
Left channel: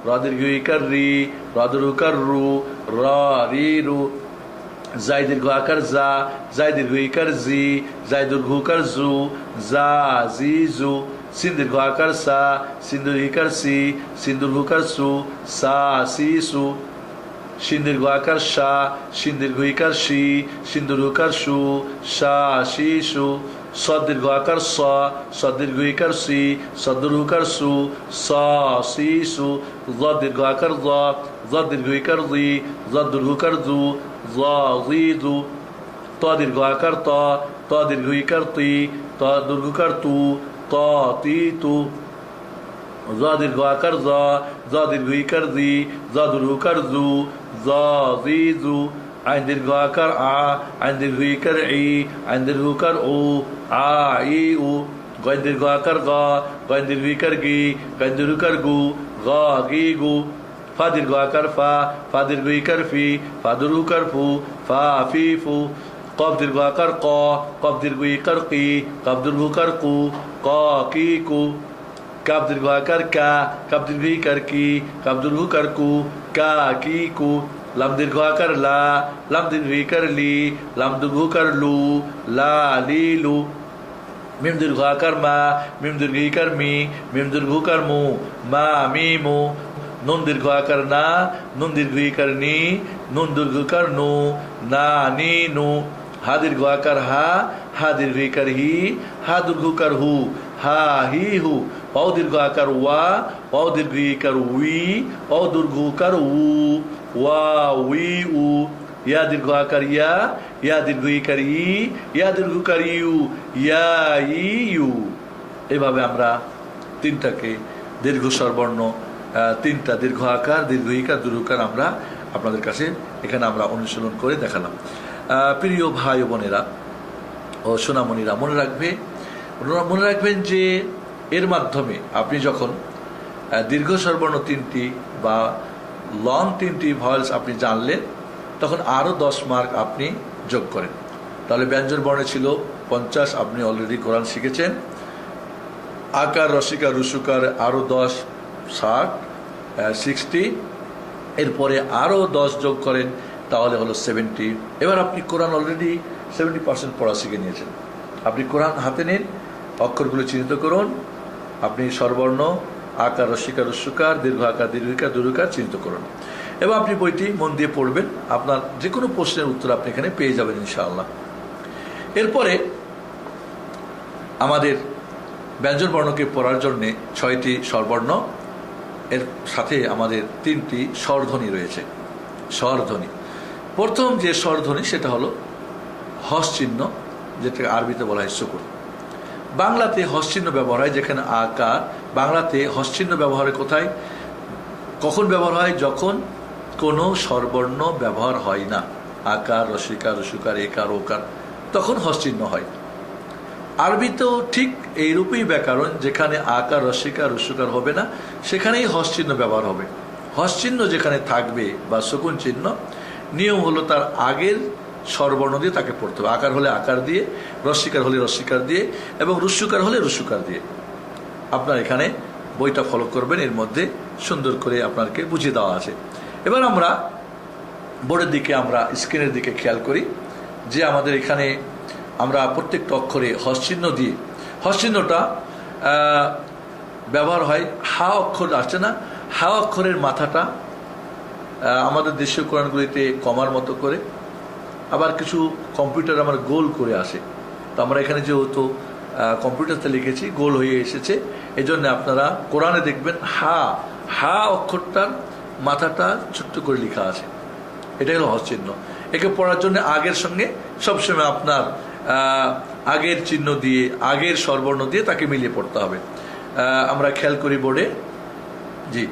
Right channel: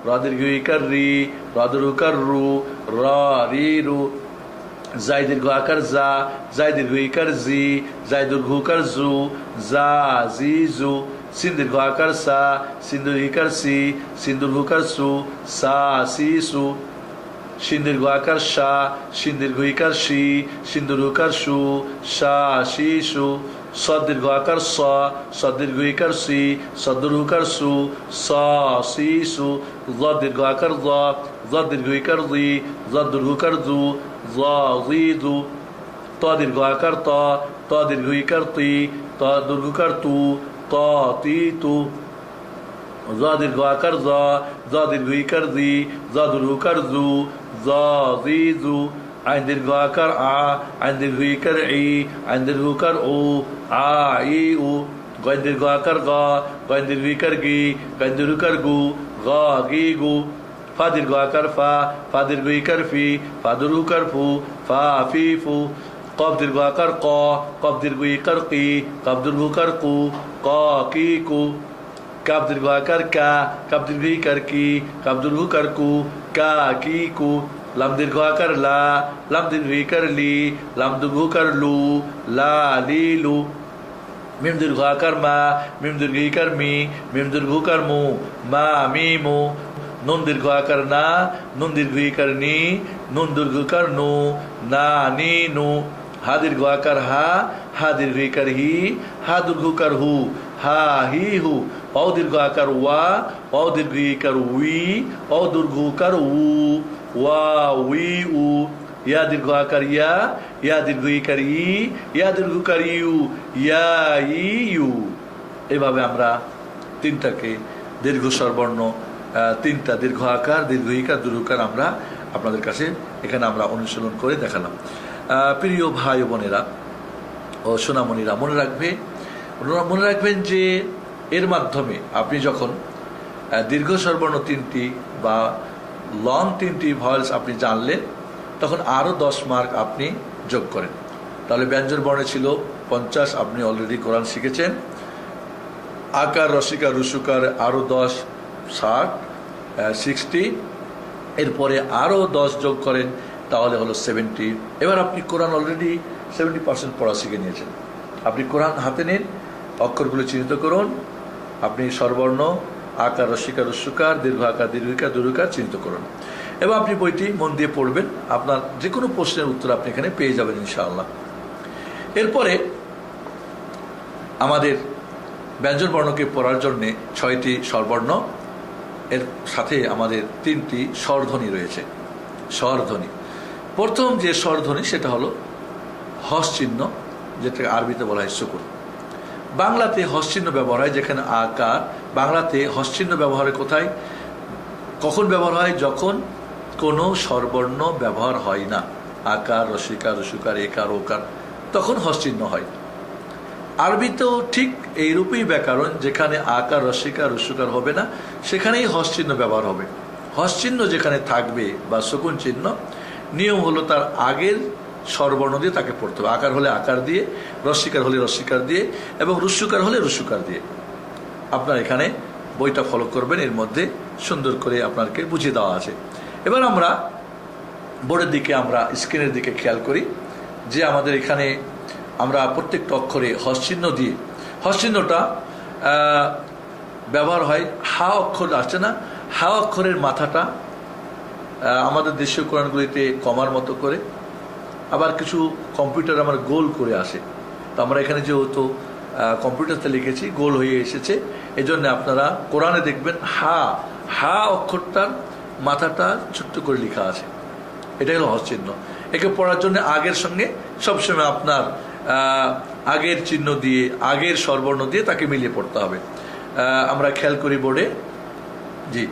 র দীর্ঘ ইকার রি, র দীর্ঘকার রু, র রি রু, জাই দীর্ঘ আকার জা, জাই দীর্ঘ ইকার জি, জাই দীর্ঘকার জু, জা জি জু, সিন দীর্ঘ আকার সা, সিন দীর্ঘ ইকার সি, সিন দীর্ঘকার সু, সা সি সু, শিন দীর্ঘ আকার সা, শিন দীর্ঘ ইকার সি, শিন দীর্ঘকার সু, সা সি সু, স দীর্ঘ আকার স, স দীর্ঘ ইকার সি, স দীর্ঘকার সু, সা সি সু, জ দীর্ঘ আকার জ, জ দীর্ঘ ইকার জি, জ দীর্ঘকার জু, জ জি জু, ত দীর্ঘ আকার ত, ত দীর্ঘ ইকার তি, ত দীর্ঘকার তু, ত তি তু, জ দীর্ঘ আকার জ, জ দীর্ঘ ইকার জি, জ দীর্ঘকার জু, জ জি জু, আইন দীর্ঘ আকার আ, আইন দীর্ঘ ইকার ই, আইন দীর্ঘকার ও, আ ই উ, গয় দীর্ঘ আকার গ, গয় দীর্ঘ ইকার গি, গয় দীর্ঘকার গু, গ গি গু, ফা দীর্ঘ আকার ফা, ফা দীর্ঘ ইকার ফি, ফা দীর্ঘকার ফু, ফা ফি ফু, কফ দীর্ঘ আকার ক, কফ দীর্ঘ ইকার কি, কফ দীর্ঘকার কু, ক কি কু, কাপ দীর্ঘ আকার কা, কাপ দীর্ঘ ইকার কি, কাপ দীর্ঘকার কু, কা কি কু, লাম দীর্ঘ আকার লা, লাম দীর্ঘ ইকার লি, লাম দীর্ঘকার লু, লা লি লু, মিম দীর্ঘ আকার মা, মিম দীর্ঘ ইকার মি, মিম দীর্ঘ উকার মু, মা মি মু। নুন দীর্ঘ আকার না, নুন দীর্ঘ ইকার নি, নুন দীর্ঘ ইকার নু, না নি নু। হা দীর্ঘ আকার হা, হা দীর্ঘ ইকার হি, হা দীর্ঘ উকার হু, হা হি হু। অ দীর্ঘ আকার ওয়া, অ দীর্ঘ ইকার উই, অ দীর্ঘ উকার উ, ওয়া উই উ। ইয়া দীর্ঘ আকার ইয়া, ইয়া দীর্ঘ ইকার ই, ইয়া দীর্ঘ ইকার ইউ, ইয়া ই ইউ। এভাবে আমরা তিনটাকে দীর্ঘ স্বরবর্ণ, তিনটা দীর্ঘ আকার, দীর্ঘ ইকার, দীর্ঘকার আমরা আপনাদের কাছে এখানে আমরা অনুশীলন করে দেখালাম। প্রিয় ভাই ও বোনেরা ও সোনামণিরা, মনে রাখবেন যে এর মাধ্যমে আপনি যখন দীর্ঘ স্বরবর্ণ তিনটি বা লং তিনটি ভয়েলস আপনি জানলেন, তখন আরো 10 মার্ক আপনি যোগ করেন। তাহলে ব্যঞ্জন বর্ণে ছিল 50, আপনি অলরেডি কোরআন শিখেছেন। আকার, রসিকার, রুসুকার আরো 10, 60। এরপরে আরো 10 যোগ করেন, তাহলে হলো 70। এবার আপনি কোরআন অলরেডি 70% পড়া শিখে নিয়েছেন। আপনি কোরআন হাতে নিন, অক্ষরগুলো চিহ্নিত করুন, আপনি স্বরবর্ণ, আকার, রসিকার, রুসুকার, দীর্ঘ আকার, দীর্ঘিকার, দীর্ঘকার চিহ্নিত করুন এবং আপনি বইটি মন দিয়ে পড়বেন। আপনার যে কোনো প্রশ্নের উত্তর আপনি এখানে পেয়ে যাবেন ইনশাআল্লাহ। এরপরে আমাদের ব্যঞ্জন বর্ণকে পড়ার জন্য 6টি স্বরবর্ণ, এর সাথে আমাদের 3টি স্বরধ্বনি রয়েছে। স্বরধ্বনি, প্রথম যে স্বরধ্বনি সেটা হলো হস চিহ্ন, যেটা আরবিতে বলা হয় সুকুন। বাংলাতে হস চিহ্ন ব্যবহার হয় যেখানে আকার। বাংলাতে হস চিহ্ন ব্যবহার কোথায়, কখন ব্যবহার হয়? যখন কোনো স্বরবর্ণ ব্যবহার হয় না, আকার, রসিকার, রসুকার, একার, ওকার, তখন হস চিহ্ন হয়। আরবিতেও ঠিক এইরূপই ব্যাকরণ, যেখানে আকার, রসিকার, রসুকার হবে না সেখানেই হস চিহ্ন ব্যবহার হবে। হস চিহ্ন যেখানে থাকবে বা সুকুন চিহ্ন, নিয়ম হলো তার আগের স্বরবর্ণ দিয়ে তাকে পড়তে হবে। আকার হলে আকার দিয়ে, রসিকার হলে রসিকার দিয়ে এবং রুসুকার হলে রুসুকার দিয়ে। আপনার এখানে বইটা ফলো করবেন, এর মধ্যে সুন্দর করে আপনাকে বুঝিয়ে দেওয়া আছে। এবার আমরা বোর্ডের দিকে, আমরা স্ক্রিনের দিকে খেয়াল করি যে আমাদের এখানে আমরা প্রত্যেকটা অক্ষরে হস চিহ্ন দিয়ে, হস চিহ্নটা ব্যবহার হয়। হা অক্ষর আসছে না, হা অক্ষরের মাথাটা আমাদের দেশীয় কোরআনগুলিতে কমার মতো করে, আবার কিছু কম্পিউটার আমার গোল করে আসে। তো আমরা এখানে যেহেতু কম্পিউটারতে লিখেছি, গোল হয়ে এসেছে, এজন্য আপনারা কোরআনে দেখবেন হা অক্ষরটার মাথাটা ছোট্ট করে লেখা আছে। এটাই হলো হস চিহ্ন। একে পড়ার জন্য আগের সঙ্গে সবসময় আপনার আগের চিহ্ন দিয়ে, আগের স্বরবর্ণ দিয়ে তাকে মিলিয়ে পড়তে হবে। আমরা খেয়াল করি বোর্ডে, জি,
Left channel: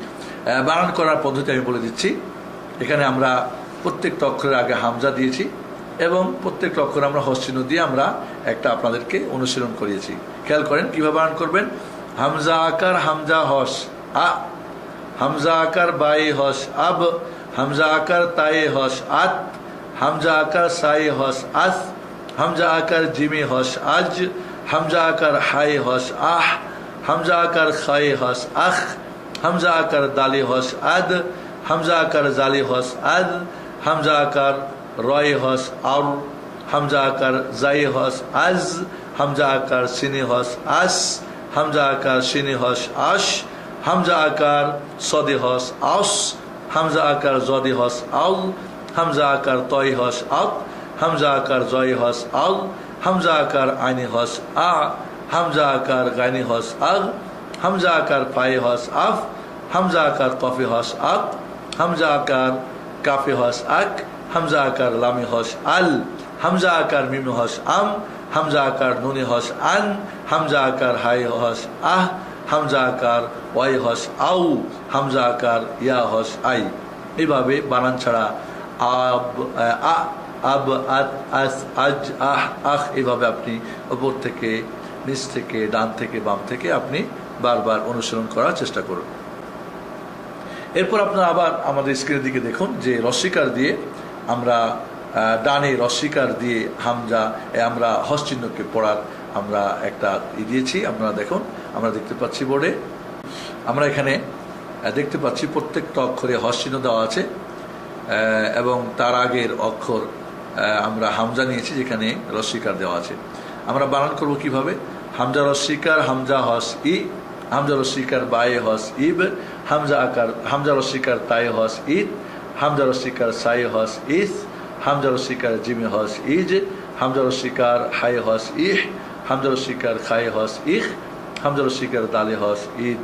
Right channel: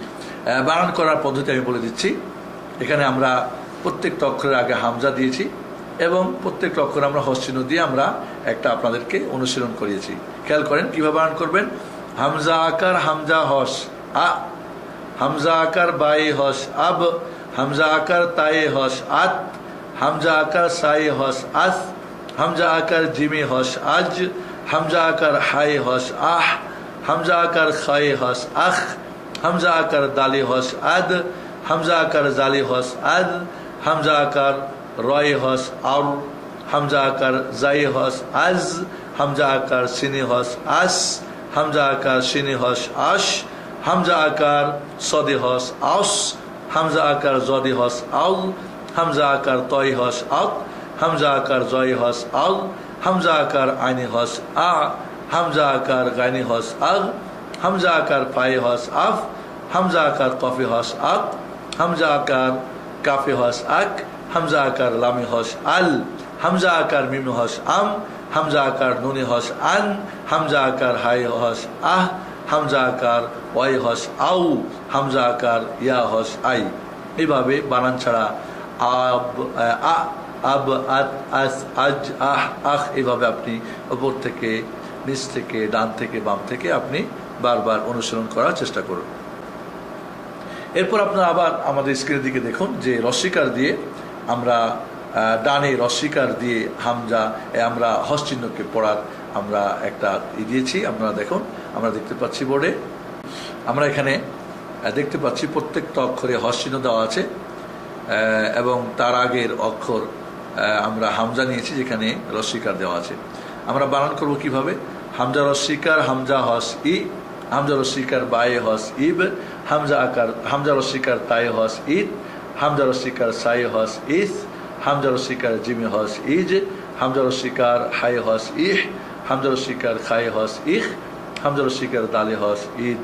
বানান করার পদ্ধতি আমি বলে দিচ্ছি। এখানে আমরা প্রত্যেকটা অক্ষরের আগে হামজা দিয়েছি এবং প্রত্যেকটা অক্ষর আমরা হস চিহ্ন দিয়ে আমরা একটা আপনাদেরকে অনুশীলন করিয়েছি। খেয়াল করেন কিভাবে বানান করবেন। হামজা আকার, হামজা হস আ, হামজা আকার বাই হস আব, হামজা আকার তায়ে হস আত, হামজা আকার সায়ে হস আস, হামজা আকার জিমি হস আজ, হামজা আকার হাই হস আহ, হামজা আকার খায়ে হস আখ, হামজা আকার দালি হস আদ, হামজা আকার জালি হস আদ, হামজা আকার রয় হস আর, হামজা আকার জাই হস আজ, হামজা আকার সিনি হস আস, হামজা আকার সিনি হস আশ, হামজা আকার সদে হস আস, হামজা আকার জদে হস আল, হামজা আকার তয় হস আত, হামজা আকার জয় হস আল, হামজা আকার আইনি হস আ, হামজা আকার গাইনি হস আগ, হামজা আকার পায়ে হস আফ, হামজা আকার কফি হস আক, হামজা আকার কাফে হস আক, হামজা আকার লামি হস আল, হামজা আকার মিমি হস আম, হামজা আকার নুনি হস আন, হামজা আকার হাই হস আহ, হামজা আকার ওয়াই হস আউ, হামজা আকার ইয়া হস আই। এভাবে বানান ছাড়া আব, আ, আব, আত, আস, আজ, আহ, আখ, এভাবে আপনি উপর থেকে, নিচ থেকে, ডান থেকে, বাম থেকে আপনি বারবার অনুসরণ করার চেষ্টা করুন। এরপর আপনারা আবার আমাদের স্ক্রিনের দিকে দেখুন যে রস্বীকার দিয়ে আমরা ডানে রস্বীকার দিয়ে হামজা আমরা হস চিহ্নকে পড়ার আমরা একটা দিয়েছি। আপনারা দেখুন, আমরা দেখতে পাচ্ছি বোর্ডে, আমরা এখানে দেখতে পাচ্ছি প্রত্যেকটা অক্ষরে হস চিহ্ন দেওয়া আছে এবং তার আগের অক্ষর আমরা হামজা নিয়েছি যেখানে রস্বীকার দেওয়া আছে। আমরা বানান করব কিভাবে। হামজা রস্বীকার হামজা হস ই, হামজা রস্বীকার বায়ে হস ইব, হামজা রস্বীকার তায়ে হস ইদ, হামজা রস্বীকার সায়ে হস ইস, হামজা রস্বীকার জিমে হস ইজ, হামজা রস্বীকার হায়ে হস ইহ, হামজা রস্বীকার খায়ে হস ইখ, হামজা রস্বীকার দালে হস ঈদ,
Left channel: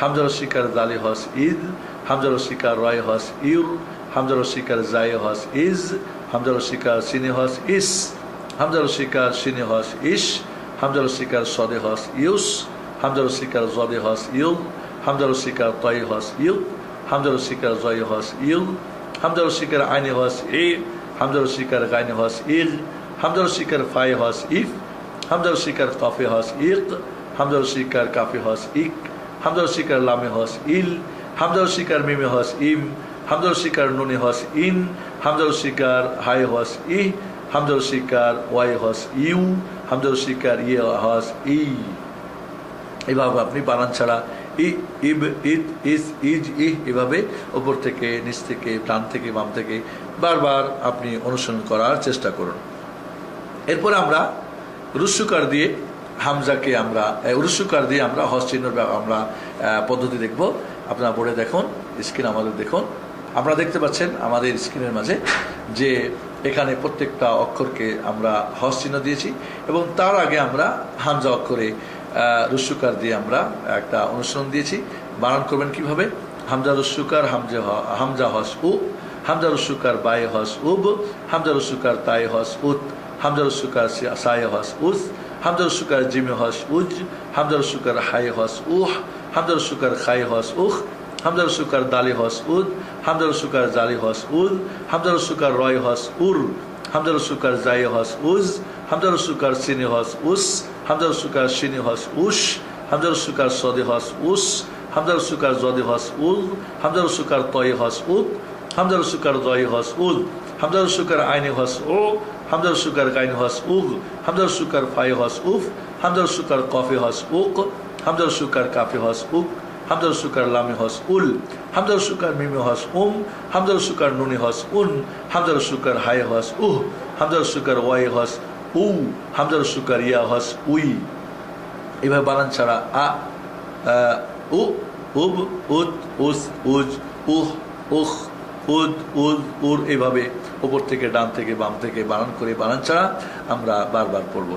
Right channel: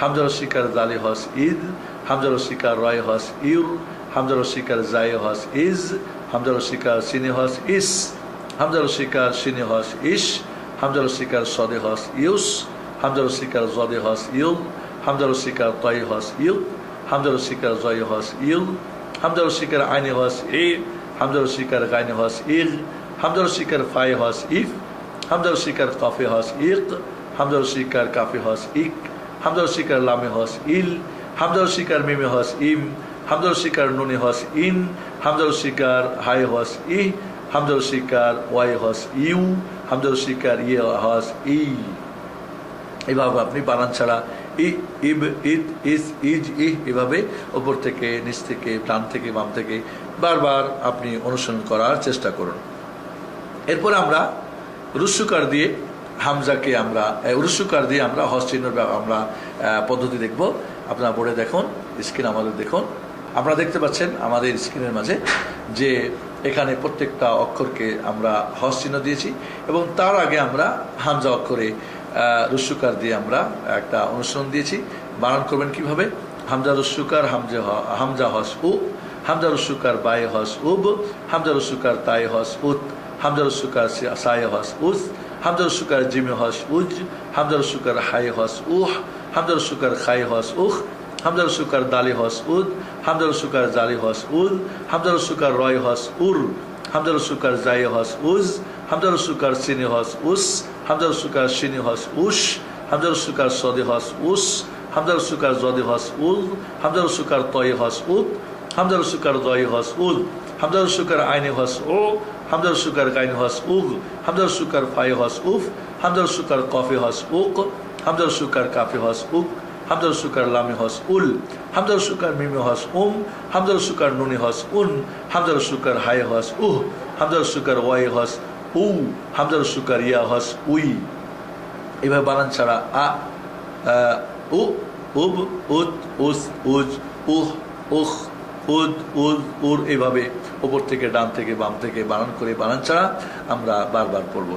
হামজা রস্বীকার দালে হস ঈদ, হামজা রস্বীকার রয় হস ইউর, হামজা রস্বীকার জায়ে হস ইজ, হামজা রস্বীকার সিনে হস ইস, হামজা রস্বীকার সিনে হস ইস, হামজা রস্বীকার সদে হস ইউস, হামজা রস্বীকার জদে হস ইউল, হামজা রস্বীকার তয় হস ইউল, হামজা রস্বীকার জয় হস ইউল, হামজা রস্বীকার আইনে হস ই, হামজা রস্বীকার গাইনে হস ইল, হামজা রস্বীকার ফায়ে হস ইফ, হামজা রস্বীকার কাফে হস ইক, হামজা রস্বীকার কাফে হস ইক, হামজা রস্বীকার লামে হস ইল, হামজা রস্বীকার মিমে হস ইম, হামজা রস্বীকার নুনে হস ইন, হামজা রস্বীকার হায়ে হস ই, হামজা রস্বীকার ওয়াই হস ইউ, হামজা রস্বীকার ইয়ে হস ই। এভাবে আপনি বানান ছাড়া ই, ইব, ইদ, ইস, ইজ, ইহ এভাবে উপর থেকে নিচ থেকে ডান থেকে বাম থেকে বারবার আপনি অনুসরণ করার চেষ্টা করুন। এরপর আমরা রুসুকার দিয়ে হামজাকে আমরা রুসুকার দিয়ে আমরা হস চিহ্নের আমরা পদ্ধতি দেখব। আপনারা বোর্ডে দেখুন, স্ক্রিন আমাদের দেখুন, আপনারা দেখতে পাচ্ছেন আমাদের স্ক্রিনের মাঝে যে এখানে প্রত্যেকটা অক্ষরকে আমরা হস চিহ্ন দিয়েছি এবং তার আগে আমরা হামজা অক্ষরে রুসুকার দিয়ে আমরা একটা অনুসরণ দিয়েছি। বানান করবেন কিভাবে? হামজা রুসুকার হামজা হস উ, হামজা রুসুকার বায়ে হস উব, হামজা রুসুকার তায়ে হস উত, হামজা রুসুকার সায়ে হস উস, হামজা রুসুকার জিমে হস উজ, হামজা রুসুকার হায়ে হস উহ, হামজা রুসুকার খায়ে হস উখ, হামজা রুসুকার দালে হস উদ, হামজা রুসুকার জালে হস উদ, হামজা রুসুকার রয় হস উর, হামজা রুসুকার জায়ে হস উজ, হামজা রুসুকার সিনে হস উস, হামজা রুসুকার সিনে হস উস, হামজা রুসুকার সদে হস উস, হামজা রুসুকার জদে হস উল, হামজা রুসুকার তয়ে হস উদ, হামজা রুসুকার দয়ে হস উদ, হামজা রুসুকার আইনে হস ও, হামজা রুসুকার গাইনে হস উগ, হামজা রুসুকার ফায়ে হস উফ, হামজা রুসুকার কফে হস উক, হামজা রুসুকার কাফে হস উক, হামজা রুসুকার লামে হস উল, হামজা রুসুকার মিমে হস হামজা রুসুকার নুনে হস উন, হামজা রুসুকার হায়ে হস উহ, হামজা রুসুকার ওয়াই হস উ, হামজা রুসুকার ইয়া হস উই। এভাবে বানান ছাড়া আ, উ, উব, উদ, উস, উজ, উহ, উখ, উদ, উদ, উর এভাবে উপর থেকে ডান থেকে বাম থেকে বানান করে বানান ছাড়া আমরা বারবার পড়ব।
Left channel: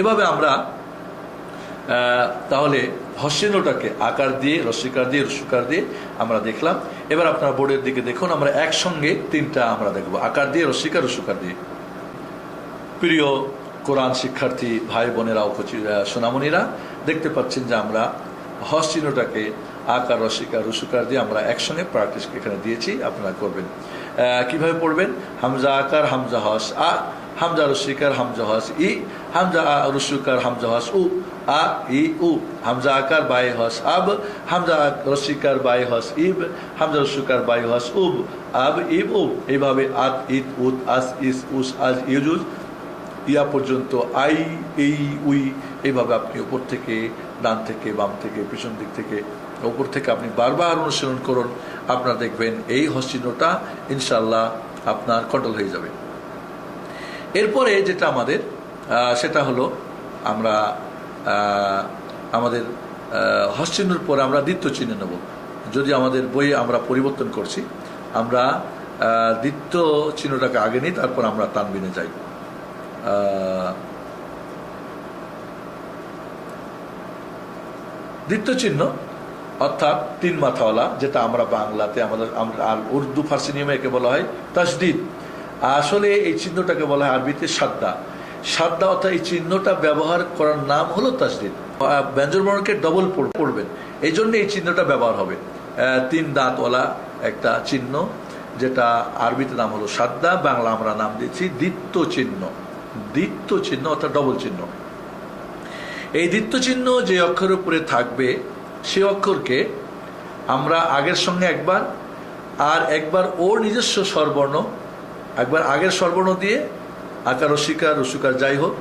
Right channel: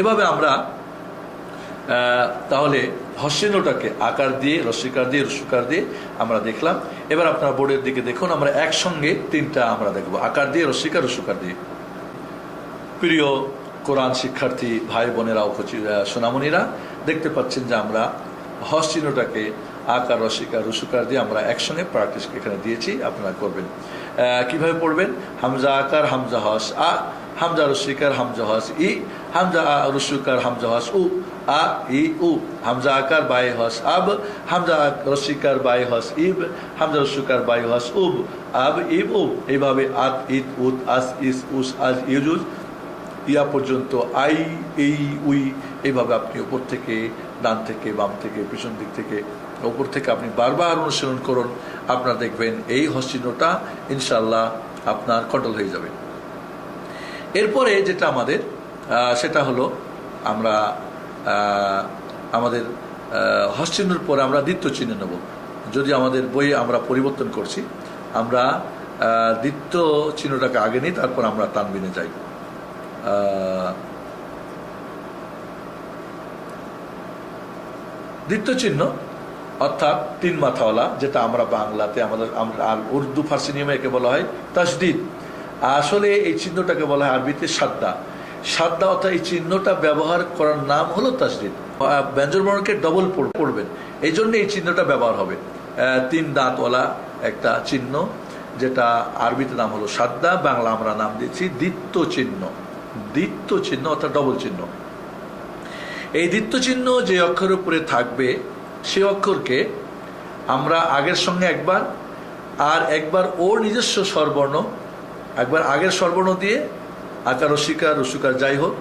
এভাবে আমরা তাহলে হসিনোটাকে আকার দিয়ে রস্বীকার দিয়ে রস্যকার দিয়ে আমরা দেখলাম। এবার আপনার বোর্ডের দিকে দেখুন, আমরা একসঙ্গে তিনটা আমরা দেখব আকার দিয়ে রস্বীকার রস্যকার দিয়ে। প্রিয় কোরআন শিক্ষার্থী ভাই বোনেরা ও সোনামণিরা, দেখতে পাচ্ছেন যে আমরা হস চিহ্নটাকে আকার রস্বীকার রস্যকার দিয়ে আমরা একসঙ্গে প্র্যাকটিস এখানে দিয়েছি, আপনারা করবেন। কিভাবে পড়বেন? হামজা আকার হামজা হস আ, হামজা রস্বীকার হামজা হস ই, হামজা রস্যকার হামজা হস উ, আ ই উ, হামজা আকার বায়ে হস আব, হামজা রস্বীকার বায়ে হস ইব, হামজা রস্যকার বায়ে হস উব, আব ইব উব। এইভাবে আত ইত উত আস ইস উস আজ ইউজুজ ইয়া পর্যন্ত আই এই উই, এইভাবে আপনি উপর থেকে ডান থেকে বাম থেকে পিছন দিক থেকে উপর থেকে আপনি বারবার অনুসরণ করুন। আপনারা দেখবেন এই হসচিহ্নটা ইনশাল্লাহ আপনার কন্ট্রোল হয়ে যাবে। এরপরে যেটা আমাদের সেটা হলো আমরা আমাদের হসচিহ্নের পরে আমরা দ্বিতীয় চিহ্ন নেব। যদি আমাদের বইয়ে আমরা পরিবর্তন করছি, আমরা দ্বিতীয় চিহ্নটাকে আগে নিই, তারপর আমরা তানবিনে যাই। দ্বিতীয় চিহ্ন অর্থাৎ তিন মাথাওয়ালা, যেটা আমরা বাংলাতে আমাদের আর উর্দু ফার্সি নিয়মে একে বলা হয় তাসদিদ। আসলে এই চিহ্নটাকে বলা হয় আরবিতে সাদ্দা। সাদ্দা অর্থাৎ এই চিহ্নটা ব্যবহার করার নাম হলো তাসদিদ। ব্যঞ্জন বর্ণকে ডবল পড়বেন, এই জন্য এই চিহ্নটা ব্যবহার হবে। তিন দাঁতওয়ালা একটা চিহ্ন, যেটা আরবিতে নাম হলো সাদ্দা, বাংলা আমরা নাম দিয়েছি দ্বিত্ব চিহ্ন। দ্বিত্ব চিহ্ন অর্থাৎ ডবল চিহ্ন। এই দ্বিত্ব চিহ্ন যে অক্ষরের উপরে থাকবে সে অক্ষরকে আমরা আগের সঙ্গে একবার আর একবার ওর নিজস্ব স্বরবর্ণ, একবার আগের স্বরবর্ণ দিয়ে আকার রস্বীকার রস্যকার যাই হোক,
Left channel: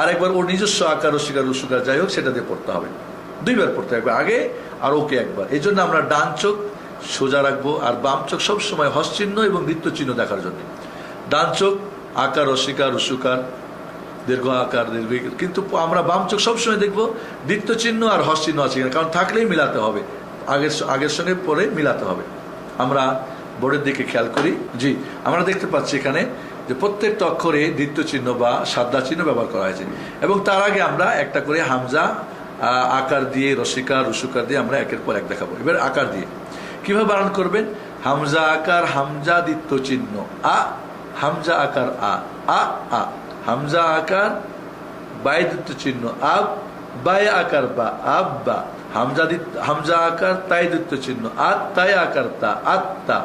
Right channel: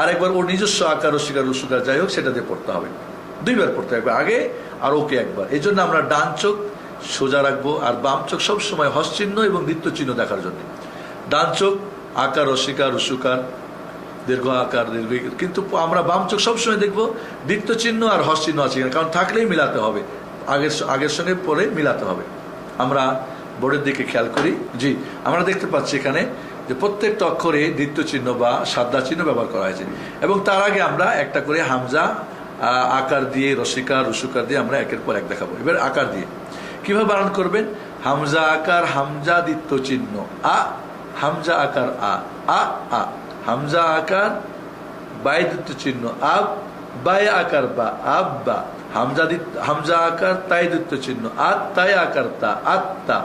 আর একবার ওর নিজস্ব আকার রস্বীকার রস্যকার যাই হোক সেটা দিয়ে পড়তে হবে। দুইবার পড়তে হবে, আগে আর ওকে একবার। এই জন্য আমরা ডান চোখ সোজা রাখবো আর বাম চোখ সবসময় হস চিহ্ন এবং দ্বিত্ব চিহ্ন দেখার জন্য। ডান চোখ আকার রস্বীকার রস্যকার, দীর্ঘ আকার দীর্ঘ, কিন্তু আমরা বাম চোখ সবসময় দেখবো দ্বিত্ব চিহ্ন আর হস চিহ্ন আছে, কারণ থাকলেই মিলাতে হবে, আগের সঙ্গে পরে মিলাতে হবে। আমরা বোর্ডের দিকে খেয়াল করি। জি, আমরা দেখতে পাচ্ছি এখানে যে প্রত্যেকটা অক্ষরে দ্বিত্ব চিহ্ন বা সাদা চিহ্ন ব্যবহার করা হয়েছে, এবং তার আগে আমরা একটা করে হামজা আকার দিয়ে, রসিকার রুসুকার দিয়ে আমরা একের পর এক দেখাবো। এবার আকার দিয়ে কিভাবে বানান করবেন? হামজা আকার, হামজা দ্বিত্ব চিহ্ন আ, হামজা আকার আ, আ আ, হামজা আকার বাই দ্বিত্ব চিহ্ন আব, বাই আকার বা, আব্বা, হামজা আকার তাই দ্বিত্ব চিহ্ন আত, তাই আকার তা, আত্তা,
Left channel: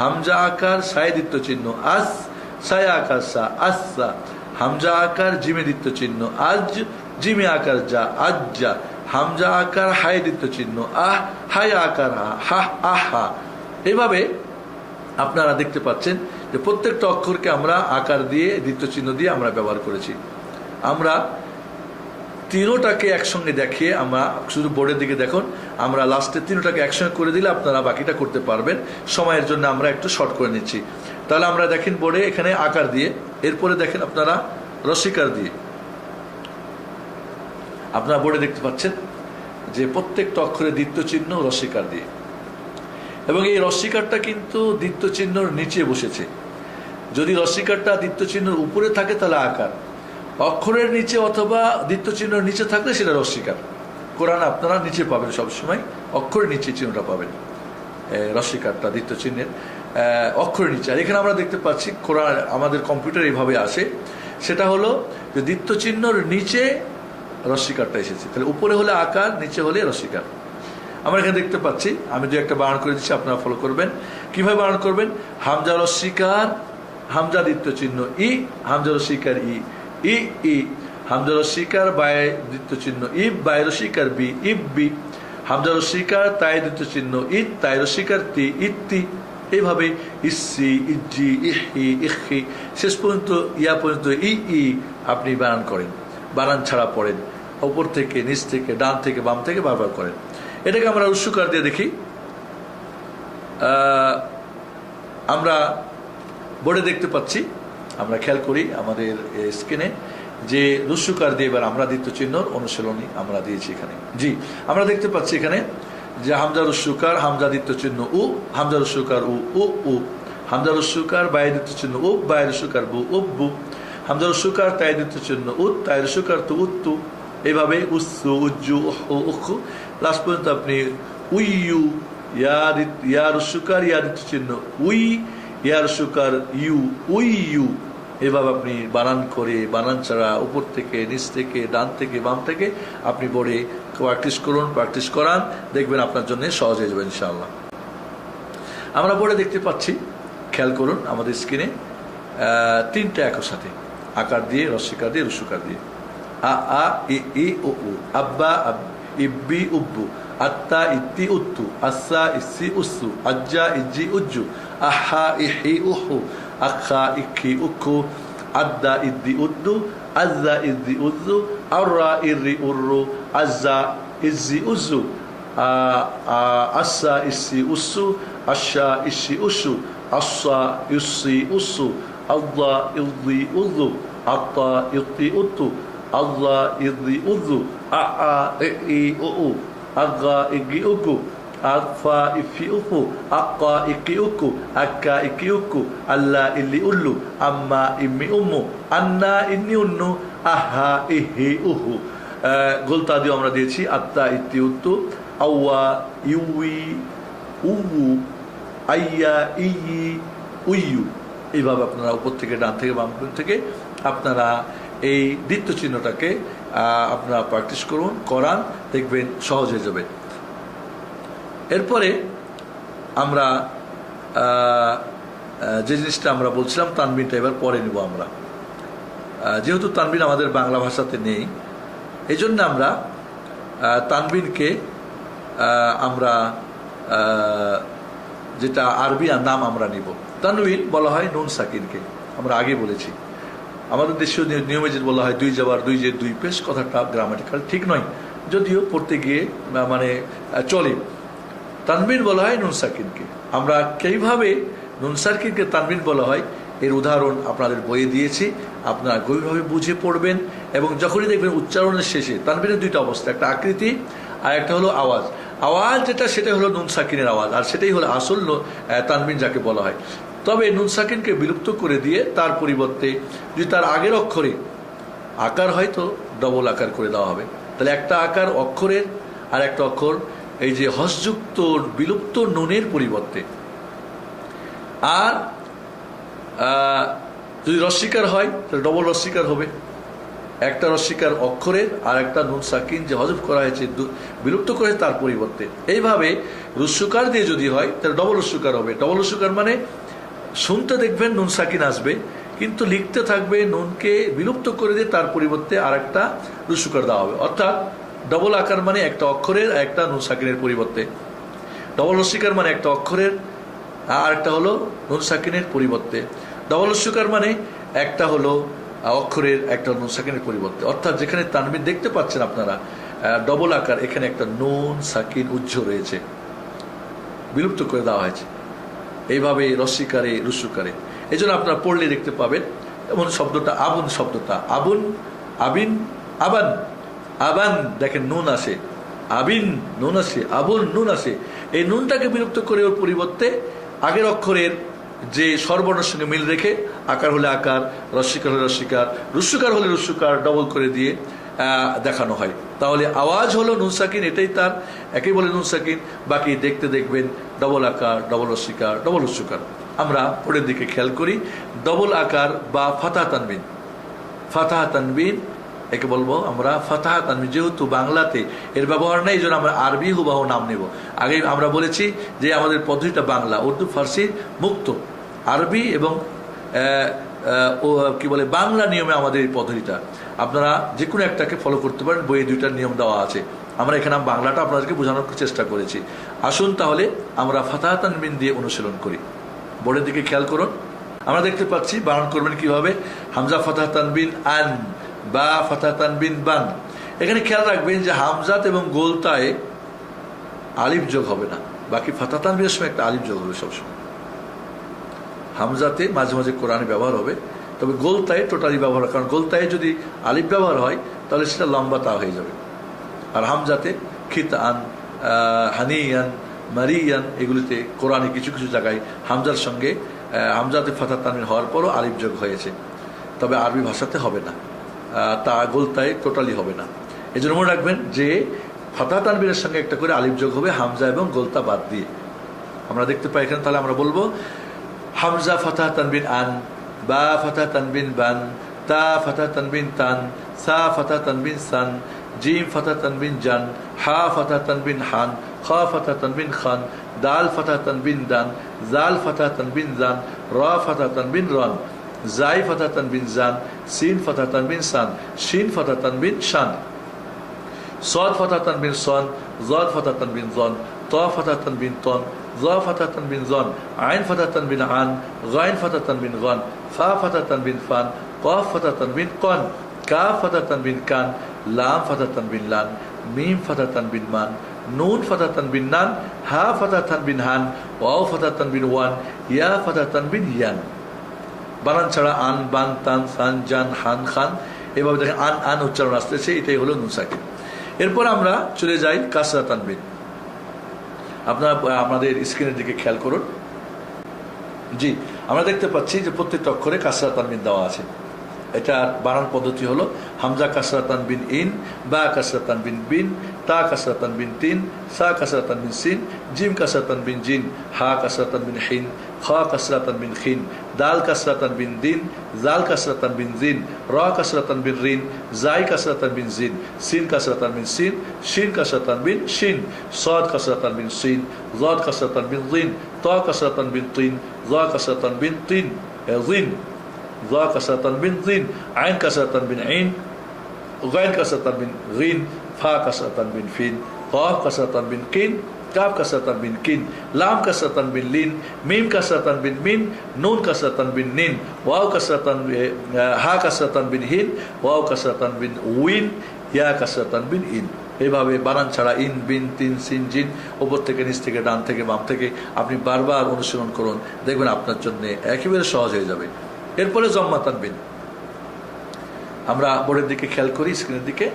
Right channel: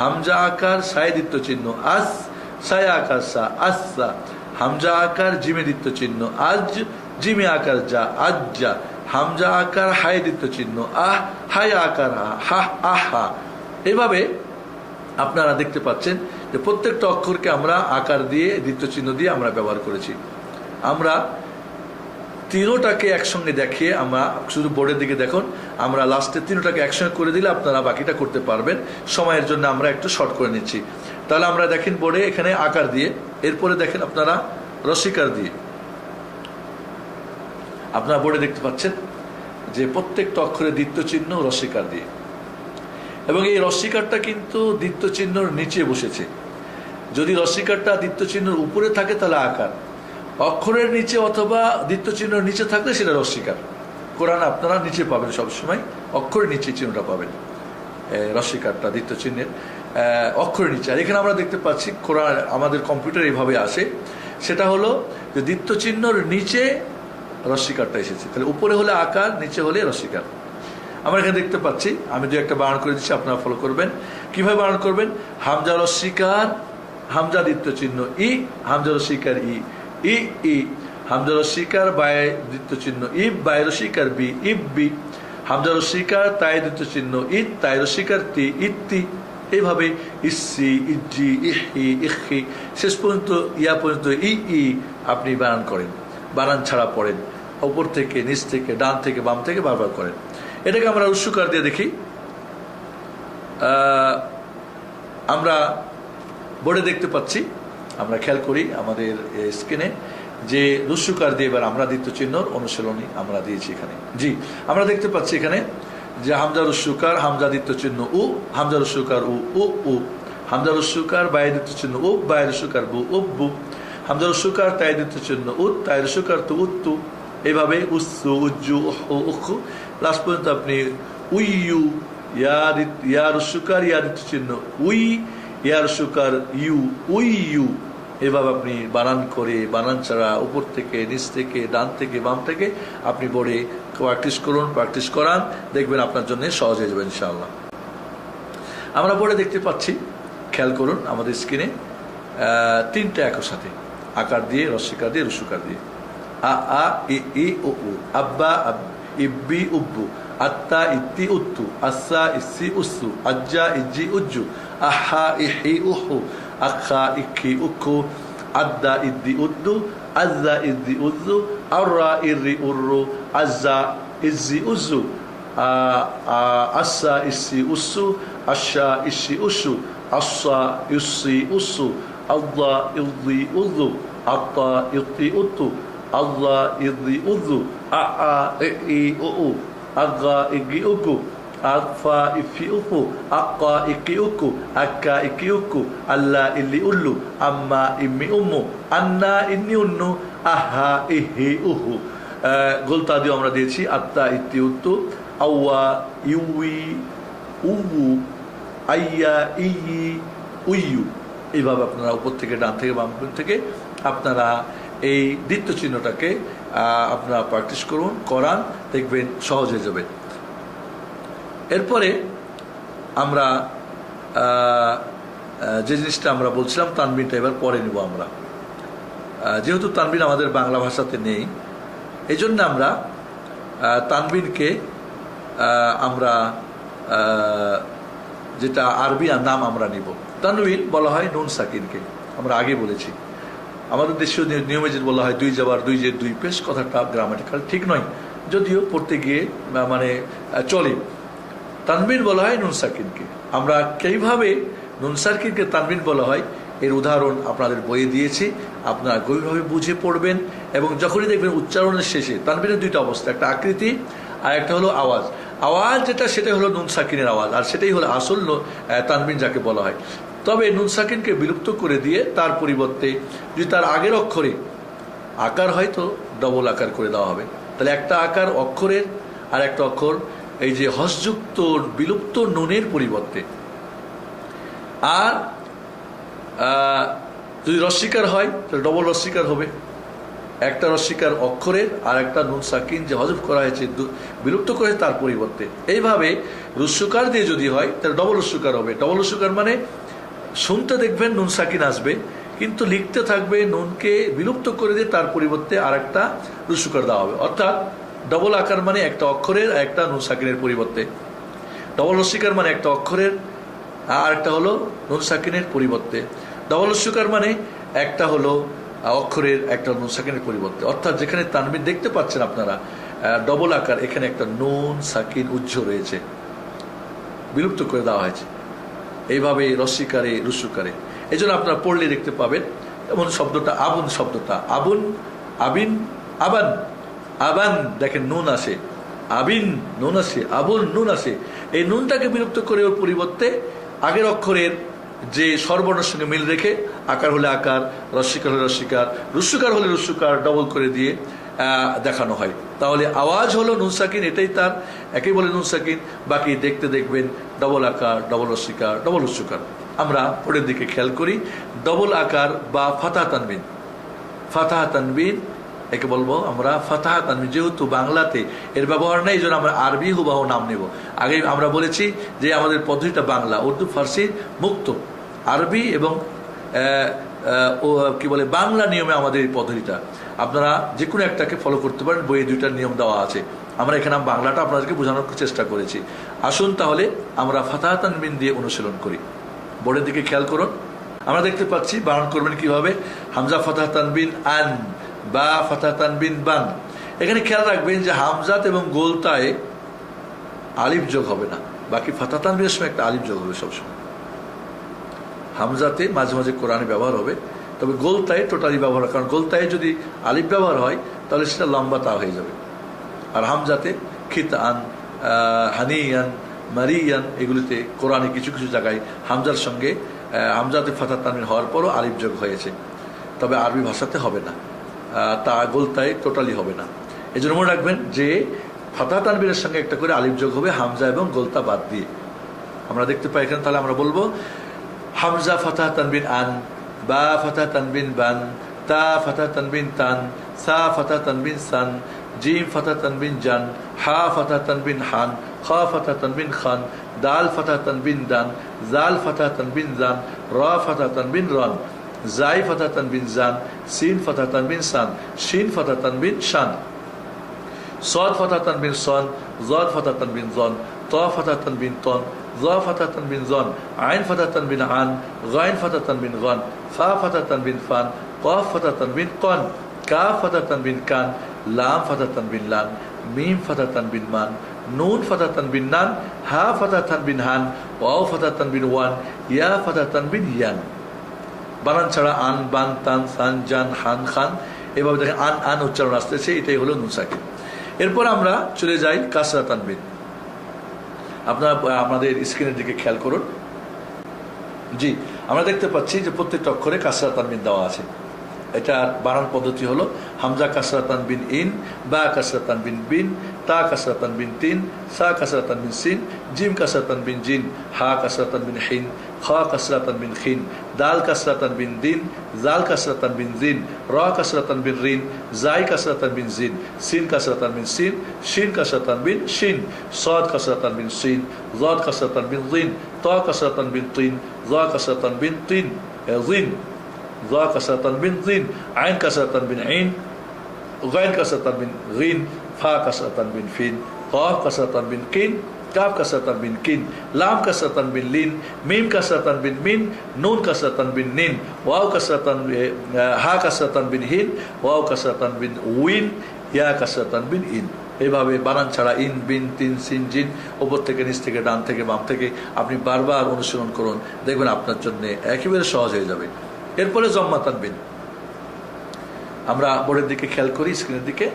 হামজা আকার সাই দ্বিত্ব চিহ্ন আস, সাই আকার সা, আস্সা, হামজা আকার জিমে দ্বিত্ব চিহ্ন আজ, জিমে আকার যা, আজ্জা, হামজা আকার হাই দ্বিত্ব চিহ্ন আহ, হাই আকার হা, আহা। এভাবে আপনারা দেখতে পাচ্ছেন যে প্রত্যেকটা অক্ষরকে আমরা আকার দিয়ে দ্বিত্ব চিহ্ন দিয়ে আমরা ব্যবহার করেছি। আমরা তিনোটাকে একসঙ্গে দেখিয়ে, আমরা শুধু বোর্ডের দিকে দেখুন, আমরা লাস্টে তিনোটাকে একসঙ্গে করে দিলে আপনারা বাকিটা করতে পারবেন। সময়ের জন্য আমরা একটু শর্ট করে নিচ্ছি। তাহলে আমরা দেখেন বোর্ডে এখানে আকার দিয়ে, এরপরে দেখেন আপনারা রসিকার দিয়ে। আপনারা বোর্ডে দেখতে পাচ্ছেন যে প্রত্যেকটা অক্ষরে দ্বিত্ব চিহ্ন রসিকার দিয়ে, এবং এই রসিকারটা কিন্তু দ্বিত্ব চিহ্নর নিচে বসেছে। যদি রসিকারটা দ্বিত্ব চিহ্নের উপরে থাকে তাহলে আকার, অক্ষরের নিচে অথবা দ্বিত্ব চিহ্নের নিচে থাকলে সেটা রসিকার। কোরআন আপনারা নিচে পাবেন, সবসময় অক্ষরের নিচে চিহ্নটা পাবেন, রসিকারটা দ্বিত্ব চিহ্নের অক্ষরের নিচে। আর এখানে আমরা দেখতে পাচ্ছি কোরআন আমাদের কম্পিউটার এইভাবে আসে, সেটা হলো যে দ্বিত্ব চিহ্নর নিচে রসিকারটা এসেছে, তাহলে উপরে হলে আকার, নিচে হলে রসিকার। আমরা এখানে দেখতে পাচ্ছি, আমি দু একটা বানান করে দিচ্ছি, আপনারা ফলো করবেন। কিভাবে বানান করবেন? হামজা রসিকার, হামজা দ্বিত্ব চিহ্ন ই, হামজা রসিকার ই, ই ই, হামজা রসিকার বায় দ্বিত্ব চিহ্ন ইব, বায় রসিকার বি, ইব বি, হামজা রসিকার তাই দ্বিত্ব চিহ্ন ইদ, তাই রসিকার তি, ইত্তি। এইভাবে ইসি, ইজি, ইহি, ইহি, শেষ পর্যন্ত ইয়া পর্যন্ত ই ই আপনি বানান করেন, বানান ছাড়া পড়েন, ওপর থেকে নিচ থেকে ডান থেকে বাম থেকে বারবার করেন। এটাকে আমরা রুসুকার দিয়ে দেখি। আমরা বোর্ডে দেখতে পাচ্ছি, আমরা খেয়াল করি আমাদের স্ক্রিনে যে রুসুকার দিয়ে এবার আমরা দ্বিত্ব চিহ্নর অনুশীলনী আমরা দিয়েছি এখানে। জি, আমরা দেখতে পাচ্ছি এখানে যে হামজা রুসুকার, হামজা দ্বিত্ব চিহ্ন উ, হামজা রুসুকার উ, উ উ, হামজা রুসুকার বাই দ্বিত্ব চিহ্ন উ, বাই রুসুকার বু, উব্বু, হামজা রুসুকার তাই দ্বিত্ব চিহ্ন উত, তাই রুসুকার তু, উত্তু। এভাবে উসু, উজ্জু, উহু, উখু, লাস্ট পর্যন্ত আপনি উইয়ু, ইয়া রুসুকার ইয়া দ্বিত্ব চিহ্ন উই, ইয়া রুসুকার ইউ, উইয়ু। এভাবে আপনি বানান করে, বানান ছাড়া, উপর থেকে নিচ থেকে ডান থেকে বাম থেকে আপনি বোর্ডে প্র্যাকটিস করুন, প্র্যাকটিস করান, দেখবেন আপনার জন্য সহজ হয়ে যাবে ইনশাআল্লাহ। আমরা বোর্ডে দেখতে পাচ্ছি, খেয়াল করুন আমাদের স্ক্রিনে তিনটা একর সাথে আকার দিয়ে, রসিকার দিয়ে, রুসুকার দিয়ে। আ আ ই ই উ উ, আব্বা আব, ইব্বি উব্বু, আত্তা ইত্তি উত্তু, আস্সা ইসি উসু, আজ্জা ইজ্জি উজ্জু, আহা ইহি উহু, আখা ইখি উখু, আদ্দা ইদ্দি উদ্দু, আজ্জা ইদ্দি উজ্জু, আররা ইররি উর্রু, আজ্জা ইজ্জি উজ্জু, আস্সা ইসি উসু, আশা ইসি উসু, আস্সা ইসি উসু, আল্লাহ ইদ্দি উজ্জু, আত্তা ইদ্দি উত্তু, আল্লাহ ইদ্দি উজ্জু, আ আ ই উ, আগা ইগি উগু, আফা ইফি উফু, আক্কা ইকি উকু, আক্কা ইকি উকু, আল্লাহ ইল্লি উল্লু, আম্মা ইম্মি উম্মু, আন্না ইন্নি উন্নু, আহা ইহি উহু। গোলতা দিয়ে আমরা দিয়েছি আত্তা ইত্তি উত্তু, আওয়া ইউই উউ, আইয়া ইয়ি উইয়ু। এইভাবে আপনারা উপর থেকে ডান থেকে বাম থেকে আপনারা এই দ্বিত্ব চিহ্নটাকে আপনারা প্র্যাকটিস করুন, করান, দেখবেন সহজ হয়ে যাবে। এরপরে আমরা যে জিনিসটা আমরা বলছিলাম, তানবিনটা এবার পরে নেব আমরা। যেহেতু তানবিন আমাদের বাংলা ভাষাতে নেই, এই জন্য আমরা তানবিনকে আমরা যেটা আরবি নাম আমরা নিব। তানবিন বলা হয় নুন সাকিনকে, আমরা আগে বলেছি। আমাদের দেশীয় নিয়মে যে বলা হয় দুই জবর দুই জের দুই পেশ, কথাটা গ্রামাটিক্যাল ঠিক নয়, যদিও পড়তে গিয়ে মানে চলে। তানবিন বলা হয় নুন সাকিনকে। আমরা কিভাবে নুন সাকিনকে তানবিন বলা হয় এর উদাহরণ আপনাদের বইয়ে দিয়েছি, আপনারা গভীরভাবে বুঝে পড়বেন। এবং যখনই দেখবেন উচ্চারণের শেষে তানবিনের দুইটা অবস্থা, একটা আকৃতি আর একটা হলো আওয়াজ। আওয়াজ যেটা সেটা হলো নুন সাকিনের আওয়াজ, আর সেটাই হলো আসল তানবিন যাকে বলা হয়। তবে নুন সাকিনকে বিলুপ্ত করে দিয়ে তার পরিবর্তে যদি তার আগের অক্ষরে আকার হয় তো ডবল আকার করে দেওয়া হবে। তাহলে একটা আকার অক্ষরের আর একটা অক্ষর এই যে হসযুক্ত বিলুপ্ত নুনের পরিবর্তে। আর যদি রস্বীকার হয় তাহলে ডবল রস্বীকার হবে, একটা রস্বীকার অক্ষরের আর একটা নুন সাকিন যে হজফ করা হয়েছে বিলুপ্ত করে তার পরিবর্তে। এইভাবে রস্যকার দিয়ে যদি হয় তাহলে ডবল রস্যকার হবে। ডবল রস্যকার মানে শুনতে দেখবেন নুন সাকিন আসবে, কিন্তু লিখতে থাকবে নুনকে বিলুপ্ত করে দিয়ে তার পরিবর্তে আর একটা রস্যকার দেওয়া হবে। অর্থাৎ ডবল আকার মানে একটা অক্ষরের আর একটা নুন সাকিনের পরিবর্তে, ডবল রস্যকার মানে একটা অক্ষরের আর একটা হলো নুন সাকিনের পরিবর্তে, ডবল রস্যকার মানে একটা হলো অক্ষরের একটা নুন সাকিনের পরিবর্তে। অর্থাৎ যেখানে তানবিন দেখতে পাচ্ছেন আপনারা ডবল আকার, এখানে একটা নুন সাকিন উজ্জ রয়েছে, বিলুপ্ত করে দেওয়া হয়েছে। এইভাবে রস্যিকারে রস্যকারে এই জন্য আপনারা পড়লে দেখতে পাবেন। এমন শব্দটা আবুন, শব্দটা আবুন, আবিন, আবান, আবান দেখেন নুন আসে, আবিন নুন আসে, আবুন নুন আসে। এই নুনটাকে বিলুপ্ত করে ওর পরিবর্তে আগের অক্ষরের যে স্বরবর্ণের সঙ্গে মিল রেখে আকার হলে আকার, রস্যিকার হলে রস্যিকার, রস্যকার হলে রস্যকার ডবল করে দিয়ে দেখানো হয়। তাহলে আওয়াজ হলো নুন সাকিন, এটাই তার একই বলে নুন সাকিন। বাকি দেখতে দেখবেন ডবল আকার, ডবল রস্যিকার, ডবল রস্যকার। আমরা পরের দিকে খেয়াল করি, ডবল আকার বা ফাতাহ তানবিন। ফাতাহ তানবিন একে বলবো আমরা ফাতাহ তানবিন। যেহেতু বাংলাতে এর ব্যবহার নেই, এই জন্য আমরা আরবি হুবাহু নাম নেব। আগে আমরা বলেছি যে আমাদের পদ্ধতিটা বাংলা, উর্দু, ফার্সি মুক্ত, আরবি এবং কি বলে বাংলা নিয়মে আমাদের এই পদ্ধতিটা। আপনারা যে কোনো একটাকে ফলো করতে পারেন, বইয়ে দুইটার নিয়ম দেওয়া আছে। আমরা এখানে বাংলাটা আপনাদেরকে বোঝানোর চেষ্টা করেছি। আসুন তাহলে আমরা ফাতাহ তানবিন দিয়ে অনুশীলন করি। বোর্ডের দিকে খেয়াল করুন, আমরা দেখতে পাচ্ছি বানান করবেন কিভাবে। হামজা ফাতাহ তানবিন আন, বা ফাতাহ তানবিন বান। এখানে খেয়াল রাখবেন যে হামজাত এবং গোলতায় আলিফ যোগ হবে না, বাকি ফাতাহ তানবিনের সময় একটা আলিফ যোগ হবে সবসময়। হামজাতে মাঝে মাঝে কোরআনে ব্যবহার হবে, তবে গোলতায় টোটালি ব্যবহার হয়, কারণ গোলতায় যদি আলিফ ব্যবহার হয় তাহলে সেটা লম্বা তা হয়ে যাবে। আর হামজাতে খিতান, হানিয়ান, মারিয়ান এগুলিতে কোরআনে কিছু কিছু জায়গায় হামজার সঙ্গে হামজাতে ফাতাহ তানবিন হওয়ার পরও আলিফ যোগ হয়েছে, তবে আরবি ভাষাতে হবে না, তা গোলতায় টোটালি হবে না। এই জন্য মনে রাখবেন যে ফাতাহ তানবিনের সঙ্গে একটা করে আলিফ যোগ হবে হামজা এবং গোলতা বাদ দিয়ে। আমরা দেখতে পাই এখানে, তাহলে আমরা বলবো হামজা ফাতাহ তানবিন আন, বা ফাতাহ তানবিন বান, তা ফাতাহ তানবিন তান, সা ফাতাহ তানবিন সান, জিম ফাতাহ তানবিন জান, হা ফাতাহ তানবিন হান, খা ফাতাহ তানবিন খান, দাল ফাতাহ তানবিন দান, জাল ফাতাহ তানবিন জান, রা ফাতাহ তানবিন রান, জাই ফাতাহ তানবিন জান, সিন ফাতাহ তানবিন সান, শিন ফাতাহ তানবিন শান, صاد فتح تنبين صان، ضاد فتح تنبين ضان، طا فتح تنبين طان، ظا فتح تنبين ظان، عين فتح تنبين عان، غين فتح تنبين غان، فا فتح تنبين فان، قاف فتح تنبين قان، كاف فتح تنبين كان، لام فتح تنبين لان، ميم فتح تنبين مان، نون فتح تنبين نان، ها فتح تنبين هان، واو فتح تنبين وان، يا فتح تنبين يان। বানান ছাড়া আন, বান, তান, সান, জান, হান, খান, এভাবে দেখেন আন আন উচ্চারণ আসতেছে, এটাই হলো নুন সাকিন। এরপর আমরা চলে যাই কাসরা তানবিন। আপনারা আমাদের স্ক্রিনের দিকে খেয়াল করুন। জি, আমরা দেখতে পাচ্ছি যে প্রত্যেকটা অক্ষরে কাসরা তানবিন দেওয়া আছে। এটার বানান পদ্ধতি হলো হামজা কাসরা তানবিন ইন, বা কাসরা তানবিন বিন, তা কাসরা তানবিন তিন, সা কাসরা তানবিন সিন, জিম কাসরা তানবিন জিন, হা কাসরা তানবিন হিন, খা কাসরা তানবিন খিন, দাল কাসরা তানবিন দিন, জাল কাসরা তানবিন জিন, রা কাসরা তানবিন রিন, জাই কাসরা তানবিন জিন, সিন কাসরা তানবিন সিন, শিন কাসরা তানবিন শিন, সাদ কাসরা তানবিন সিন, জাদ কাসরা তানবিন জিন, তা কাসরা তানবিন তিন, জা কাসরা তানবিন তিন জিন, জা কাসরা তানবিন জিন, আইন কাসরা তানবিন আইন, গাইন কাসরা তানবিন গিন, ফা কাসরা তানবিন ফিন, কাফ কাসরা তানবিন কিন, কাফ কাসরা তানবিন কিন, লাম কাসরা তানবিন লিন, মিম কাসরা তানবিন মিন, নুন কাসরা তানবিন নিন, ওয়াও কাসরা তানবিন হা কাসরা তানবিন হিন, ওয়াও কাসরা তানবিন উইন, ইয়া কাসরা তানবিন ইন। এইভাবে বানান ছাড়া ইন, বিন, তিন, সিন, জিন, উপর থেকে নিচ থেকে ডান থেকে বাম থেকে আপনি বারবার অনুসরণ করুন, দেখবেন আপনার জন্য একেবারে সহজ হয়ে যাবে। এরপরে জম্মা তানবিন। আমরা বোর্ডের দিকে খেয়াল করি, স্ক্রিনের দিকে।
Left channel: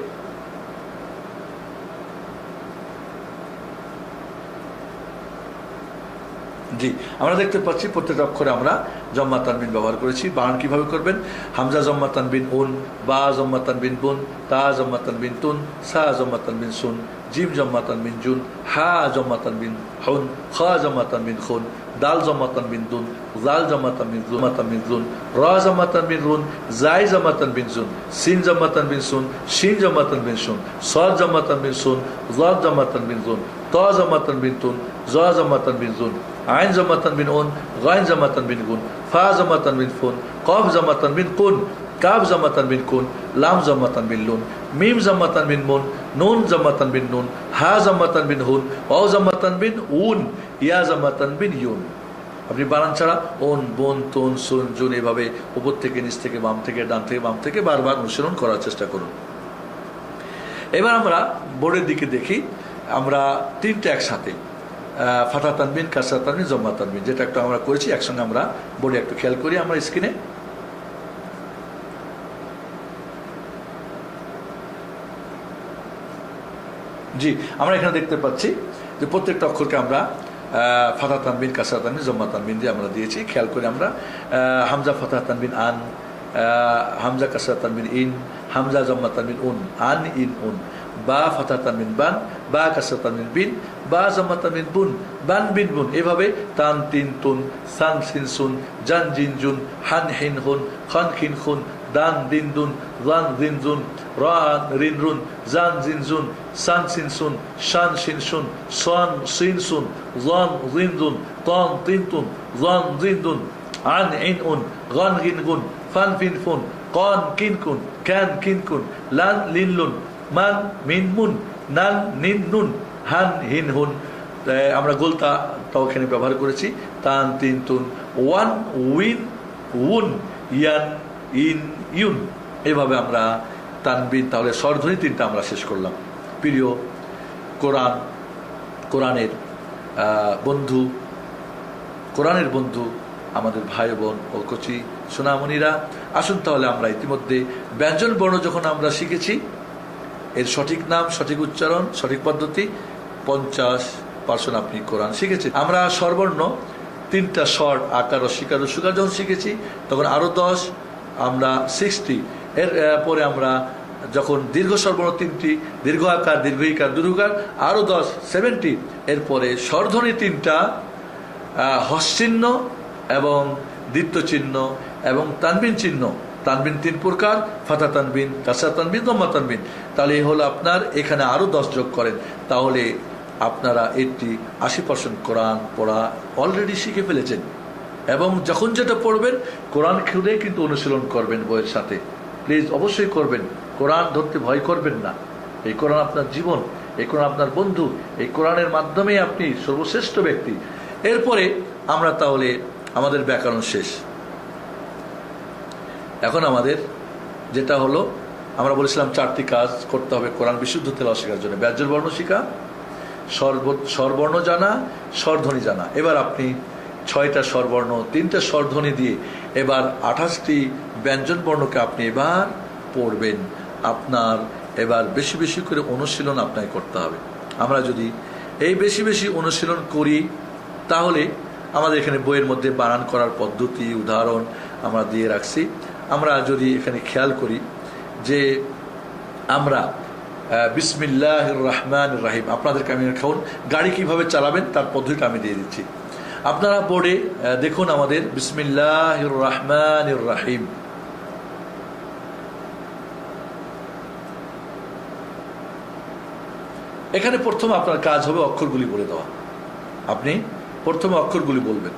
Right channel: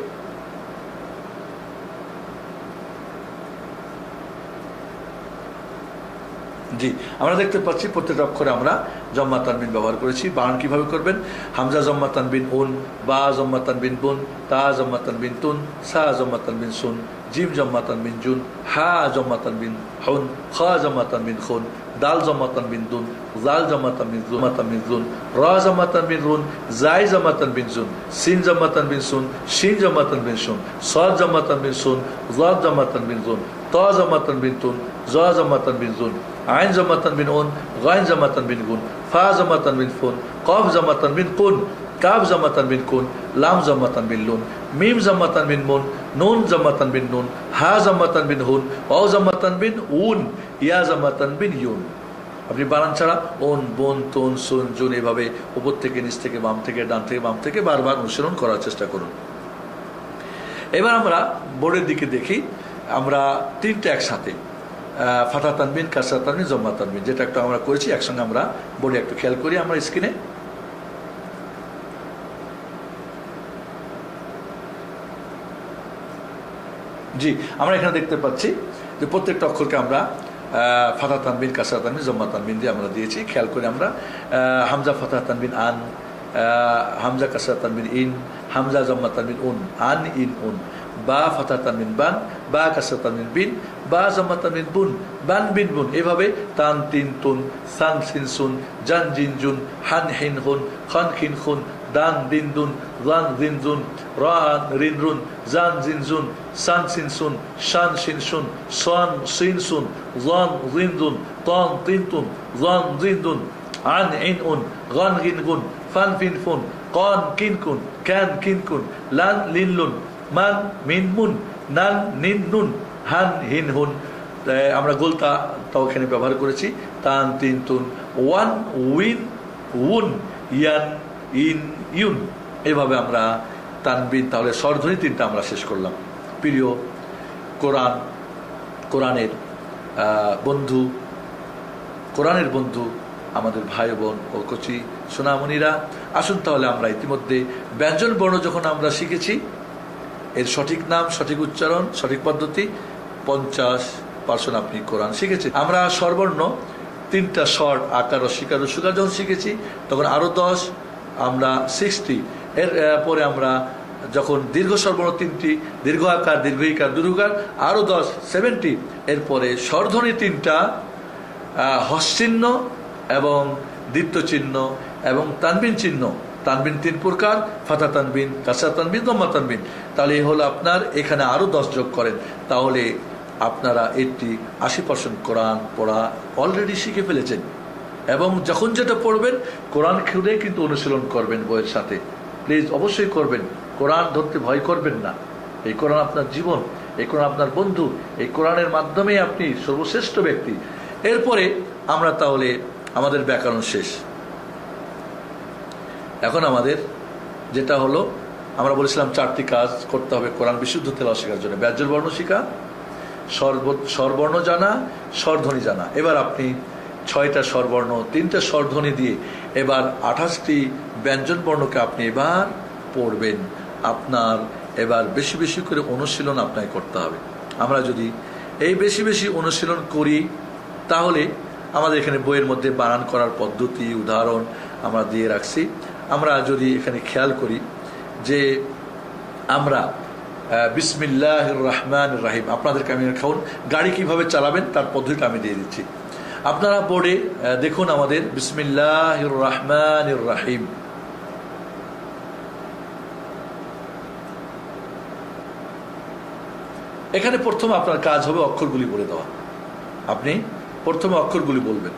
জি, আমরা দেখতে পাচ্ছি প্রত্যেক অক্ষরে আমরা জম্মা তানবিন ব্যবহার করেছি। বানান কিভাবে করবেন? হামজা জম্মা তানবিন উন, বা জম্মা তানবিন বুন, তা জম্মা তানবিন তুন, সা জম্মা তানবিন সুন, জিম জম্মা তানবিন জুন, হা জম্মা তানবিন হুন, খ জম্মা তানবিন খুন, দাল জম্মা তানবিন দুন, জাল জম্মা তানবিন জুন, রা জম্মা তানবিন রুন, জাই জম্মা তানবিন জুন, সিন জম্মা তানবিন সুন, শিন জম্মা তানবিন সুন, সদ জম্মা তানবিন সুন, জদ জম্মা তানবিন জুন, ত জম্মা তানবিন তুন, জ জম্মা তানবিন জুন, আইন জম্মা তানবিন উন, গাইন জম্মা তানবিন গুন, ফা জম্মা তানবিন ফুন, কফ জম্মা তানবিন কুন, কাব জম্মা তানবিন কুন, লাম জম্মা তানবিন লুন, মিম জম্মা তানবিন মুন, নুন জম্মা তানবিন নুন, হা জম্মা তানবিন হুন, অ জম্মা তানবিন উন, ইয়া জম্মা তানবিন ইউন। আপনি বানান ছাড়া ওন, বোন, তুন, সুন, জুন এভাবে উপর থেকে নিচ থেকে বাম থেকে ডান থেকে বাম থেকে বারবার অনুসরণ করার চেষ্টা করুন। এবার আমরা বোর্ডের দিকে দেখি। আমরা তিনটা একসাথে ফাতা তানবিন, কাসরা তানবিন, জম্মা তানবিন, যেটা একটা আমরা করেছি একসঙ্গে আমরা বোর্ডে একটু খেয়াল করি আমরা স্ক্রিনে। জি, আমরা এখানে দেখতে পাচ্ছি যে প্রত্যেকটা অক্ষরকে আমরা ফাতা তানবিন, কাসরা তানবিন, জম্মা তানবিন দিয়ে আমরা দিয়েছি। খেয়াল করি আমরা হামজা ফাতা তানবিন আন, হামজা কাসরা তানবিন ইন, হামজা জম্মা তানবিন উন, আন ইন উন, বা ফাতা তানবিন বান, বা কাসরা তানবিন বিন, বা জম্মা তানবিন বুন, বান বিন বুন। এভাবে তান তিন তুন, সান সিন সুন, জান জিন জুন, হান হিন হুন, খান খিন খুন, দান দিন দুন, জান জিন জুন, রান রিন রুন, জান জিন জুন, সান সিন সুন, শান শিন সুন, সান সিন সুন, জান জিন জুন, তান তিন তুন, জান জিন দুন, আন ইন উন, গান গিন গুন, ফান ফিন ফুন, কান কিন কুন, ক্যান কিন কুন, লান লিন লুন, মান মিন মুন, নান নিন নুন, হান হিন হুন। আমরা গোলতা তাও এখানে ব্যবহার করেছি। তান তিন তুন, ওয়ান উইন উন, ইয়ান ইন ইউন। এভাবে আমরা তানবিন, তাহলে স্বরধ্বনি তিনটা আমরা শেষ করলাম। প্রিয় কোরআনের বন্ধু, কোরআনের বন্ধু আমাদের ভাই বোন ও কচি সোনামণিরা, আসুন তাহলে আমরা ইতিমধ্যে ব্যঞ্জন বর্ণ যখন আমরা শিখেছি, এর সঠিক নাম, সঠিক উচ্চারণ, সঠিক পদ্ধতি 50% আপনি কোরআন শিখেছেন। আমরা স্বরবর্ণ তিনটা স্বর, আকার, রসিকার, রসুকার যখন শিখেছি তখন আরো 10, আমরা 60। এর পরে আমরা যখন দীর্ঘ স্বরবর্ণ তিনটি, দীর্ঘ আকার, দীর্ঘ ইকার, দীর্ঘকার আরো 10, 70। এরপরে স্বরধ্বনি তিনটা, হস্যচিহ্ন এবং দ্বিত্ব চিহ্ন এবং তানবিন চিহ্ন। তানবিন তিন প্রকার, ফাতা তানবিন, কাসরা তানবিন, জম্মা তানবিন। তাহলে এই হলো আপনার, এখানে আরো 10 যোগ করেন, তাহলে আপনারা 80% কোরআন পড়া অলরেডি শিখে ফেলেছেন। এবং যখন যেটা পড়বেন কোরআন খুলে কিন্তু অনুশীলন করবেন বইয়ের সাথে। প্লিজ অবশ্যই করবেন, কোরআন ধরতে ভয় করবেন না। এই কোরআন আপনার জীবন, এই কোরআন আপনার বন্ধু, এই কোরআনের মাধ্যমে আপনি সর্বশ্রেষ্ঠ ব্যক্তি। এরপরে আমরা তাহলে আমাদের ব্যাকরণ শেষ। এখন আমাদের যেটা হলো, আমরা বলেছিলাম 4টি কাজ করতে হবে কোরআন বিশুদ্ধ তেলাওয়াত শেখার জন্য। ব্যঞ্জন বর্ণ শিখা, স্বরবর্ণ জানা, স্বরধ্বনি জানা। এবার আপনি 6টা স্বরবর্ণ, 3টা স্বরধ্বনি দিয়ে এবার 28টি ব্যঞ্জন বর্ণকে আপনি এবার পড়বেন। আপনার এবার বেশি বেশি করে অনুশীলন আপনাকে করতে হবে। আমরা যদি এই বেশি বেশি অনুশীলন করি তাহলে আমাদের এখানে বইয়ের মধ্যে বানান করার পদ্ধতি, উদাহরণ আমরা দিয়ে রাখছি। আমরা যদি এখানে খেয়াল করি যে আমরা বিসমিল্লাহির রহমানির রহিম, আপনাদেরকে আমি খাউন গাড়ি কিভাবে চালাবেন তার পদ্ধতিটা আমি দিয়ে দিচ্ছি। আপনারা বোর্ডে দেখুন আমাদের বিসমিল্লাহির রহমানির রহিম। এখানে প্রথম আপনার কাজ হবে অক্ষরগুলি বলে দেওয়া। আপনি প্রথমে অক্ষরগুলি বলবেন।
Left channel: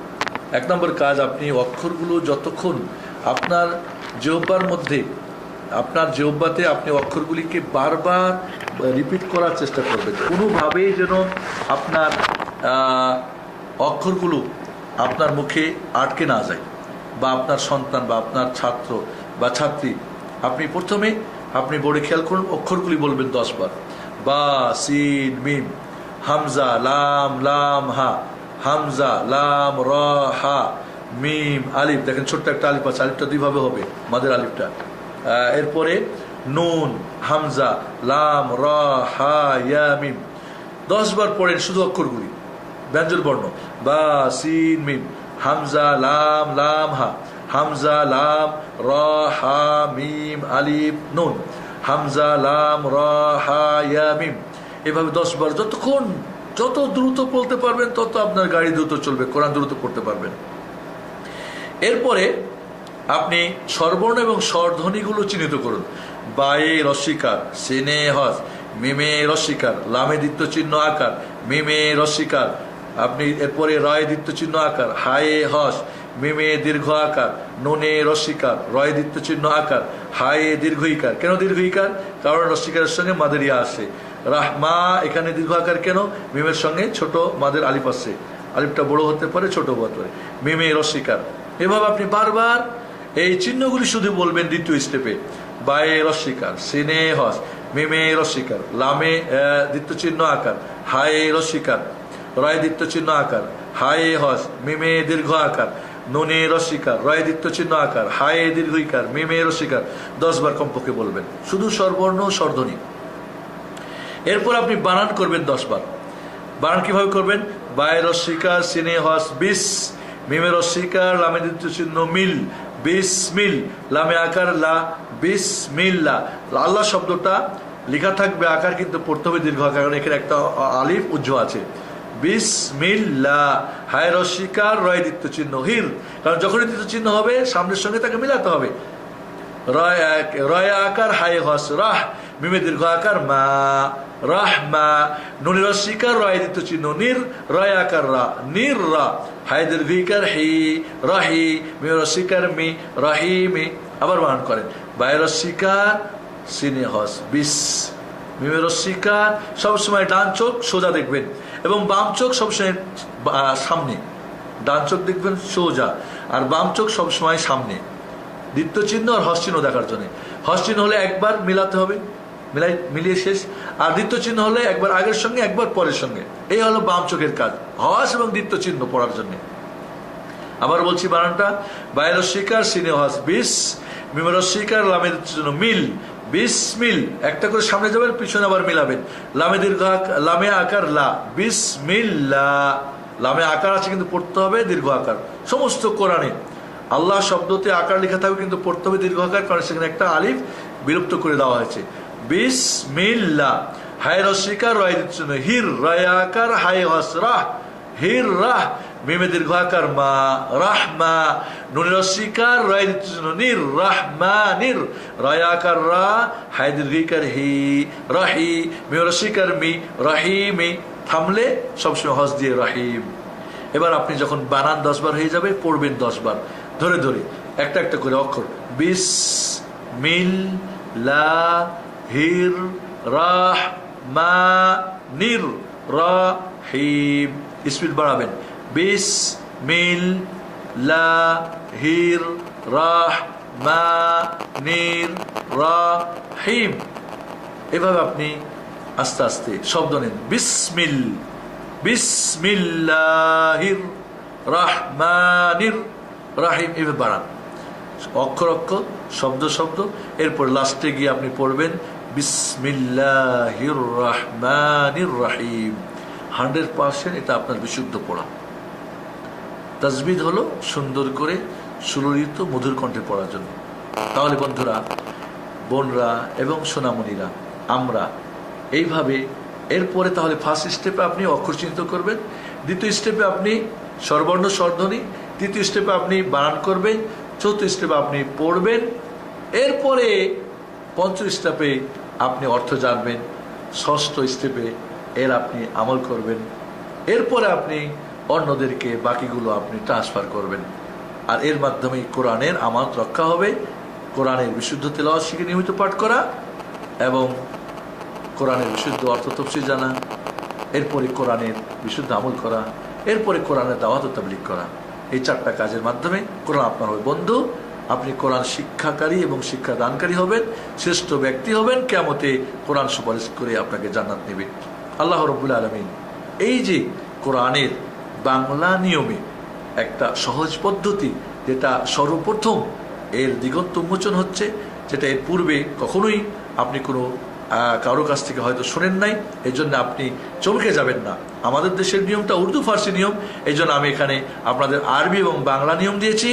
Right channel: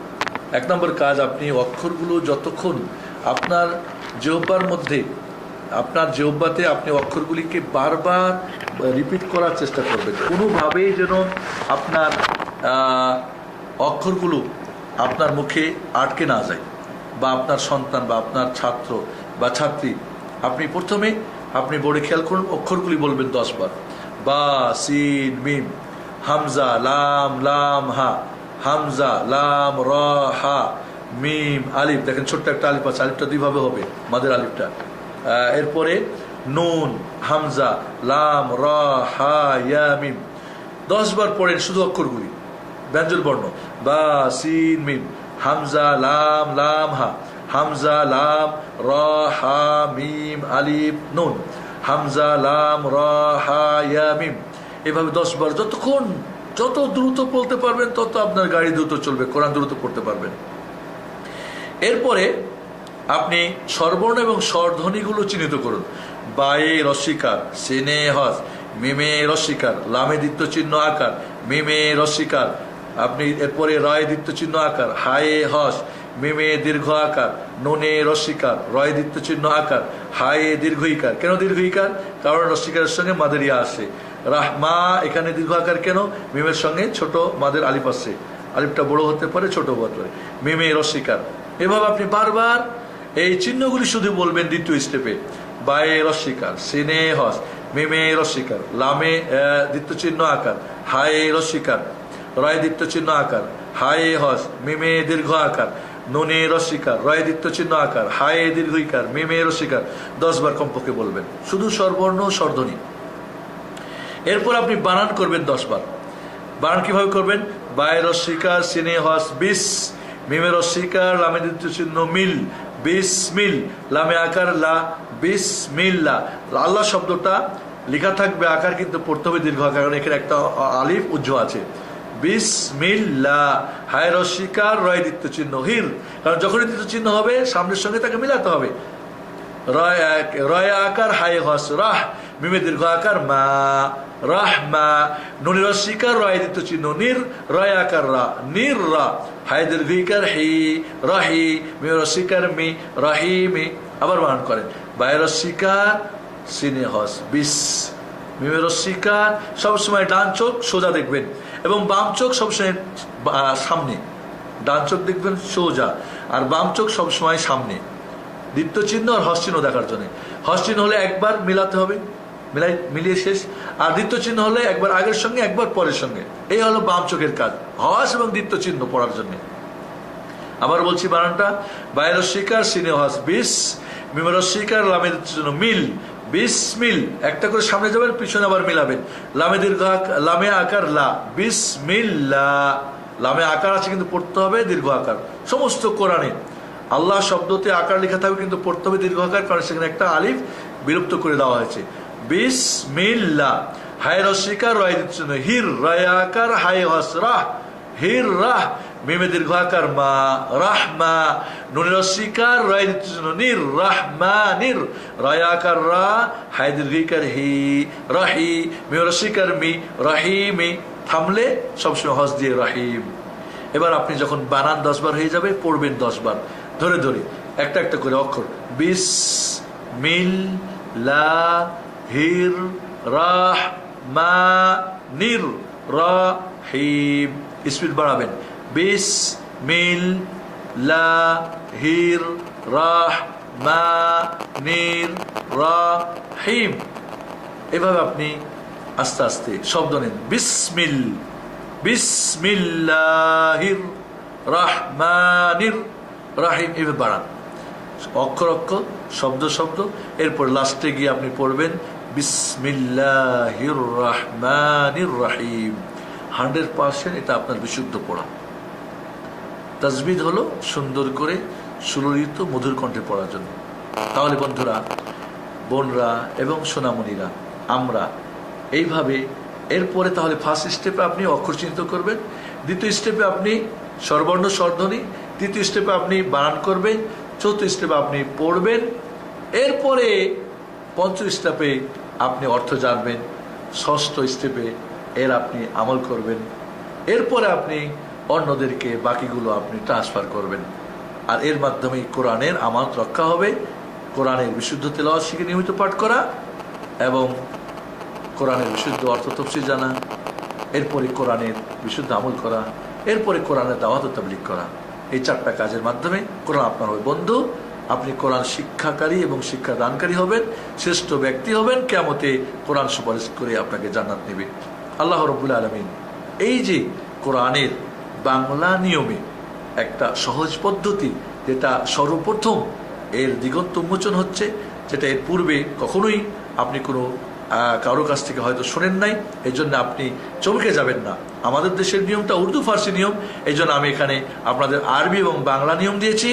1 নম্বর কাজ, আপনি অক্ষরগুলো যতক্ষণ আপনার জিহ্বার মধ্যে, আপনার জিহ্বাতে আপনি অক্ষরগুলিকে বারবার রিপিট করার চেষ্টা করবেন। কোনোভাবেই যেন আপনার অক্ষরগুলো আপনার মুখে আটকে না যায়, বা আপনার সন্তান বা আপনার ছাত্র বা ছাত্রী, আপনি প্রথমে আপনি বোর্ডে খেয়াল করুন, অক্ষরগুলি বলবেন 10 বার। বা, সিন, মিম, হামজা, লাম, লাম, হা, হামজা, লাম, র, হা, মিম আলিফ, দেখেন ছোট্ট একটা আলিফ আছে, আলিফটা দুইভাবে হবে, মাদের আলিফটা। এরপরে নুন, হামজা, লাম, রা, হা, ইয়া, মিম। 10 বার পড়েন শুধু অক্ষরগুলি, ব্যঞ্জন বর্ণ, বা, সিন, মিম, হামজা, লাম, লাম, হা, হামজা, লাম, রা, হা, মিম, আলিফ, নুন, হামজা, লাম, রা, হা, ইয়া, মিম। এভাবে 10 বার, যতক্ষণ যত দ্রুত বলতে পারবেন তত আপনার গাড়ি দ্রুত চলবে, কোরআন দ্রুত পড়তে পারবেন। এরপরে আপনি স্বরবর্ণ এবং স্বরধ্বনিগুলো চিহ্নিত করুন। বায়ে রস্বীকার, সিনে হস, মিমে রস্বীকার, লামে দ্বিত্ব চিহ্ন আকার, মিমে রস্বীকার, আপনি এরপরে রায় দ্বিত্ব চিহ্ন আকার, হায়ে হস, মিমে দীর্ঘ আকার, নুনে রস্বীকার, রয় দ্বিত্ব চিহ্ন আকার, হায়ে দীর্ঘ ইকার। কেন দীর্ঘ ইকার? কারণ রস্বীকারের সঙ্গে মাদের ইয়া আসে। রাহমা, এখানে দীর্ঘ আকার কেন? মিমের সঙ্গে ছোট মাদের আলিফ আসছে, আলিফটা বড় হতে পারে ছোট হতে পারে, মিমে রস্বীকার। এভাবে আপনি বারবার এই চিহ্নগুলি শুধু বলবেন দ্বিতীয় স্টেপে। বায়ে রস্বীকার, সিনে হস, মিমে রস্বীকার, লামে দ্বিত্ব চিহ্ন আকার, হায়ে রস্বীকার, রয় দ্বিত্ব চিহ্ন আকার, হায়ে হস, মিমে দীর্ঘ আকার, নুনে রস্বীকার, রয় দ্বিত্ব চিহ্ন আকার, হায়ে দীর্ঘ ইকার, মিমে রস্বীকার। 10 বার কমপক্ষে বলবেন, শুধু স্বরবর্ণ স্বরধ্বনি। এরপর আপনি বানান করবেন 10 বার। বানান কিভাবে করবেন? বায়ে রস্বীকার, সিনে হস, বিস, মিমে রস্বীকার, লামে দ্বিত্ব চিহ্ন মিল, বিসমিল, লামে আকার লা, বিসমিল্লাহ। আল্লাহ শব্দটা লেখা থাকবে, আকার কিন্তু পড়তে হবে দীর্ঘ আকার, কারণ এখানে একটা আলিফ উজ্জ্ব আছে। বিসমিল্লাহ, হায় রস্বীকার, রয় দ্বিত্ব চিহ্ন হির, কারণ যখনই দ্বিত্ব চিহ্ন হবে সামনের সঙ্গে তাকে মিলাতে হবে। রয় আকার, হায় হস, রাহ, মিমে দীর্ঘ আকার মা, রাহমা, নুনি রস্বীকার, রয় দ্বিত্ব চিহ্ন নির, রয় আকার রা, নির রা, হায় দীর্ঘ ইকার হি, রাহি, মিমে রস্বীকার মি, রাহিমি। আবার বানান করেন, বায়ে রস্বীকার, সিনে হস, বিস, মিমে রস্বীকার। সবসময় ডান চোখ সোজা দেখবেন এবং বাম চোখ সবসময় সামনে। ডান চোখ দেখবেন সোজা আর বাম চোখ সবসময় সামনে, দ্বিতীয় চিহ্ন আর হস চিহ্ন দেখার জন্য। হস চিহ্ন হলে একবার মিলাতে হবে, মিলিয়ে শেষ। আর দ্বিতীয় চিহ্ন হলে একবার আগের সঙ্গে একবার পরের সঙ্গে। এই হলো বাম চোখের কাজ, হস এবং দ্বিতীয় চিহ্ন পড়ার জন্য। আবার বলছি বানানটা, বায়ে রস্বীকার, সিনে হস, বিস, মিমে রস্বীকার, লামে দ্বিত্ব চিহ্ন মিল, বিসমিল। একটা করে সামনে যাবেন, পিছনে আবার মিলাবেন। লামে দীর্ঘ, লামে আকার লা, বিসমিল্লাহ। লামে আকার আছে কিন্তু পড়তে হবে দীর্ঘ আকার। সমস্ত কোরআনে আল্লাহ শব্দতে আকার লেখা থাকবে কিন্তু পড়তে হবে দীর্ঘ আকার, কারণ সেখানে একটা আলিফ বিলুপ্ত করে দেওয়া হয়েছে। বিসমিল্লাহ, হায় রস্বীকার, রয় দ্বিত্ব চিহ্ন হির, রয় আকার, হায় হস, রাহ, হির রাহ, মিমে দীর্ঘ আকার মা, রাহমা, নুনি রস্বীকার, রয় দ্বিত্ব চিহ্ন নির, রাহমা নির, রয় আকার রা, হায় দীর্ঘ ইকার হি, রাহি, মিমে রস্বীকার মি, রাহিমি। থামলে সবসময় হস দিয়ে রাহিম। এবার আপনি যখন বানান 10 বার হয়ে যাবে, পড়বেন 10 বার ধরে ধরে একটা একটা করে অক্ষর। বিস, মিল, লা, হির, রাহ, মা, নির, রাহিম। স্পিড বাড়াবেন। বিস, মিল, লা, হির, রাহ, মা, নির, রাহিম। এভাবে আপনি আস্তে আস্তে শব্দ নিন। বিসমিল, বিসমিল্লাহির রাহমানির রাহিম। এভাবে বাড়ান অক্ষর অক্ষর, শব্দ শব্দ। এরপর লাস্টে গিয়ে আপনি পড়বেন বিসমিল্লাহির রাহমানির রাহিম। 100% এটা আপনার বিশুদ্ধ পড়া। তাজবিদ হলো সুন্দর করে সুললিত মধুর কণ্ঠে পড়ার জন্য। তাহলে বন্ধুরা, বোনরা এবং সোনামণিরা, আমরা এইভাবে এরপরে তাহলে ফার্স্ট স্টেপে আপনি অক্ষর চিহ্নিত করবেন, দ্বিতীয় স্টেপে আপনি স্বরবর্ণ স্বরধ্বনি, তৃতীয় স্টেপে আপনি বানান করবেন, চতুর্থ স্টেপে আপনি পড়বেন, এরপরে পঞ্চম স্টেপে আপনি অর্থ জানবেন, ষষ্ঠ স্টেপে এর আপনি আমল করবেন, এরপরে আপনি অন্যদেরকে বাকিগুলো আপনি ট্রান্সফার করবেন। আর এর মাধ্যমে কোরআনের আমানত রক্ষা হবে। কোরআনের বিশুদ্ধ তেলাওয়াত শিখে নিয়মিত পাঠ করা এবং কোরআনের বিশুদ্ধ অর্থ তফসির জানা, এরপরে কোরআনের বিশুদ্ধ আমল করা, এরপরে কোরআনের দাওয়াত ও তাবলীগ করা। এই 4টা কাজের মাধ্যমে কোরআন আপনার হবে বন্ধু। আপনি কোরআন শিক্ষাকারী এবং শিক্ষা দানকারী হবেন, শ্রেষ্ঠ ব্যক্তি হবেন, কিয়ামতে কোরআন সুপারিশ করে আপনাকে জান্নাত নেবে। আল্লাহ রাব্বুল আলামিন এই যে কোরআনের বাংলা নিয়মে একটা সহজ পদ্ধতি, যেটা সর্বপ্রথম এর দিগন্ত উন্মোচন হচ্ছে, যেটা এর পূর্বে কখনোই আপনি কোনো কারো কাছ থেকে হয়তো শোনেন নাই। এই জন্য আপনি চমকে যাবেন না। আমাদের দেশের নিয়মটা উর্দু ফার্সি নিয়ম, এই জন্য আমি এখানে আপনাদের আরবি এবং বাংলা নিয়ম দিয়েছি।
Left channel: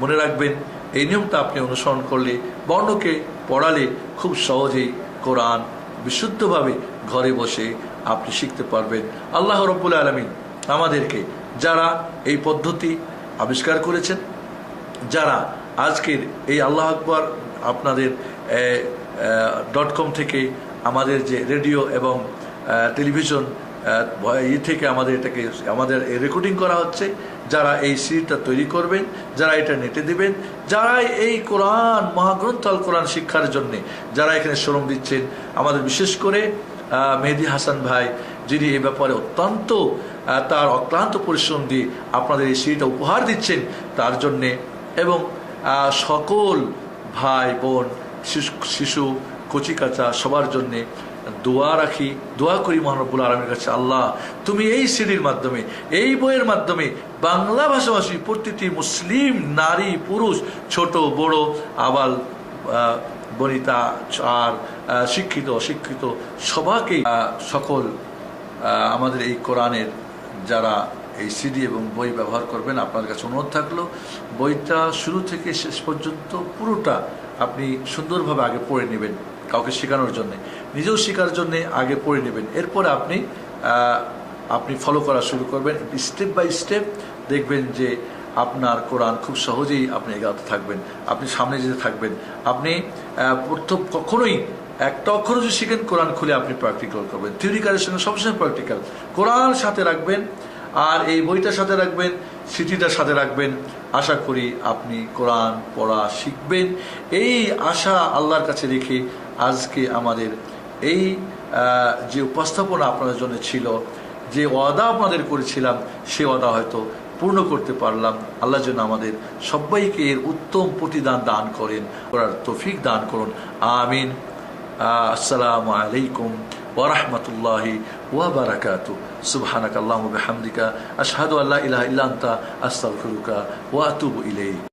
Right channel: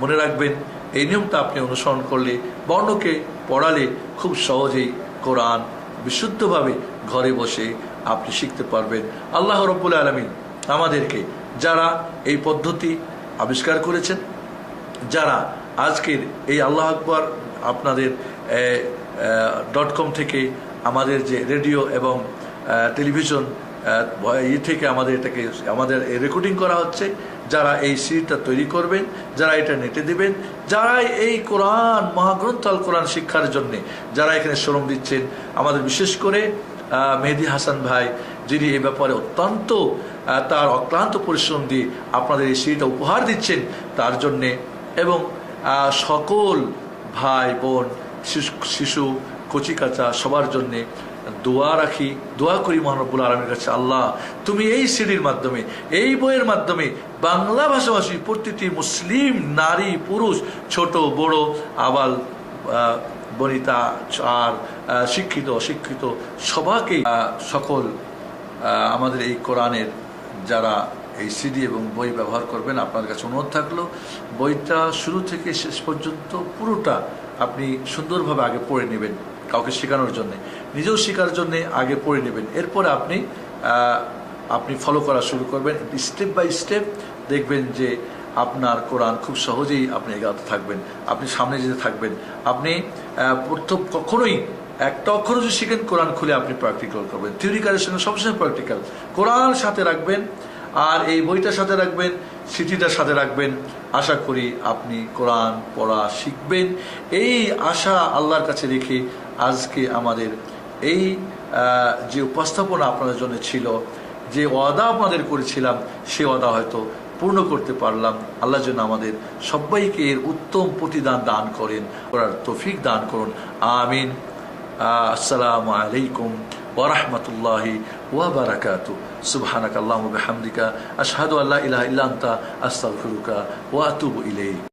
মনে রাখবেন, এই নিয়মটা আপনি অনুসরণ করলে, বর্ণকে পড়ালে খুব সহজেই কোরআন বিশুদ্ধভাবে ঘরে বসে আপনি শিখতে পারবেন। আল্লাহ রাব্বুল আলামিন আমাদেরকে, যারা এই পদ্ধতি আবিষ্কার করেছেন, যারা আজকের এই আল্লাহ আকবার আপনাদের .com থেকে আমাদের যে রেডিও এবং টেলিভিশন থেকে আমাদের রেকর্ডিং করা হচ্ছে, যারা এই সিডিটা তৈরি করবেন, যারা এটা নেটে দিবেন, যারা এই কোরআন মহাগ্রন্থ আল কোরআন শিক্ষার জন্য যারা এখানে শ্রম দিচ্ছেন, আমাদের বিশেষ করে মেহেদী হাসান ভাই, যিনি এই ব্যাপারে অত্যন্ত তার অক্লান্ত পরিশ্রম দিয়ে আপনাদের এই সিডিটা উপহার দিচ্ছেন, তার জন্যে, এবং সকল ভাই বোন, শিশু, কচিকাচা সবার জন্য দোয়া রাখি, দোয়া করি মহান রব্বুল আলামিনের কাছে, আল্লাহ তুমি এই সিডির মাধ্যমে, এই বইয়ের মাধ্যমে বাংলা ভাষাভাষী প্রতিটি মুসলিম নারী পুরুষ, ছোট বড়, আবাল বনিতা আর শিক্ষিত অশিক্ষিত সবাইকে, সকল আমাদের এই কোরআনের যারা এই সিডি এবং বই ব্যবহার করবেন, আপনার কাছে অনুরোধ থাকলো বইটা শুরু থেকে শেষ পর্যন্ত পুরোটা আপনি সুন্দরভাবে আগে পড়ে নেবেন, কাউকে শেখানোর জন্য, নিজেও শেখার জন্য আগে পড়ে নেবেন। এরপরে আপনি ফলো করা শুরু করবেন স্টেপ বাই স্টেপ। দেখবেন যে আপনার কোরআন খুব সহজেই আপনি এগাতে থাকবেন, আপনি সামনে যেতে থাকবেন। আপনি প্রথম কখনোই একটা অক্ষর যদি শিখেন, কোরআন খুলে আপনি প্র্যাকটিক্যাল করবেন। থিওরিক্যালের সঙ্গে সবসময় প্র্যাকটিক্যাল। কোরআন সাথে রাখবেন আর এই বইটার সাথে রাখবেন, সিটিটার সাথে রাখবেন। আশা করি আপনি কোরআন পড়া শিখবেন। এই আশা আল্লাহর কাছে রেখে আজকে আমাদের এই যে উপস্থাপনা আপনাদের জন্য ছিল, যে ওয়াদা আপনাদের করেছিলাম, সে ওয়াদা হয়তো পূর্ণ করতে পারলাম। আল্লাহ যেন আমাদের সবাইকে এর উত্তম প্রতিদান দান করেন, করার তৌফিক দান করুন। আমিন। আসসালামু আলাইকুম ওয়া রাহমাতুল্লাহি ওয়া বারাকাতুহু। সুবহানাকাল্লাহুম্মা ওয়া বিহামদিকা আশহাদু আল্লা ইলাহা ইল্লা আনতা আস্তাগফিরুকা ওয়া আতুবু ইলাইক।